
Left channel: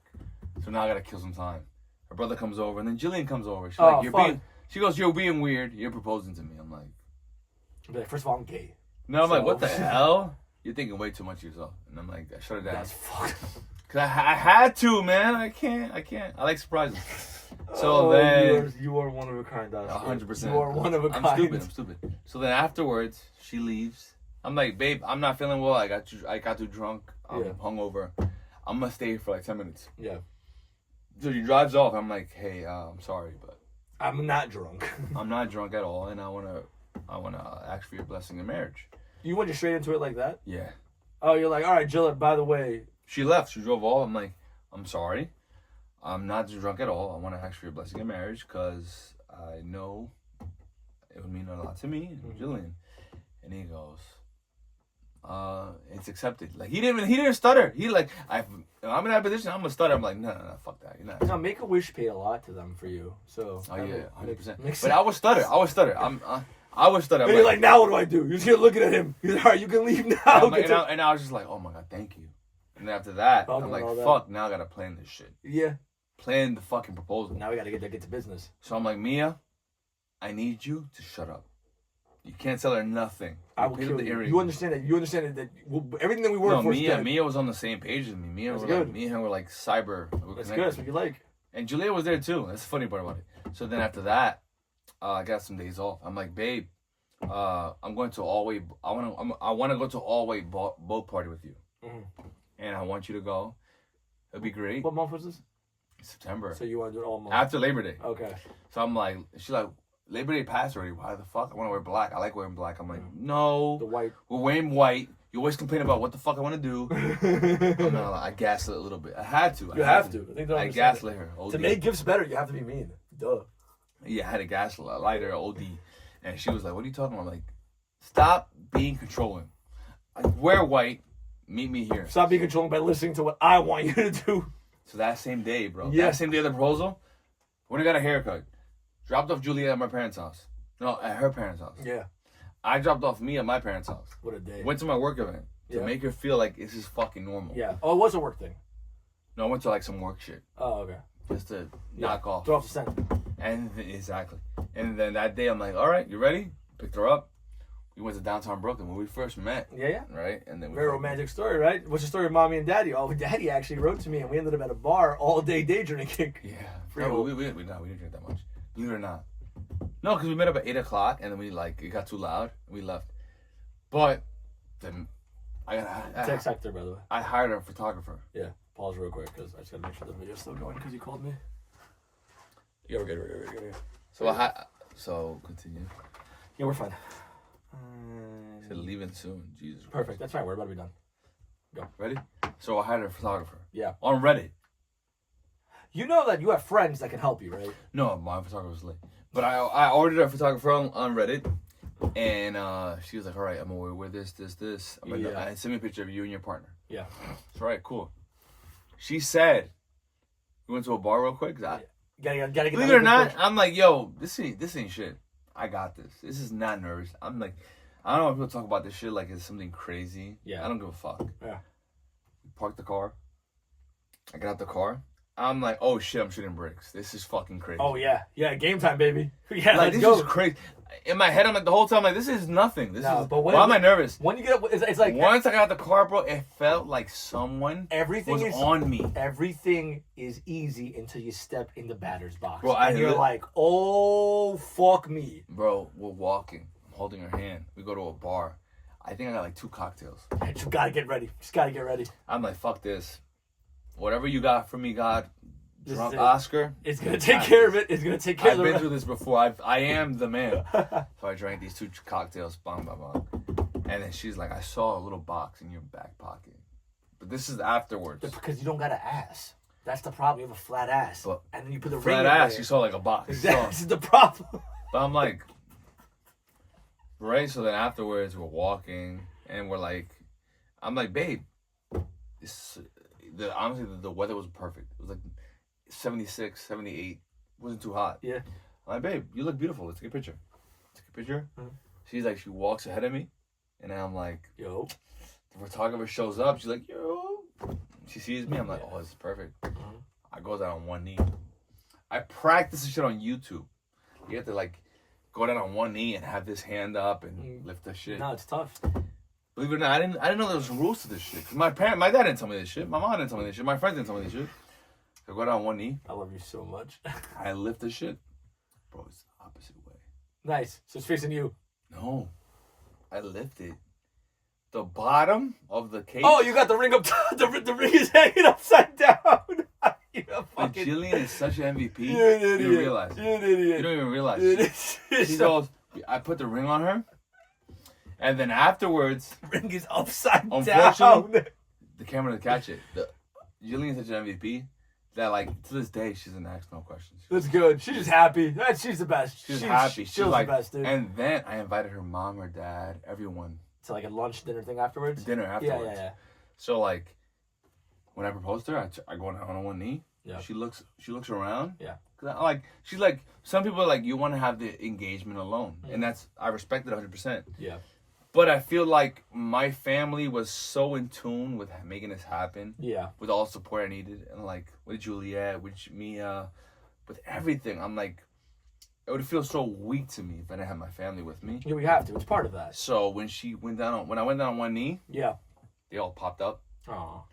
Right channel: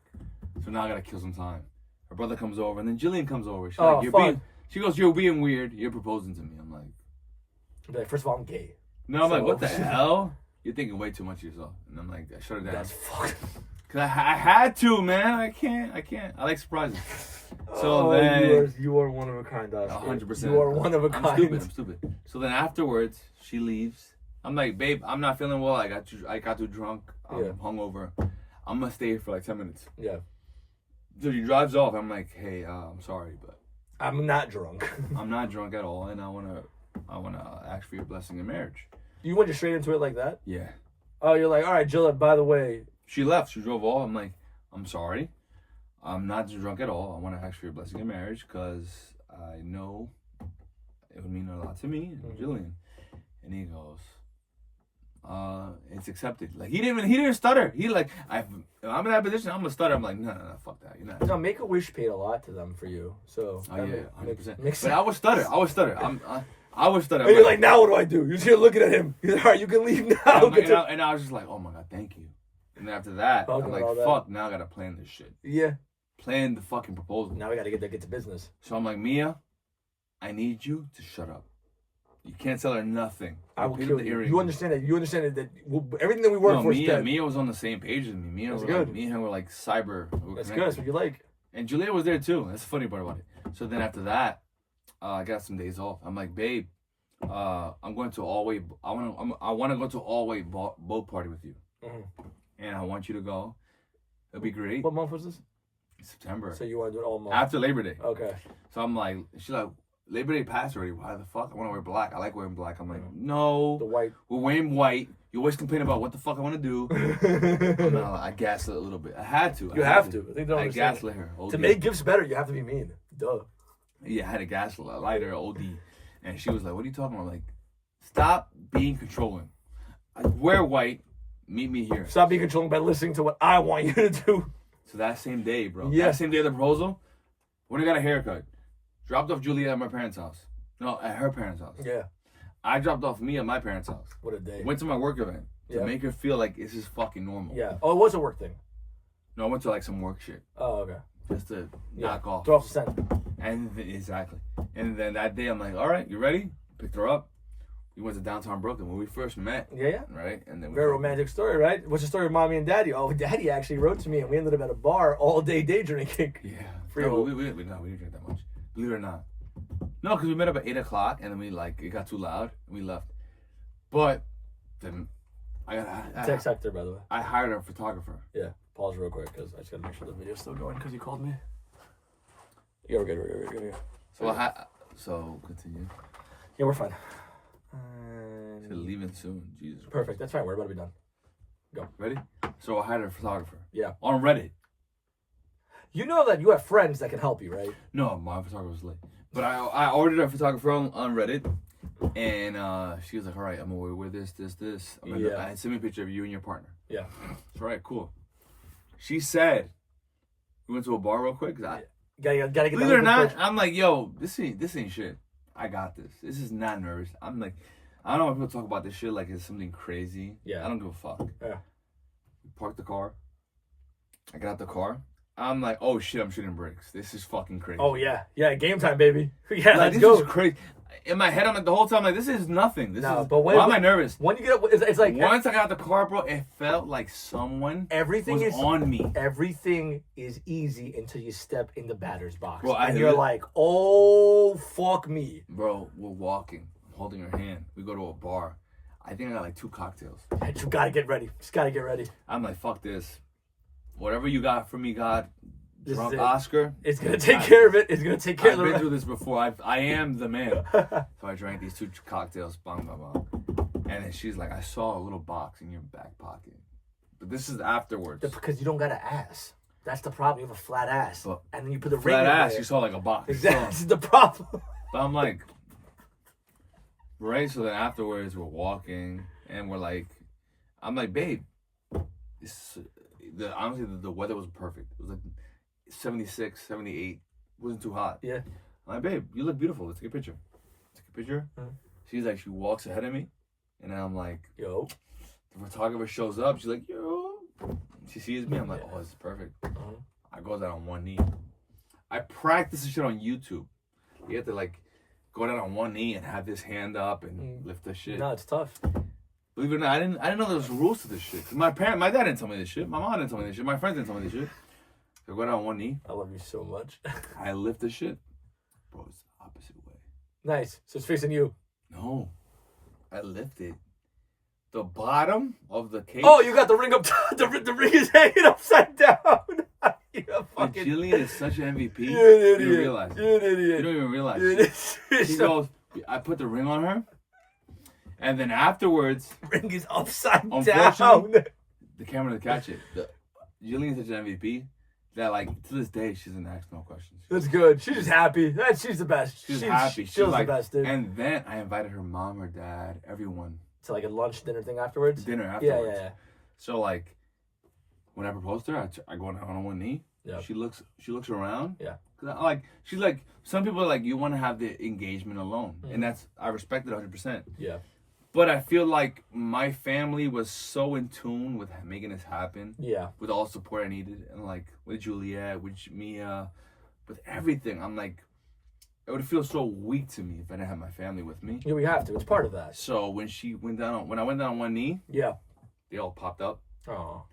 So now I gotta kill some time. Her brother comes over, and then Jillian comes over. She's like, she goes, you're being weird. You're proposing to me. I'm like, first of all, I'm gay. No, I'm like, what the hell? You're thinking way too much of yourself. And I'm like, I shut it down. That's fucked. Cause I had to, man. I can't. I like surprises. So then you are one of a kind, Oscar. 100%. You are one of a kind. I'm stupid. So then afterwards, she leaves. I'm like, babe, I'm not feeling well. I got too drunk. I'm hungover. I'm gonna stay here for like 10 minutes. Yeah. So she drives off. I'm like, hey, I'm sorry, but I'm not drunk. I'm not drunk at all, and I wanna ask for your blessing in marriage. You went just straight into it like that? Yeah. Oh, you're like, all right, Jill, by the way. She left. She drove off. I'm like, I'm sorry. I'm not drunk at all. I want to ask for your blessing in marriage because I know it would mean a lot to me and Jillian. And he goes, it's accepted. Like he didn't stutter. He like, I'm in that position. I'm gonna stutter. I'm like, no, fuck that. You're not. No, Make-A-Wish paid a lot to them for you. So. Oh yeah, 100%. But I would stutter. I would stutter. I was stuttering. And you're like, now what do I do? You're just here looking at him. He's like, all right, you can leave now. And I was just like, oh my God, thank you. And then after that, I'm like, fuck, now I gotta plan this shit. Yeah. Plan the fucking proposal. Now we gotta get to business. So I'm like, Mia, I need you to shut up. You can't tell her nothing. I will kill you. You understand that? You understand that everything that we work for is dead. Mia was on the same page as me. Me and her were like cyber. That's good. That's what you like. And Julia was there too. That's the funny part about it. So then after that, I got some days off. I'm like, babe, I'm going to all-way. I want to go to all-way boat party with you, and I want you to go. It'd be great. What month was this? September. So you want to do it all month? After Labor Day. Okay. So I'm like, she's like, Labor Day passed already. Why the fuck? I want to wear black. I like wearing black. I'm like, no. The white. We're wearing white. You always complain about what the fuck I want to do. I gaslit a little bit. I had to. You have to. I think I gaslit her. To make gifts better, you have to be mean. Duh. Yeah, I had a gaslight her, OD. And she was like, what are you talking about? I'm like, stop being controlling. I wear white. Meet me here. Stop being controlling by listening to what I want you to do. So that same day, bro. Yeah. That same day of the proposal, when I got a haircut, dropped off Julia at my parents' house. No, at her parents' house. Yeah. I dropped off me at my parents' house. What a day. Went to my work event to make her feel like this is fucking normal. Yeah. Oh, it was a work thing. No, I went to like some work shit. Oh, okay. Just to knock off. Throw off the scent. And exactly. And then that day, I'm like, all right, you ready? Picked her up. We went to downtown Brooklyn when we first met. Yeah. Right? And then very romantic story, right? What's the story of mommy and daddy? Oh, daddy actually wrote to me and we ended up at a bar all day drinking. Yeah. No, we didn't drink that much. Believe it or not. No, because we met up at 8 o'clock and then it got too loud and we left. But then Text Hector, by the way. I hired a photographer. Yeah. Pause real quick because I just gotta make sure the video's still going because he called me. Yeah, we're good. So continue. Yeah, we're fine. Said leaving soon. Jesus. Perfect. That's fine. We're about to be done. Go. Ready? So I hired a photographer. Yeah. On Reddit. You know that you have friends that can help you, right? No, my photographer was late. But I ordered a photographer on Reddit. And she was like, all right, I'm going to wear this. I'm like, I sent me a picture of you and your partner. Yeah. So, all right, cool. She said, we went to a bar real quick. Gotta get believe it or not, I'm like, yo, this ain't shit. I got this. This is not nervous. I'm like, I don't know when people talk about this shit like it's something crazy. Yeah. I don't give a fuck. Yeah. We parked the car. I got out the car. I'm like, oh shit, I'm shooting bricks. This is fucking crazy. Oh yeah. Yeah, game time, baby. Yeah, like, let's go. This is crazy. In my head, I'm like, the whole time, like, this is nothing. Why am I nervous? When you get it's like... Once I got the car, bro, it felt like someone was on me. Everything is easy until you step in the batter's box. Bro, and you're like, oh, fuck me. Bro, we're walking. I'm holding her hand. We go to a bar. I think I got like 2 cocktails. You gotta get ready. Just gotta get ready. I'm like, fuck this. Whatever you got for me, God. Drunk it. Oscar. It's gonna take care of it. It's gonna take care of it. I've been through this before. I am the man. So I drank these 2 cocktails. Bang, bang, bang. And then she's like, I saw a little box in your back pocket. But this is afterwards. Because you don't got an ass. That's the problem. You have a flat ass. But and then you put the ring flat in ass, there. you saw like a box. Exactly. This is the problem. But I'm like, right? So then afterwards, we're walking. And we're like, I'm like, babe. Honestly, the weather was perfect. It was like 76, 78. It wasn't too hot. Yeah. I'm like, babe, you look beautiful. Let's take a picture. Mm-hmm. She's like, she walks ahead of me. And I'm like, yo. The photographer shows up. She's like, yo. She sees me. I'm like, oh, this is perfect. Mm-hmm. I go down on one knee. I practice this shit on YouTube. You have to like go down on one knee and have this hand up and lift the shit. No, it's tough. Believe it or not, I didn't know there was rules to this shit. My dad didn't tell me this shit. My mom didn't tell me this shit. My friends didn't tell me this shit. So I go down on one knee. I love you so much. I lift the shit. Bro, it's the opposite way. Nice. So it's facing you. No. I lift it. The bottom of the cake. Oh, you got the ring up top. The ring is hanging upside down. Jillian is such an MVP. You're an idiot. You don't realize. You're an idiot. You don't even realize. She goes, I put the ring on her. And then afterwards, ring is upside down. The camera didn't catch it. Jillian's such an MVP that, like, to this day, she doesn't ask no questions. That's good. She's just happy. She's the best. She's happy. She's like, the best, dude. And then I invited her mom, her dad, everyone. To like a lunch, dinner thing afterwards? Dinner afterwards. Yeah. So, like, when I proposed to her, I go down on one knee. Yeah. She looks around. Yeah. She's like, some people are like, you want to have the engagement alone. Mm-hmm. And I respect it 100%. Yeah. But I feel like my family was so in tune with making this happen. Yeah. With all the support I needed. And like, with Juliet, with Mia, with everything. I'm like, it would feel so weak to me if I didn't have my family with me. Yeah, we have to. It's part of that. So when I went down on one knee. Yeah. They all popped up. Oh.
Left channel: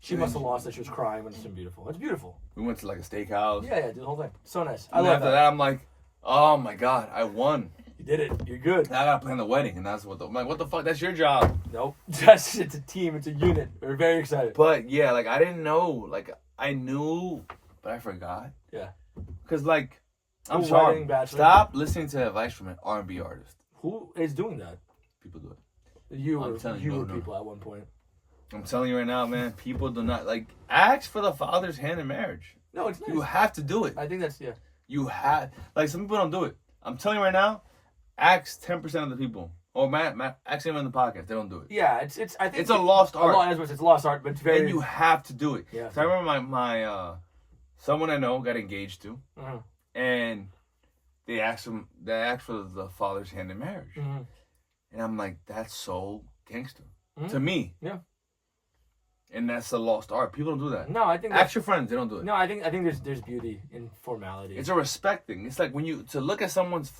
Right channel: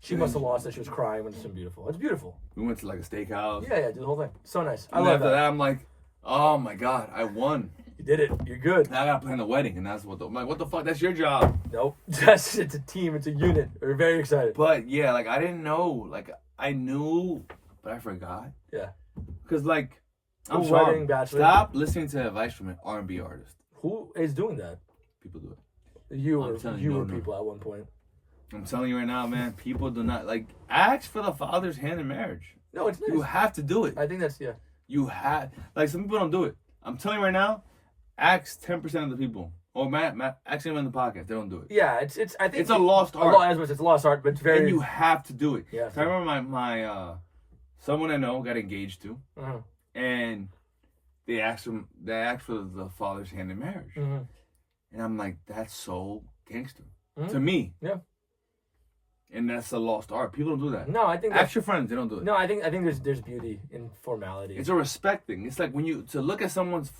She must have lost it. She was crying when it's been beautiful. It's beautiful. We went to like a steakhouse. Yeah, do the whole thing. So nice. I love that. I'm like, oh my God, I won. You did it. You're good. Now I gotta plan the wedding, and that's I'm like, what the fuck? That's your job. Nope. It's a team. It's a unit. We're very excited. But yeah, like I didn't know. Like I knew, but I forgot. Yeah. Cause like, I'm Who sorry. wedding, bachelor? Stop listening to advice from an R&B artist. Who is doing that? People do it. You I'm were telling you you, were no. people at one point. I'm telling you right now, man. People do not like ask for the father's hand in marriage. No, it's nice. You have to do it. I think that's You have like some people don't do it. I'm telling you right now. Ask 10% of the people, or ask them in the podcast. They don't do it. Yeah, it's. I think It's a lost art. As much it's a lost art, but it's very. And you have to do it. Yeah. So I remember my someone I know got engaged to, and they asked for the father's hand in marriage, and I'm like, that's so gangster to me. Yeah. And that's a lost art. People don't do that. No, I think. Ask your friends. They don't do it. No, I think there's beauty in formality. It's a respect thing. It's like when you to look at someone's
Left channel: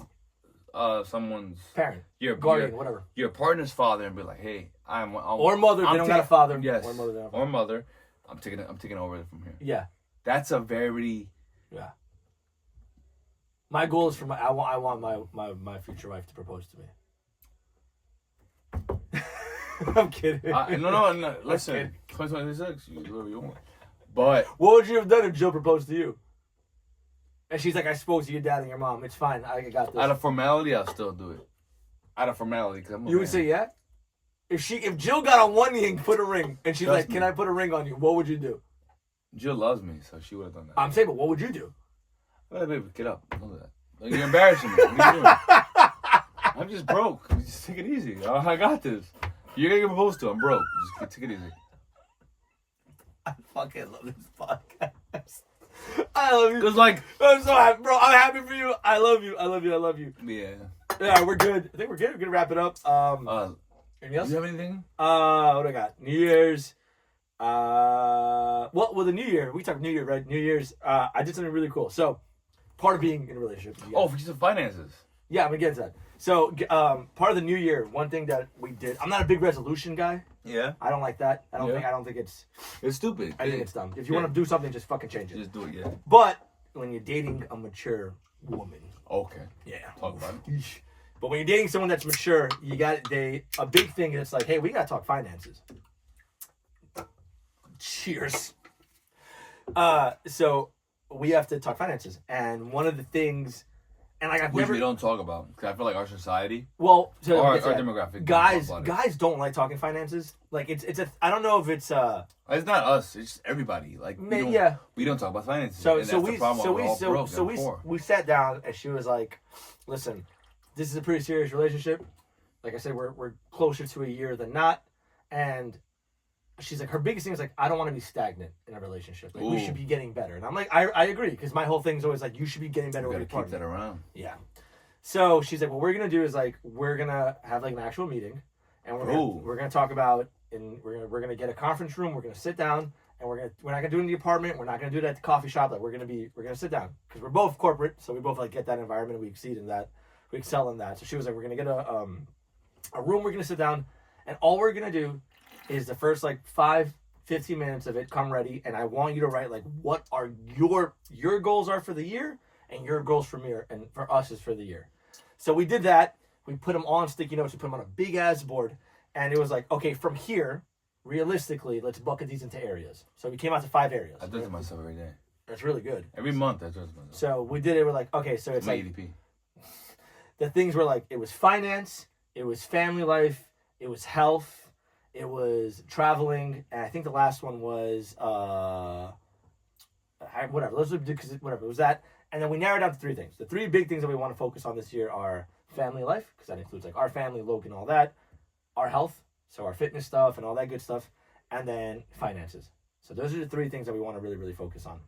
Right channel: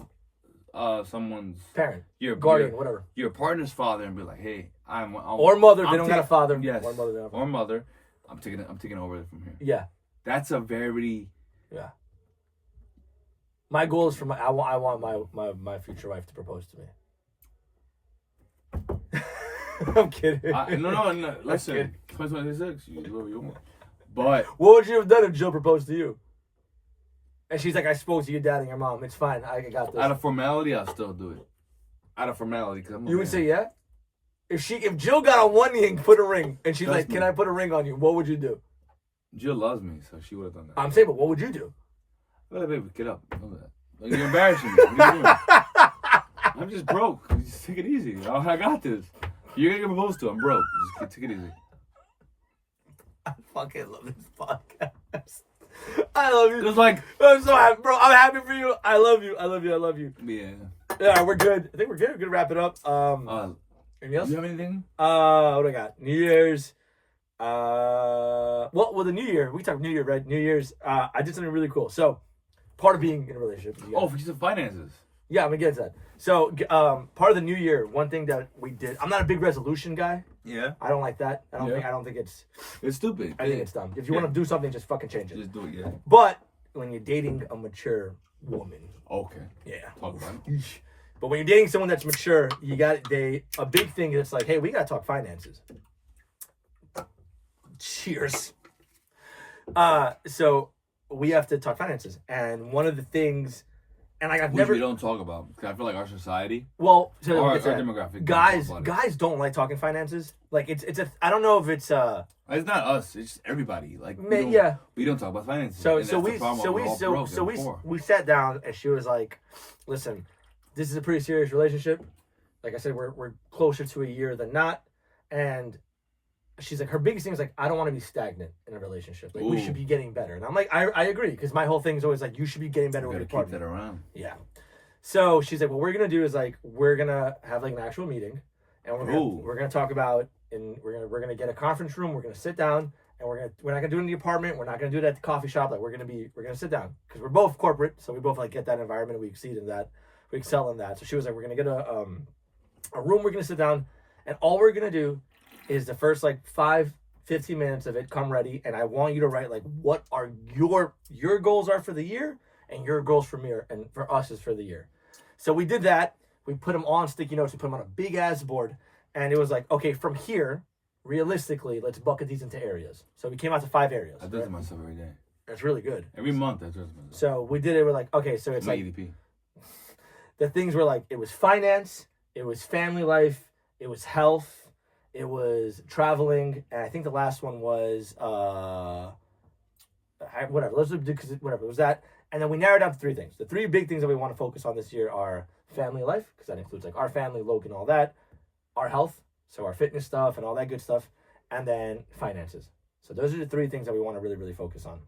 parent, your guardian, whatever, your partner's father, and be like, hey, or mother. They don't got a father. Yes. Or mother. Or mother. I'm taking over from here. Yeah. That's a very. Yeah. My goal is I want my future wife to propose to me. I'm kidding. No. Listen, 2026, you do whatever you want. But what would you have done if Jill proposed to you? And she's like, I spoke to your dad and your mom. It's fine. I got this. Out of formality, I'll still do it. Out of formality, because I'm. You would say yeah. If Jill got on one knee and put a ring, and she's like, Me. "Can I put a ring on you?" What would you do? Jill loves me, so she would have done that. I'm saying, but what would you do? Hey, baby, get up. Don't do that. Like, you're embarrassing me. What are you doing? I'm just broke. Just take it easy. I got this. You're gonna get proposed to. I'm broke. Just take it easy. I fucking love this podcast. I love you. It's like I'm so happy, bro. I'm happy for you. I love you. I love you. I love you. Yeah. Yeah, we're good. I think we're good. We're gonna wrap it up. Anything else? Do you have anything? What do I got? New Year's. Well, the New Year. We talked New Year, right? New Year's. I did something really cool. So, part of being in a relationship. For the finances. Yeah, I'm gonna get to that. So, part of the New Year, one thing that we did. I'm not a big resolution guy. Yeah. I don't like that. I don't think it's. It's stupid. I think it's dumb. If you want to do something, just fucking change it. Just do it. Yeah. But when you're dating a mature woman. Okay. Yeah. Talk about it. But when you're dating someone that's mature, a big thing is like, hey, we gotta talk finances. Cheers. So we have to talk finances, and one of the things, and like Which we don't talk about, because I feel like our society, our demographic, guys don't like talking finances. Like it's I don't know if it's It's not us. It's everybody. Like we don't talk about finances. We sat down, and she was like, "Listen, this is a pretty serious relationship. Like I said, we're closer to a year than not." And she's like, her biggest thing is like, I don't want to be stagnant in a relationship. Like we should be getting better. And I'm like, I agree, because my whole thing is always like, you should be getting better with your partner. Keep that around. Yeah. So she's like, what we're gonna do is like, we're gonna have like an actual meeting, and we're gonna talk about, and we're gonna get a conference room. We're gonna sit down, and we're not gonna do it in the apartment. We're not gonna do it at the coffee shop. Like we're gonna sit down, because we're both corporate, so we both like get that environment. We exceed in that. We excel in that. So she was like, we're gonna get a room. We're gonna sit down, and all we're gonna do is the first like 15 minutes of it, come ready, and I want you to write like what are your goals are for the year, and your goals for me and for us is for the year. So we did that. We put them on sticky notes. We put them on a big ass board, and it was like, okay, from here, realistically, let's bucket these into areas. So we came out to 5 areas. I do it to myself every day. That's really good. Every month I do it to myself. So we did it. We're like, okay, so it's my like EDP. The things were like, it was finance, it was family life, it was health, it was traveling, and I think the last one was whatever. Let's do, because whatever it was that. And then we narrowed down to 3 things. The 3 big things that we want to focus on this year are family life, because that includes like our family, Logan, all that, our health, so our fitness stuff and all that good stuff, and then finances. So those are the 3 things that we want to really, really focus on.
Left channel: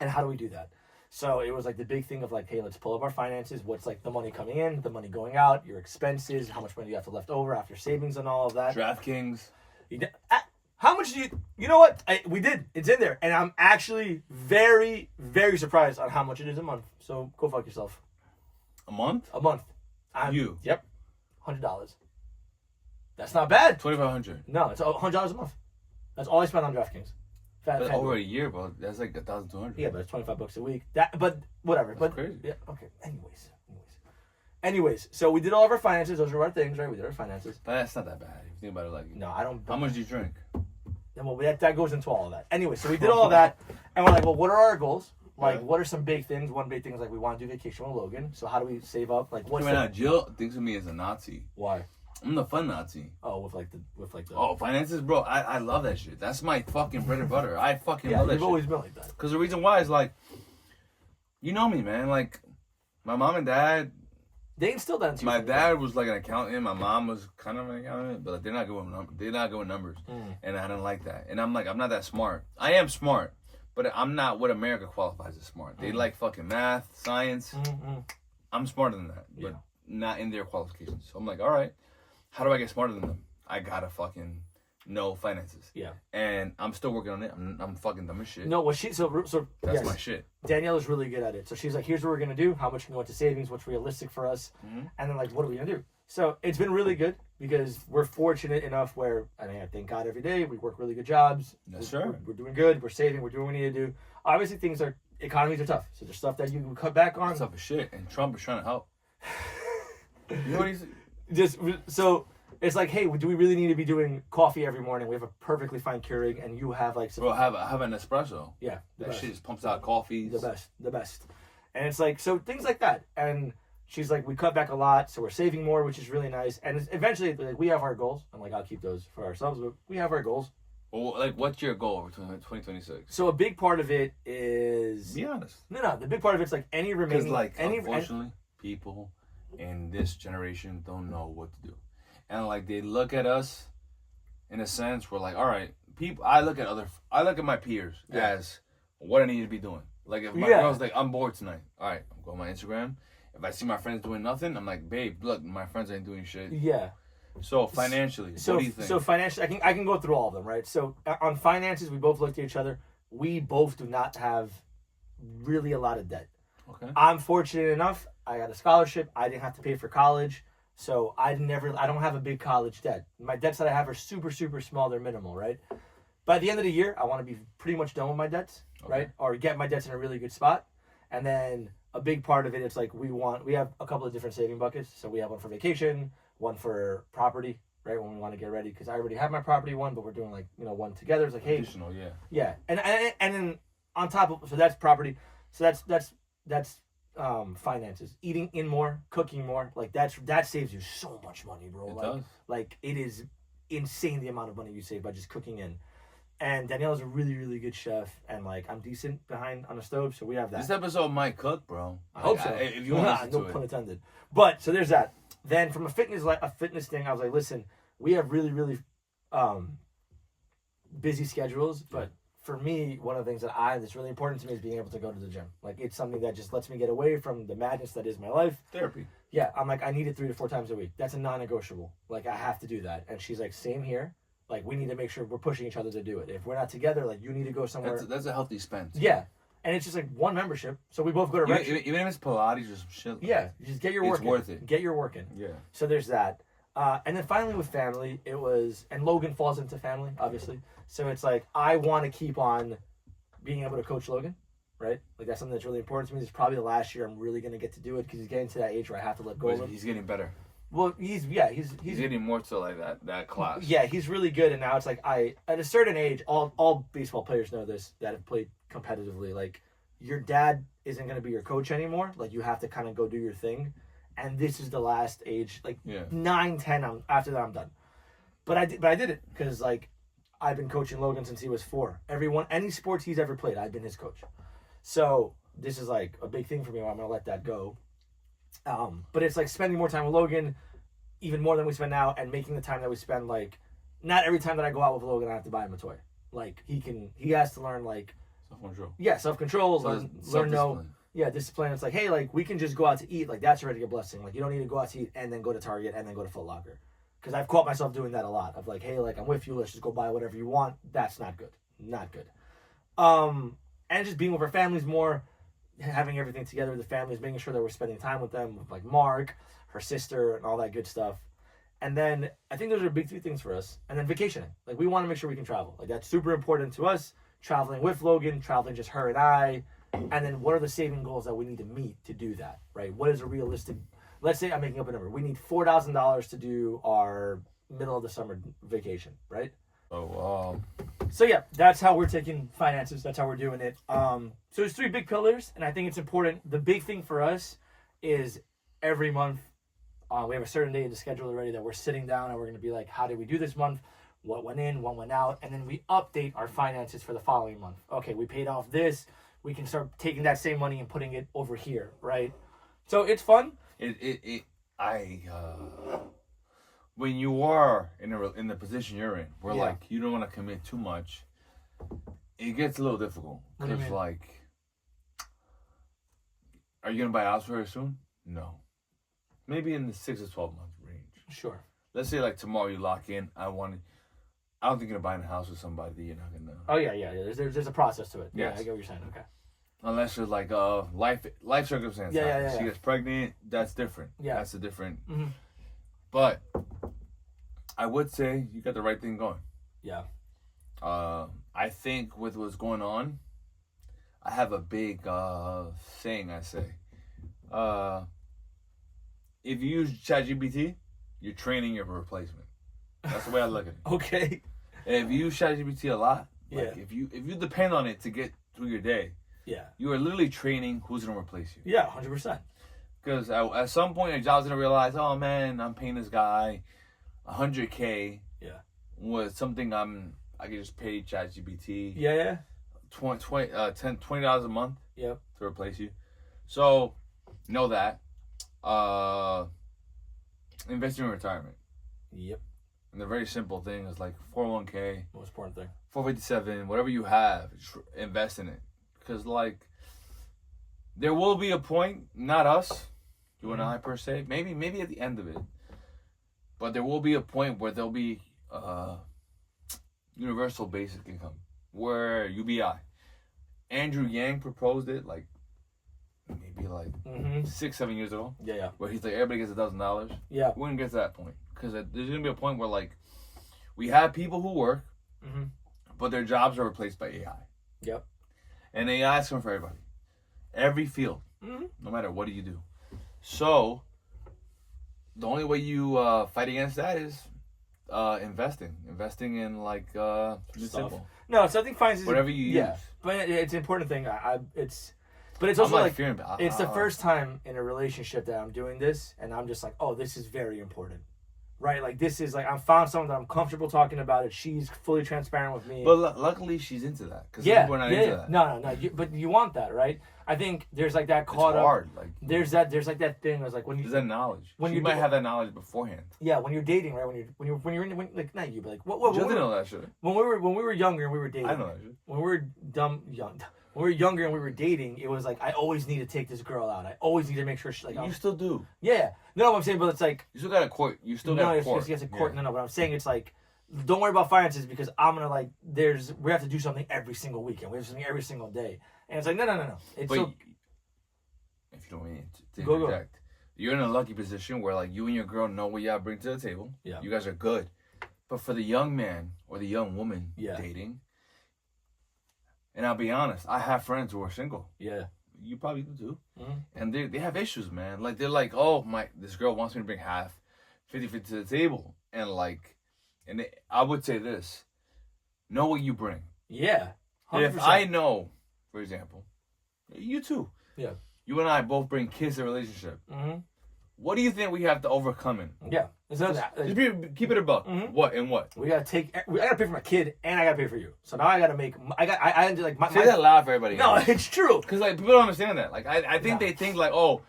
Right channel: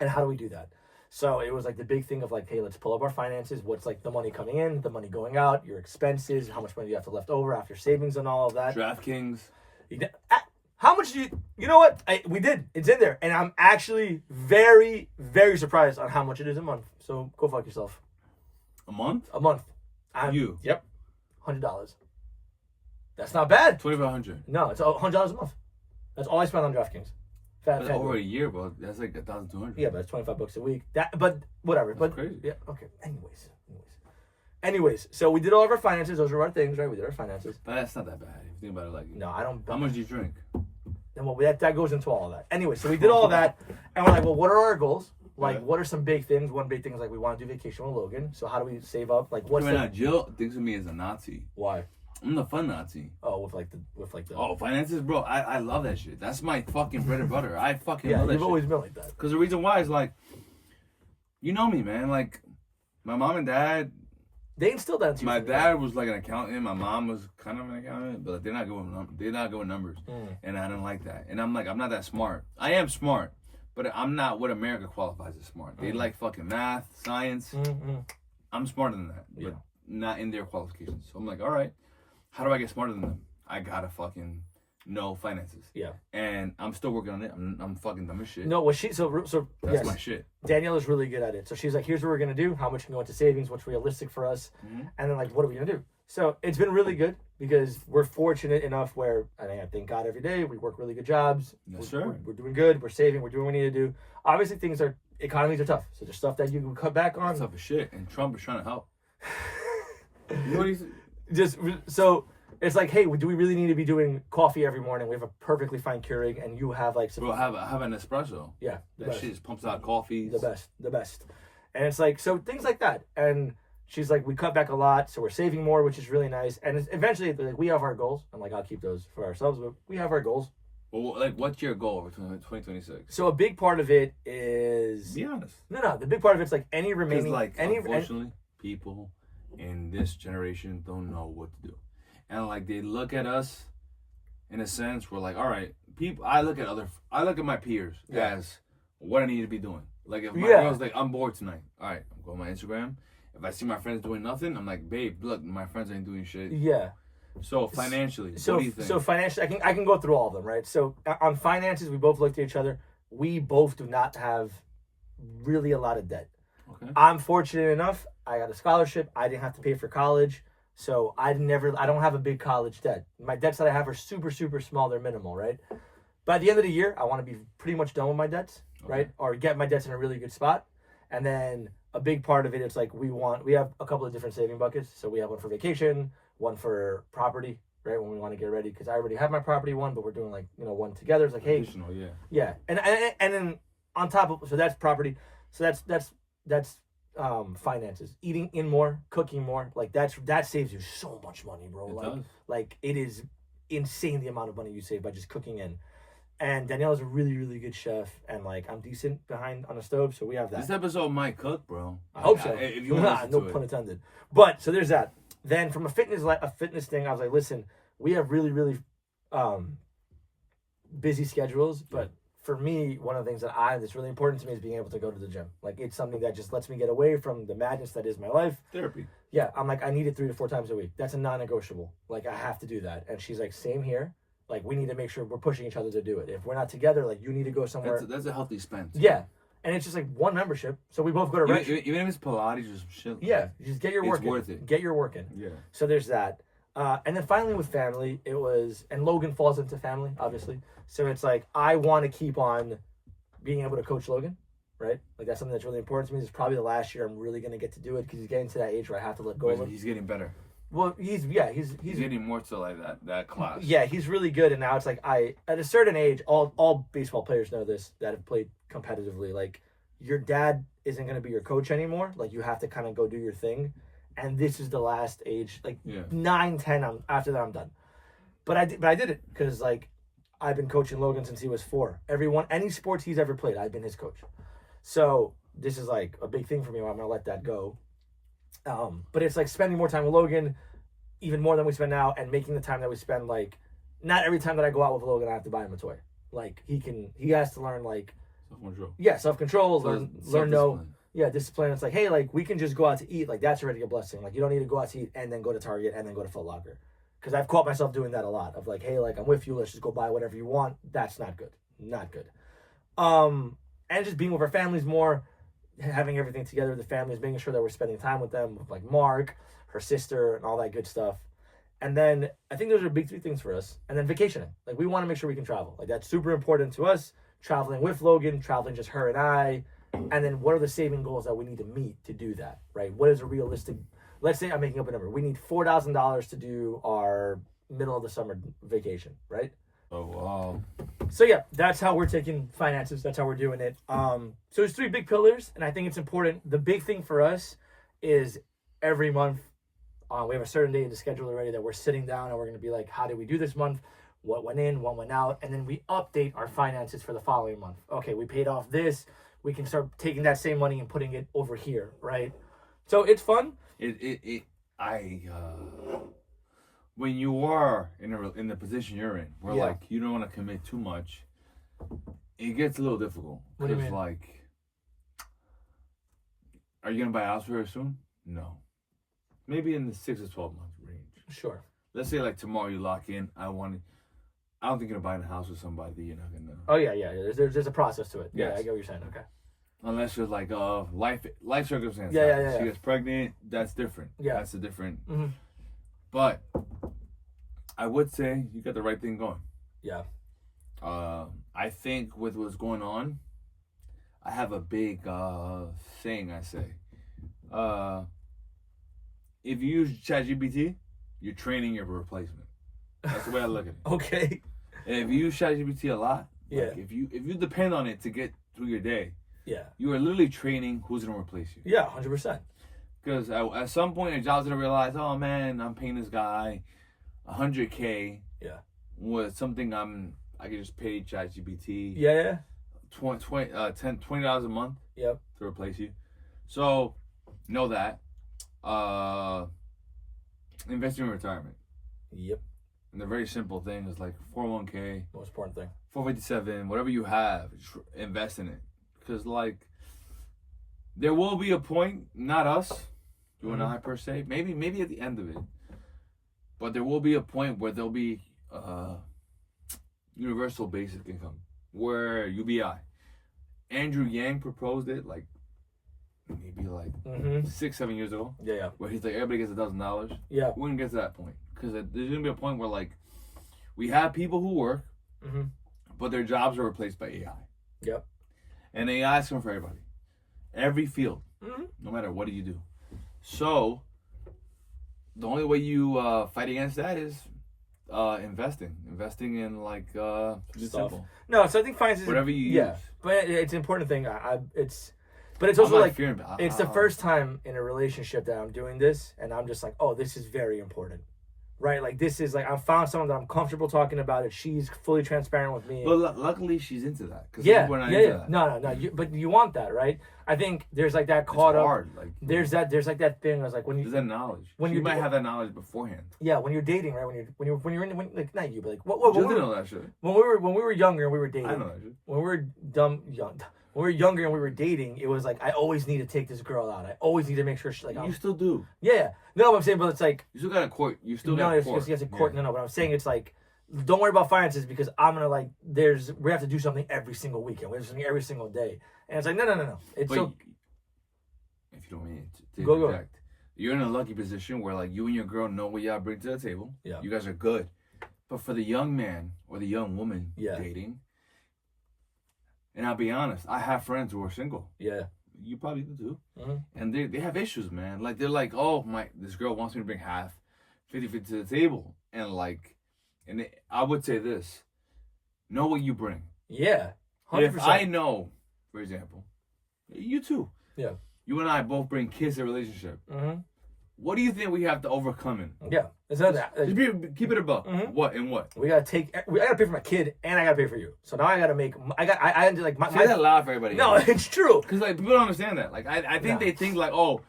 And how do we do that? So it was like the big thing of like, hey, let's pull up our finances. What's like the money coming in, the money going out, your expenses, how much money you have to left over after savings and all of that. DraftKings. How much do you know what? We did. It's in there. And I'm actually very, very surprised on how much it is a month. So go fuck yourself. A month? A month. Yep. $100. That's not bad. $2,500. No, it's $100 a month. That's all I spent on DraftKings. That's over a year, bro. That's like $1,200. Yeah, but it's $25 a week. But whatever. That's crazy. Yeah. Okay. Anyways. Anyways, so we did all of our finances. Those are our things, right? We did our finances. But that's not that bad. If you think about it like. No, I don't. How much do you drink? Well, that goes into all of that. Anyway, so we did all of that, and we're like, well, what are our goals? Like, Yeah. what are some big things? One big thing is like we want to do vacation with Logan. So how do we save up? Like, what's Right now, Jill thinks of me as a Nazi. why? I'm the fun Nazi. Oh, with the Oh, finances, bro. I love that shit. That's my fucking bread and butter. I fucking yeah. love that You've shit. always been like that. Because the reason why is like, you know me, man. Like, my mom and dad. They instilled that into you. My from the dad was like an accountant. My mom was kind of an accountant, but like, they're not good with numbers, and I don't like that. And I'm like, I'm not that smart. I am smart, but I'm not what America qualifies as smart. They like fucking math, science. I'm smarter than that, but not in their qualifications. So I'm like, all right, how do I get smarter than them? I gotta fucking know finances. Yeah. And I'm still working on it. I'm fucking dumb as shit. No, well, so That's yes, my shit. Danielle is really good at it. So she's like, here's what we're gonna do. How much can go into savings? What's realistic for us? And then like, what are we gonna do? So it's been really good because we're fortunate enough where, and I thank God every day, we work really good jobs. Yes, we're, sir. We're doing good. We're saving. We're doing what we need to do. Obviously, economies are tough. So there's stuff that you can cut back on. That's tough as shit. And Trump is trying to help. You know what he's... Just so it's like, hey, do we really need to be doing coffee every morning? We have a perfectly fine Keurig, and you have like some. Bro, have an espresso. Yeah, That shit just pumps out coffees. the best. And it's like, so things like that. And she's like, we cut back a lot, so we're saving more, which is really nice. And eventually, like, we have our goals. I'm like, I'll keep those for ourselves, but we have our goals. Well, like, what's your goal for 2026? So a big part of it is. Be honest. No. The big part of it's like any remaining. Because, like, any, unfortunately, people in this generation don't know what to do. And, like, they look at us, in a sense, we're like, all right, people. I look at my peers as what I need to be doing. Like, if my girl's like, I'm bored tonight. All right, I'm going on my Instagram. If I see my friends doing nothing, I'm like, babe, look, my friends ain't doing shit. Yeah. So financially, what do you think? So financially, I can go through all of them, right? So on finances, we both looked at each other. We both do not have really a lot of debt. Okay. I'm fortunate enough. I got a scholarship. I didn't have to pay for college. So I don't have a big college debt. My debts that I have are super, super small. They're minimal, right? By the end of the year, I want to be pretty much done with my debts, right? Or get my debts in a really good spot. And then a big part of it, it's like we have a couple of different saving buckets. So we have one for vacation, one for property, right? When we want to get ready, because I already have my property one, but we're doing like, one together. It's like, hey, additional, yeah. And then on top of, so that's property. So that's finances. Eating in more, cooking more, like that saves you so much money, bro. Like it is insane the amount of money you save by just cooking in. And Danielle's a really, really good chef, and like I'm decent behind on the stove, so we have that. This episode might cook, bro. I hope so. If you want no pun intended. But so there's that. Then from a fitness thing, I was like, listen, we have really, really busy schedules, but for me, one of the things that's really important to me is being able to go to the gym. Like it's something that just lets me get away from the madness that is my life. Therapy. Yeah, I'm like, I need it 3 to 4 times a week. That's a non-negotiable. Like I have to do that. And she's like, same here. Like we need to make sure we're pushing each other to do it. If we're not together, like you need to go somewhere. That's a healthy spend. Yeah, and it's just like one membership, so we both go to even if it's Pilates or some shit. Yeah, just get your work. It's worth it. Get your work in. Yeah. So there's that, and then finally with family, it was, and Logan falls into family, obviously. So it's like I want to keep on being able to coach Logan, right? Like that's something that's really important to me. It's probably the last year I'm really gonna get to do it because he's getting to that age where I have to let go of him. He's getting better. Well, he's getting more to like that class. Yeah, he's really good, and now it's like at a certain age, all baseball players know this that have played competitively. Like your dad isn't going to be your coach anymore. Like you have to kind of go do your thing, and this is the last age. Like 9, 10. After that, I'm done. But I did it because like I've been coaching Logan since he was 4. Any sports he's ever played, I've been his coach. So this is like a big thing for me. Where I'm gonna let that go. But it's like spending more time with Logan, even more than we spend now, and making the time that we spend, like, not every time that I go out with Logan, I have to buy him a toy. Like, he has to learn, like, self-control. Yeah, self-control, learn discipline. It's like, hey, like, we can just go out to eat. Like, that's already a blessing. Like, you don't need to go out to eat and then go to Target and then go to Foot Locker. Because I've caught myself doing that a lot. Of like, hey, like, I'm with you. Let's just go buy whatever you want. That's not good. Not good. And just being with our families more, having everything together with the families, making sure that we're spending time with them, with like Mark, her sister, and all that good stuff. And then I think those are big 3 things for us. And then vacationing. Like we want to make sure we can travel. Like that's super important to us. Traveling with Logan, traveling just her and I. And then what are the saving goals that we need to meet to do that, right? What is a realistic let's say I'm making up a number. We need $4,000 to do our middle of the summer vacation, right? Oh wow. So yeah, that's how we're taking finances. That's how we're doing it. So there's 3 big pillars, and I think it's important. The big thing for us is every month, we have a certain day in the schedule already that we're sitting down and we're going to be like, how did we do this month? What went in, what went out, and then we update our finances for the following month. Okay, we paid off this. We can start taking that same money and putting it over here, right? So it's fun. When you are in the position you're in, where Yeah. like you don't want to commit too much, it gets a little difficult. What do you Because mean? like, are you gonna buy a house very soon? No, maybe in the 6 to 12 month range. Sure. Let's say like tomorrow you lock in. I don't think you're gonna buy a house with somebody that you're not gonna. Oh yeah. There's a process to it. Yeah, Yes. I get what you're saying. Okay. Unless you're like life circumstance. Yeah, happens. yeah, yeah. She gets pregnant. That's different. Yeah. That's a different. Mm-hmm. But I would say you got the right thing going. Yeah. I think with what's going on, I have a big saying I say. If you use ChatGPT, you're training your replacement. That's the way I look at it. Okay. And if you use ChatGPT a lot, Yeah. like if you depend on it to get through your day, Yeah. you are literally training who's gonna replace you. Yeah. 100%. Because at some point your job's gonna realize, oh man, I'm paying this guy $100K. Yeah. With something I can just pay ChatGPT. Yeah. $20 a month. Yep. To replace you. So know that. Invest in your retirement. Yep. And the very simple thing is like 401k, Most important thing. 457, whatever you have, invest in it. Because like there will be a point, not us, you and I per se, maybe at the end of it, but there will be a point where there'll be universal basic income, where UBI. Andrew Yang proposed it like maybe like 6-7 years ago. Yeah. Where he's like, everybody gets $1,000. Yeah. We wouldn't get to that point because there's gonna be a point where like we have people who work, but their jobs are replaced by AI. Yep. And AI is coming for everybody, every field, no matter what do you do. So the only way you fight against that is investing in like Stuff. simple. No, so I think finance is Whatever you use. But it's an important thing. But it's also I'm like fearing, it's the first time in a relationship that I'm doing this, and I'm just like, oh, this is very important, right? Like this is like I found someone that I'm comfortable talking about it. She's fully transparent with me. But luckily she's into that because Yeah, we're not yeah, into yeah. that. No. But you want that, right? I think there's like that caught It's up. hard. Like There's like that thing. I was like when you there's that knowledge. when you you might do- have that knowledge beforehand. yeah when you're dating, right? When you're in like not you, but like what You when we didn't were, know that shit. when we were younger and we were dating. I know that shit. When we were when we were younger and we were dating, it was like I always need to take this girl out. I always need to make sure she like You still do. yeah. No, I'm saying, but it's like You still got to court. You still no, got to it's court. just a court. Yeah. No, but I'm saying it's like don't worry about finances because I'm gonna like we have to do something every single weekend. We have something every single day, and it's like no. It's But so if you don't mean to Go. interject, you're in a lucky position where like you and your girl know what y'all bring to the table. Yeah. You guys are good. But for the young man or the young woman dating, and I'll be honest, I have friends who are single. yeah. You probably do too. And they have issues, man. Like they're like, oh this girl wants me to bring 50-50 to the table, and like, I would say this: know what you bring. Yeah. 100%. If I know, for example, you too. Yeah. You and I both bring kids to a relationship. What do you think we have to overcome in? Yeah. It's not that. Just keep it above. What and what? We gotta I gotta pay for my kid and I gotta pay for you. So now I gotta make. I ended like my. Say that loud for everybody. No, it's true. Because like people don't understand that. Like I think they think like, oh,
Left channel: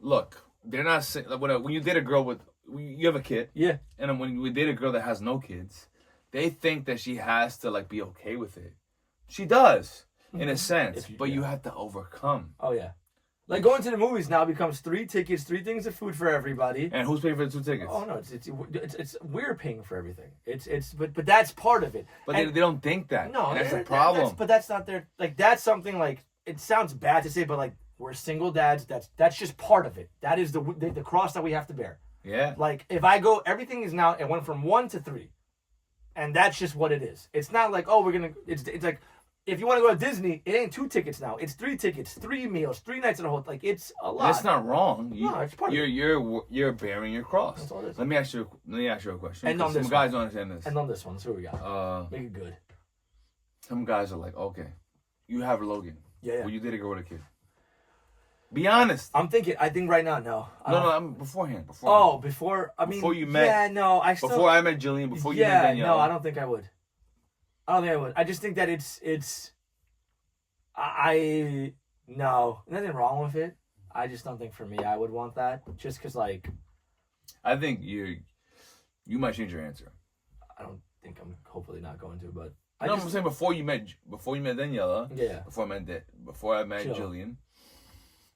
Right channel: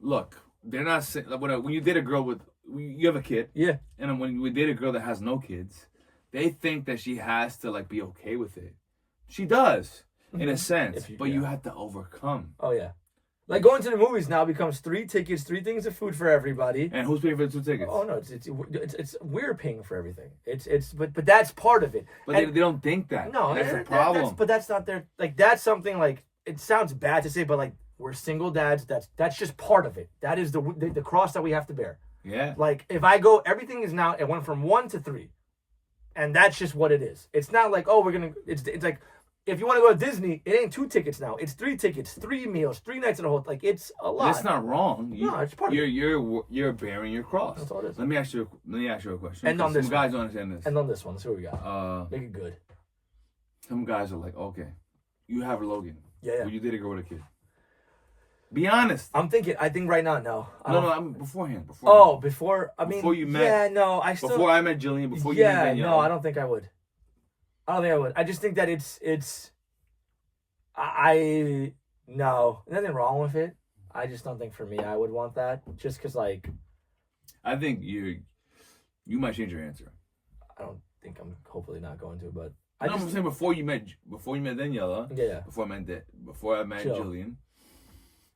look, they're not like when you date a girl you have a kid. Yeah. And when we date a girl that has no kids, they think that she has to like be okay with it. She does in a sense, but you have to overcome. Oh yeah. Like going to the movies now becomes 3 tickets, 3 things of food for everybody. And who's paying for the 2 tickets? Oh no, it's we're paying for everything. But that's part of it. But And- they don't think that. No, that's the problem. But that's not their like. That's something like it sounds bad to say, but like we're single dads. That's just part of it. That is the cross that we have to bear. Yeah. Like if I go, everything is now. It went from 1 to 3, and that's just what it is. It's not like we're gonna. It's like if you want to go to Disney, it ain't 2 tickets now. It's 3 tickets, 3 meals, 3 nights in a hotel. Like, it's a lot. That's not wrong. No, it's part of it. You're bearing your cross. That's all it is. Let me ask you a question. And on this some guys don't understand this. And on this one, let's see what we got. Make it good. Some guys are like, okay, you have Logan. Yeah. Well, you did a girl with a kid. Be honest. I think right now, no. No, I'm beforehand. Before you met. Yeah, no, before I met Jillian, before you met Danielle. No, I don't think I would. I just think that no, nothing wrong with it. I just don't think for me I would want that. Just because, like, I think you might change your answer. I don't think I'm hopefully not going to, but I'm saying before you met Daniela. Yeah. Before I met Jillian.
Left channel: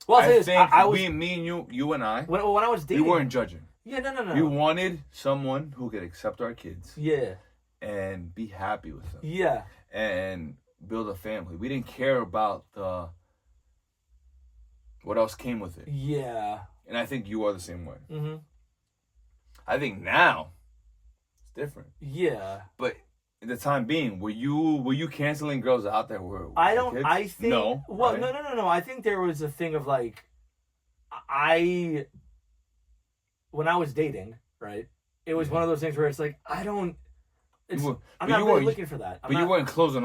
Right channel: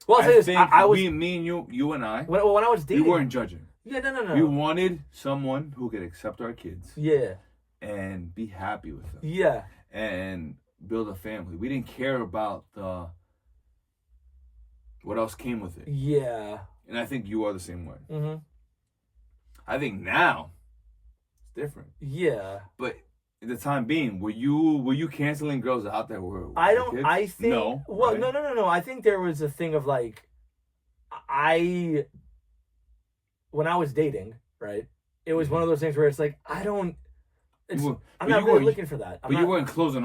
Well, I'll say this. I was me and you and I. When I was dating, we weren't judging. Yeah, no. We wanted someone who could accept our kids. Yeah. And be happy with them. Yeah. And build a family. We didn't care about what else came with it. Yeah. And I think you are the same way. Mm-hmm. I think now it's different. Yeah. But at the time being, were you canceling girls out there with kids? I think no. Well, right? no. I think there was a thing of like when I was dating, right? It was one of those things where it's like I'm not really looking for that. You weren't closed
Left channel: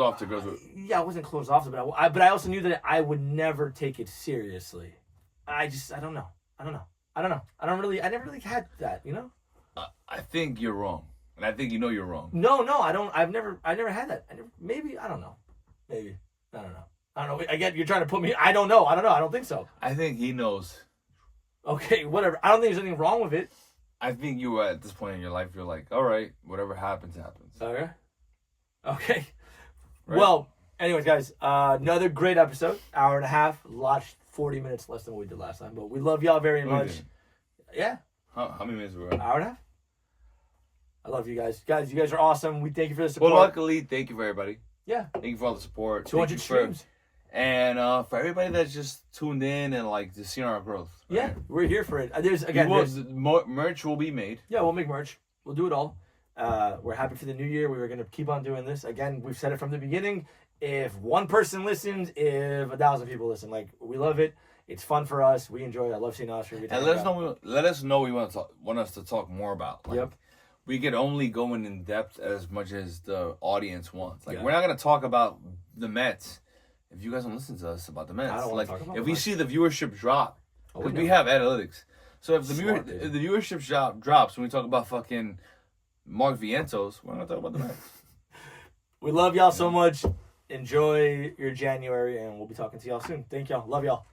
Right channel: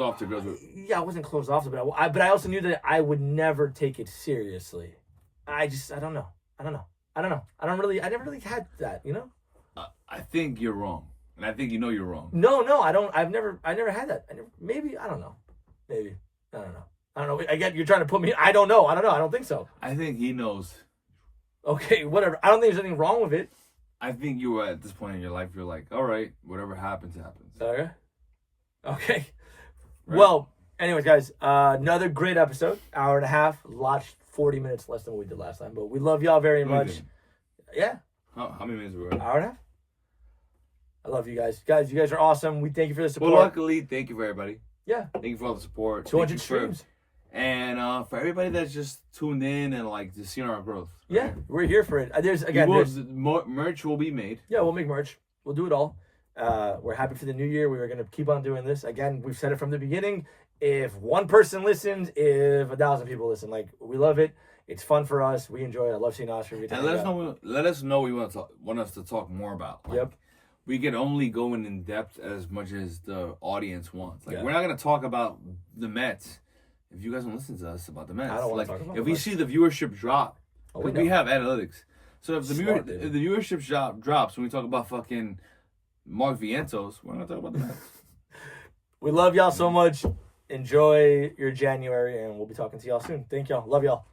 off to girls. Yeah, I wasn't closed off to it, but I also knew that I would never take it seriously. I don't know. I never really had that, you know? I think you're wrong. And I think you know you're wrong. No, I don't. I never had that. Maybe, I don't know. Maybe. I don't know. Again, you're trying to put me, I don't know. I don't think so. I think he knows. Okay, whatever. I don't think there's anything wrong with it. I think you were at this point in your life, you're like, all right, whatever happens, happens. Okay. Right. Well, anyways, guys, another great episode. Hour and a half. 40 minutes less than what we did last time. But we love y'all very much. Yeah. How many minutes were we at? Hour and a half. I love you guys. Guys, you guys are awesome. We thank you for the support. Well, luckily, thank you for everybody. Yeah. Thank you for all the support. 200 streams. And for everybody that's just tuned in and like just seeing our growth. Right? Yeah, we're here for it. There's merch will be made. Yeah, we'll make merch. We'll do it all. We're happy for the new year. We were gonna keep on doing this. Again, we've said it from the beginning. If one person listens, if 1,000 people listen, like, we love it. It's fun for us. We enjoy it. I love seeing Oscar. And let us know what you want us to talk more about. Like, yep. We could only go in depth as much as the audience wants. Like, we're not gonna talk about the Mets if you guys don't listen to us about the Mets. I don't want to talk about if we see the viewership drop, we have analytics. So if the viewership drops when we talk about fucking Mark Vientos, we're gonna talk about the Mets. We love y'all so much. Enjoy your January, and we'll be talking to y'all soon. Thank y'all. Love y'all.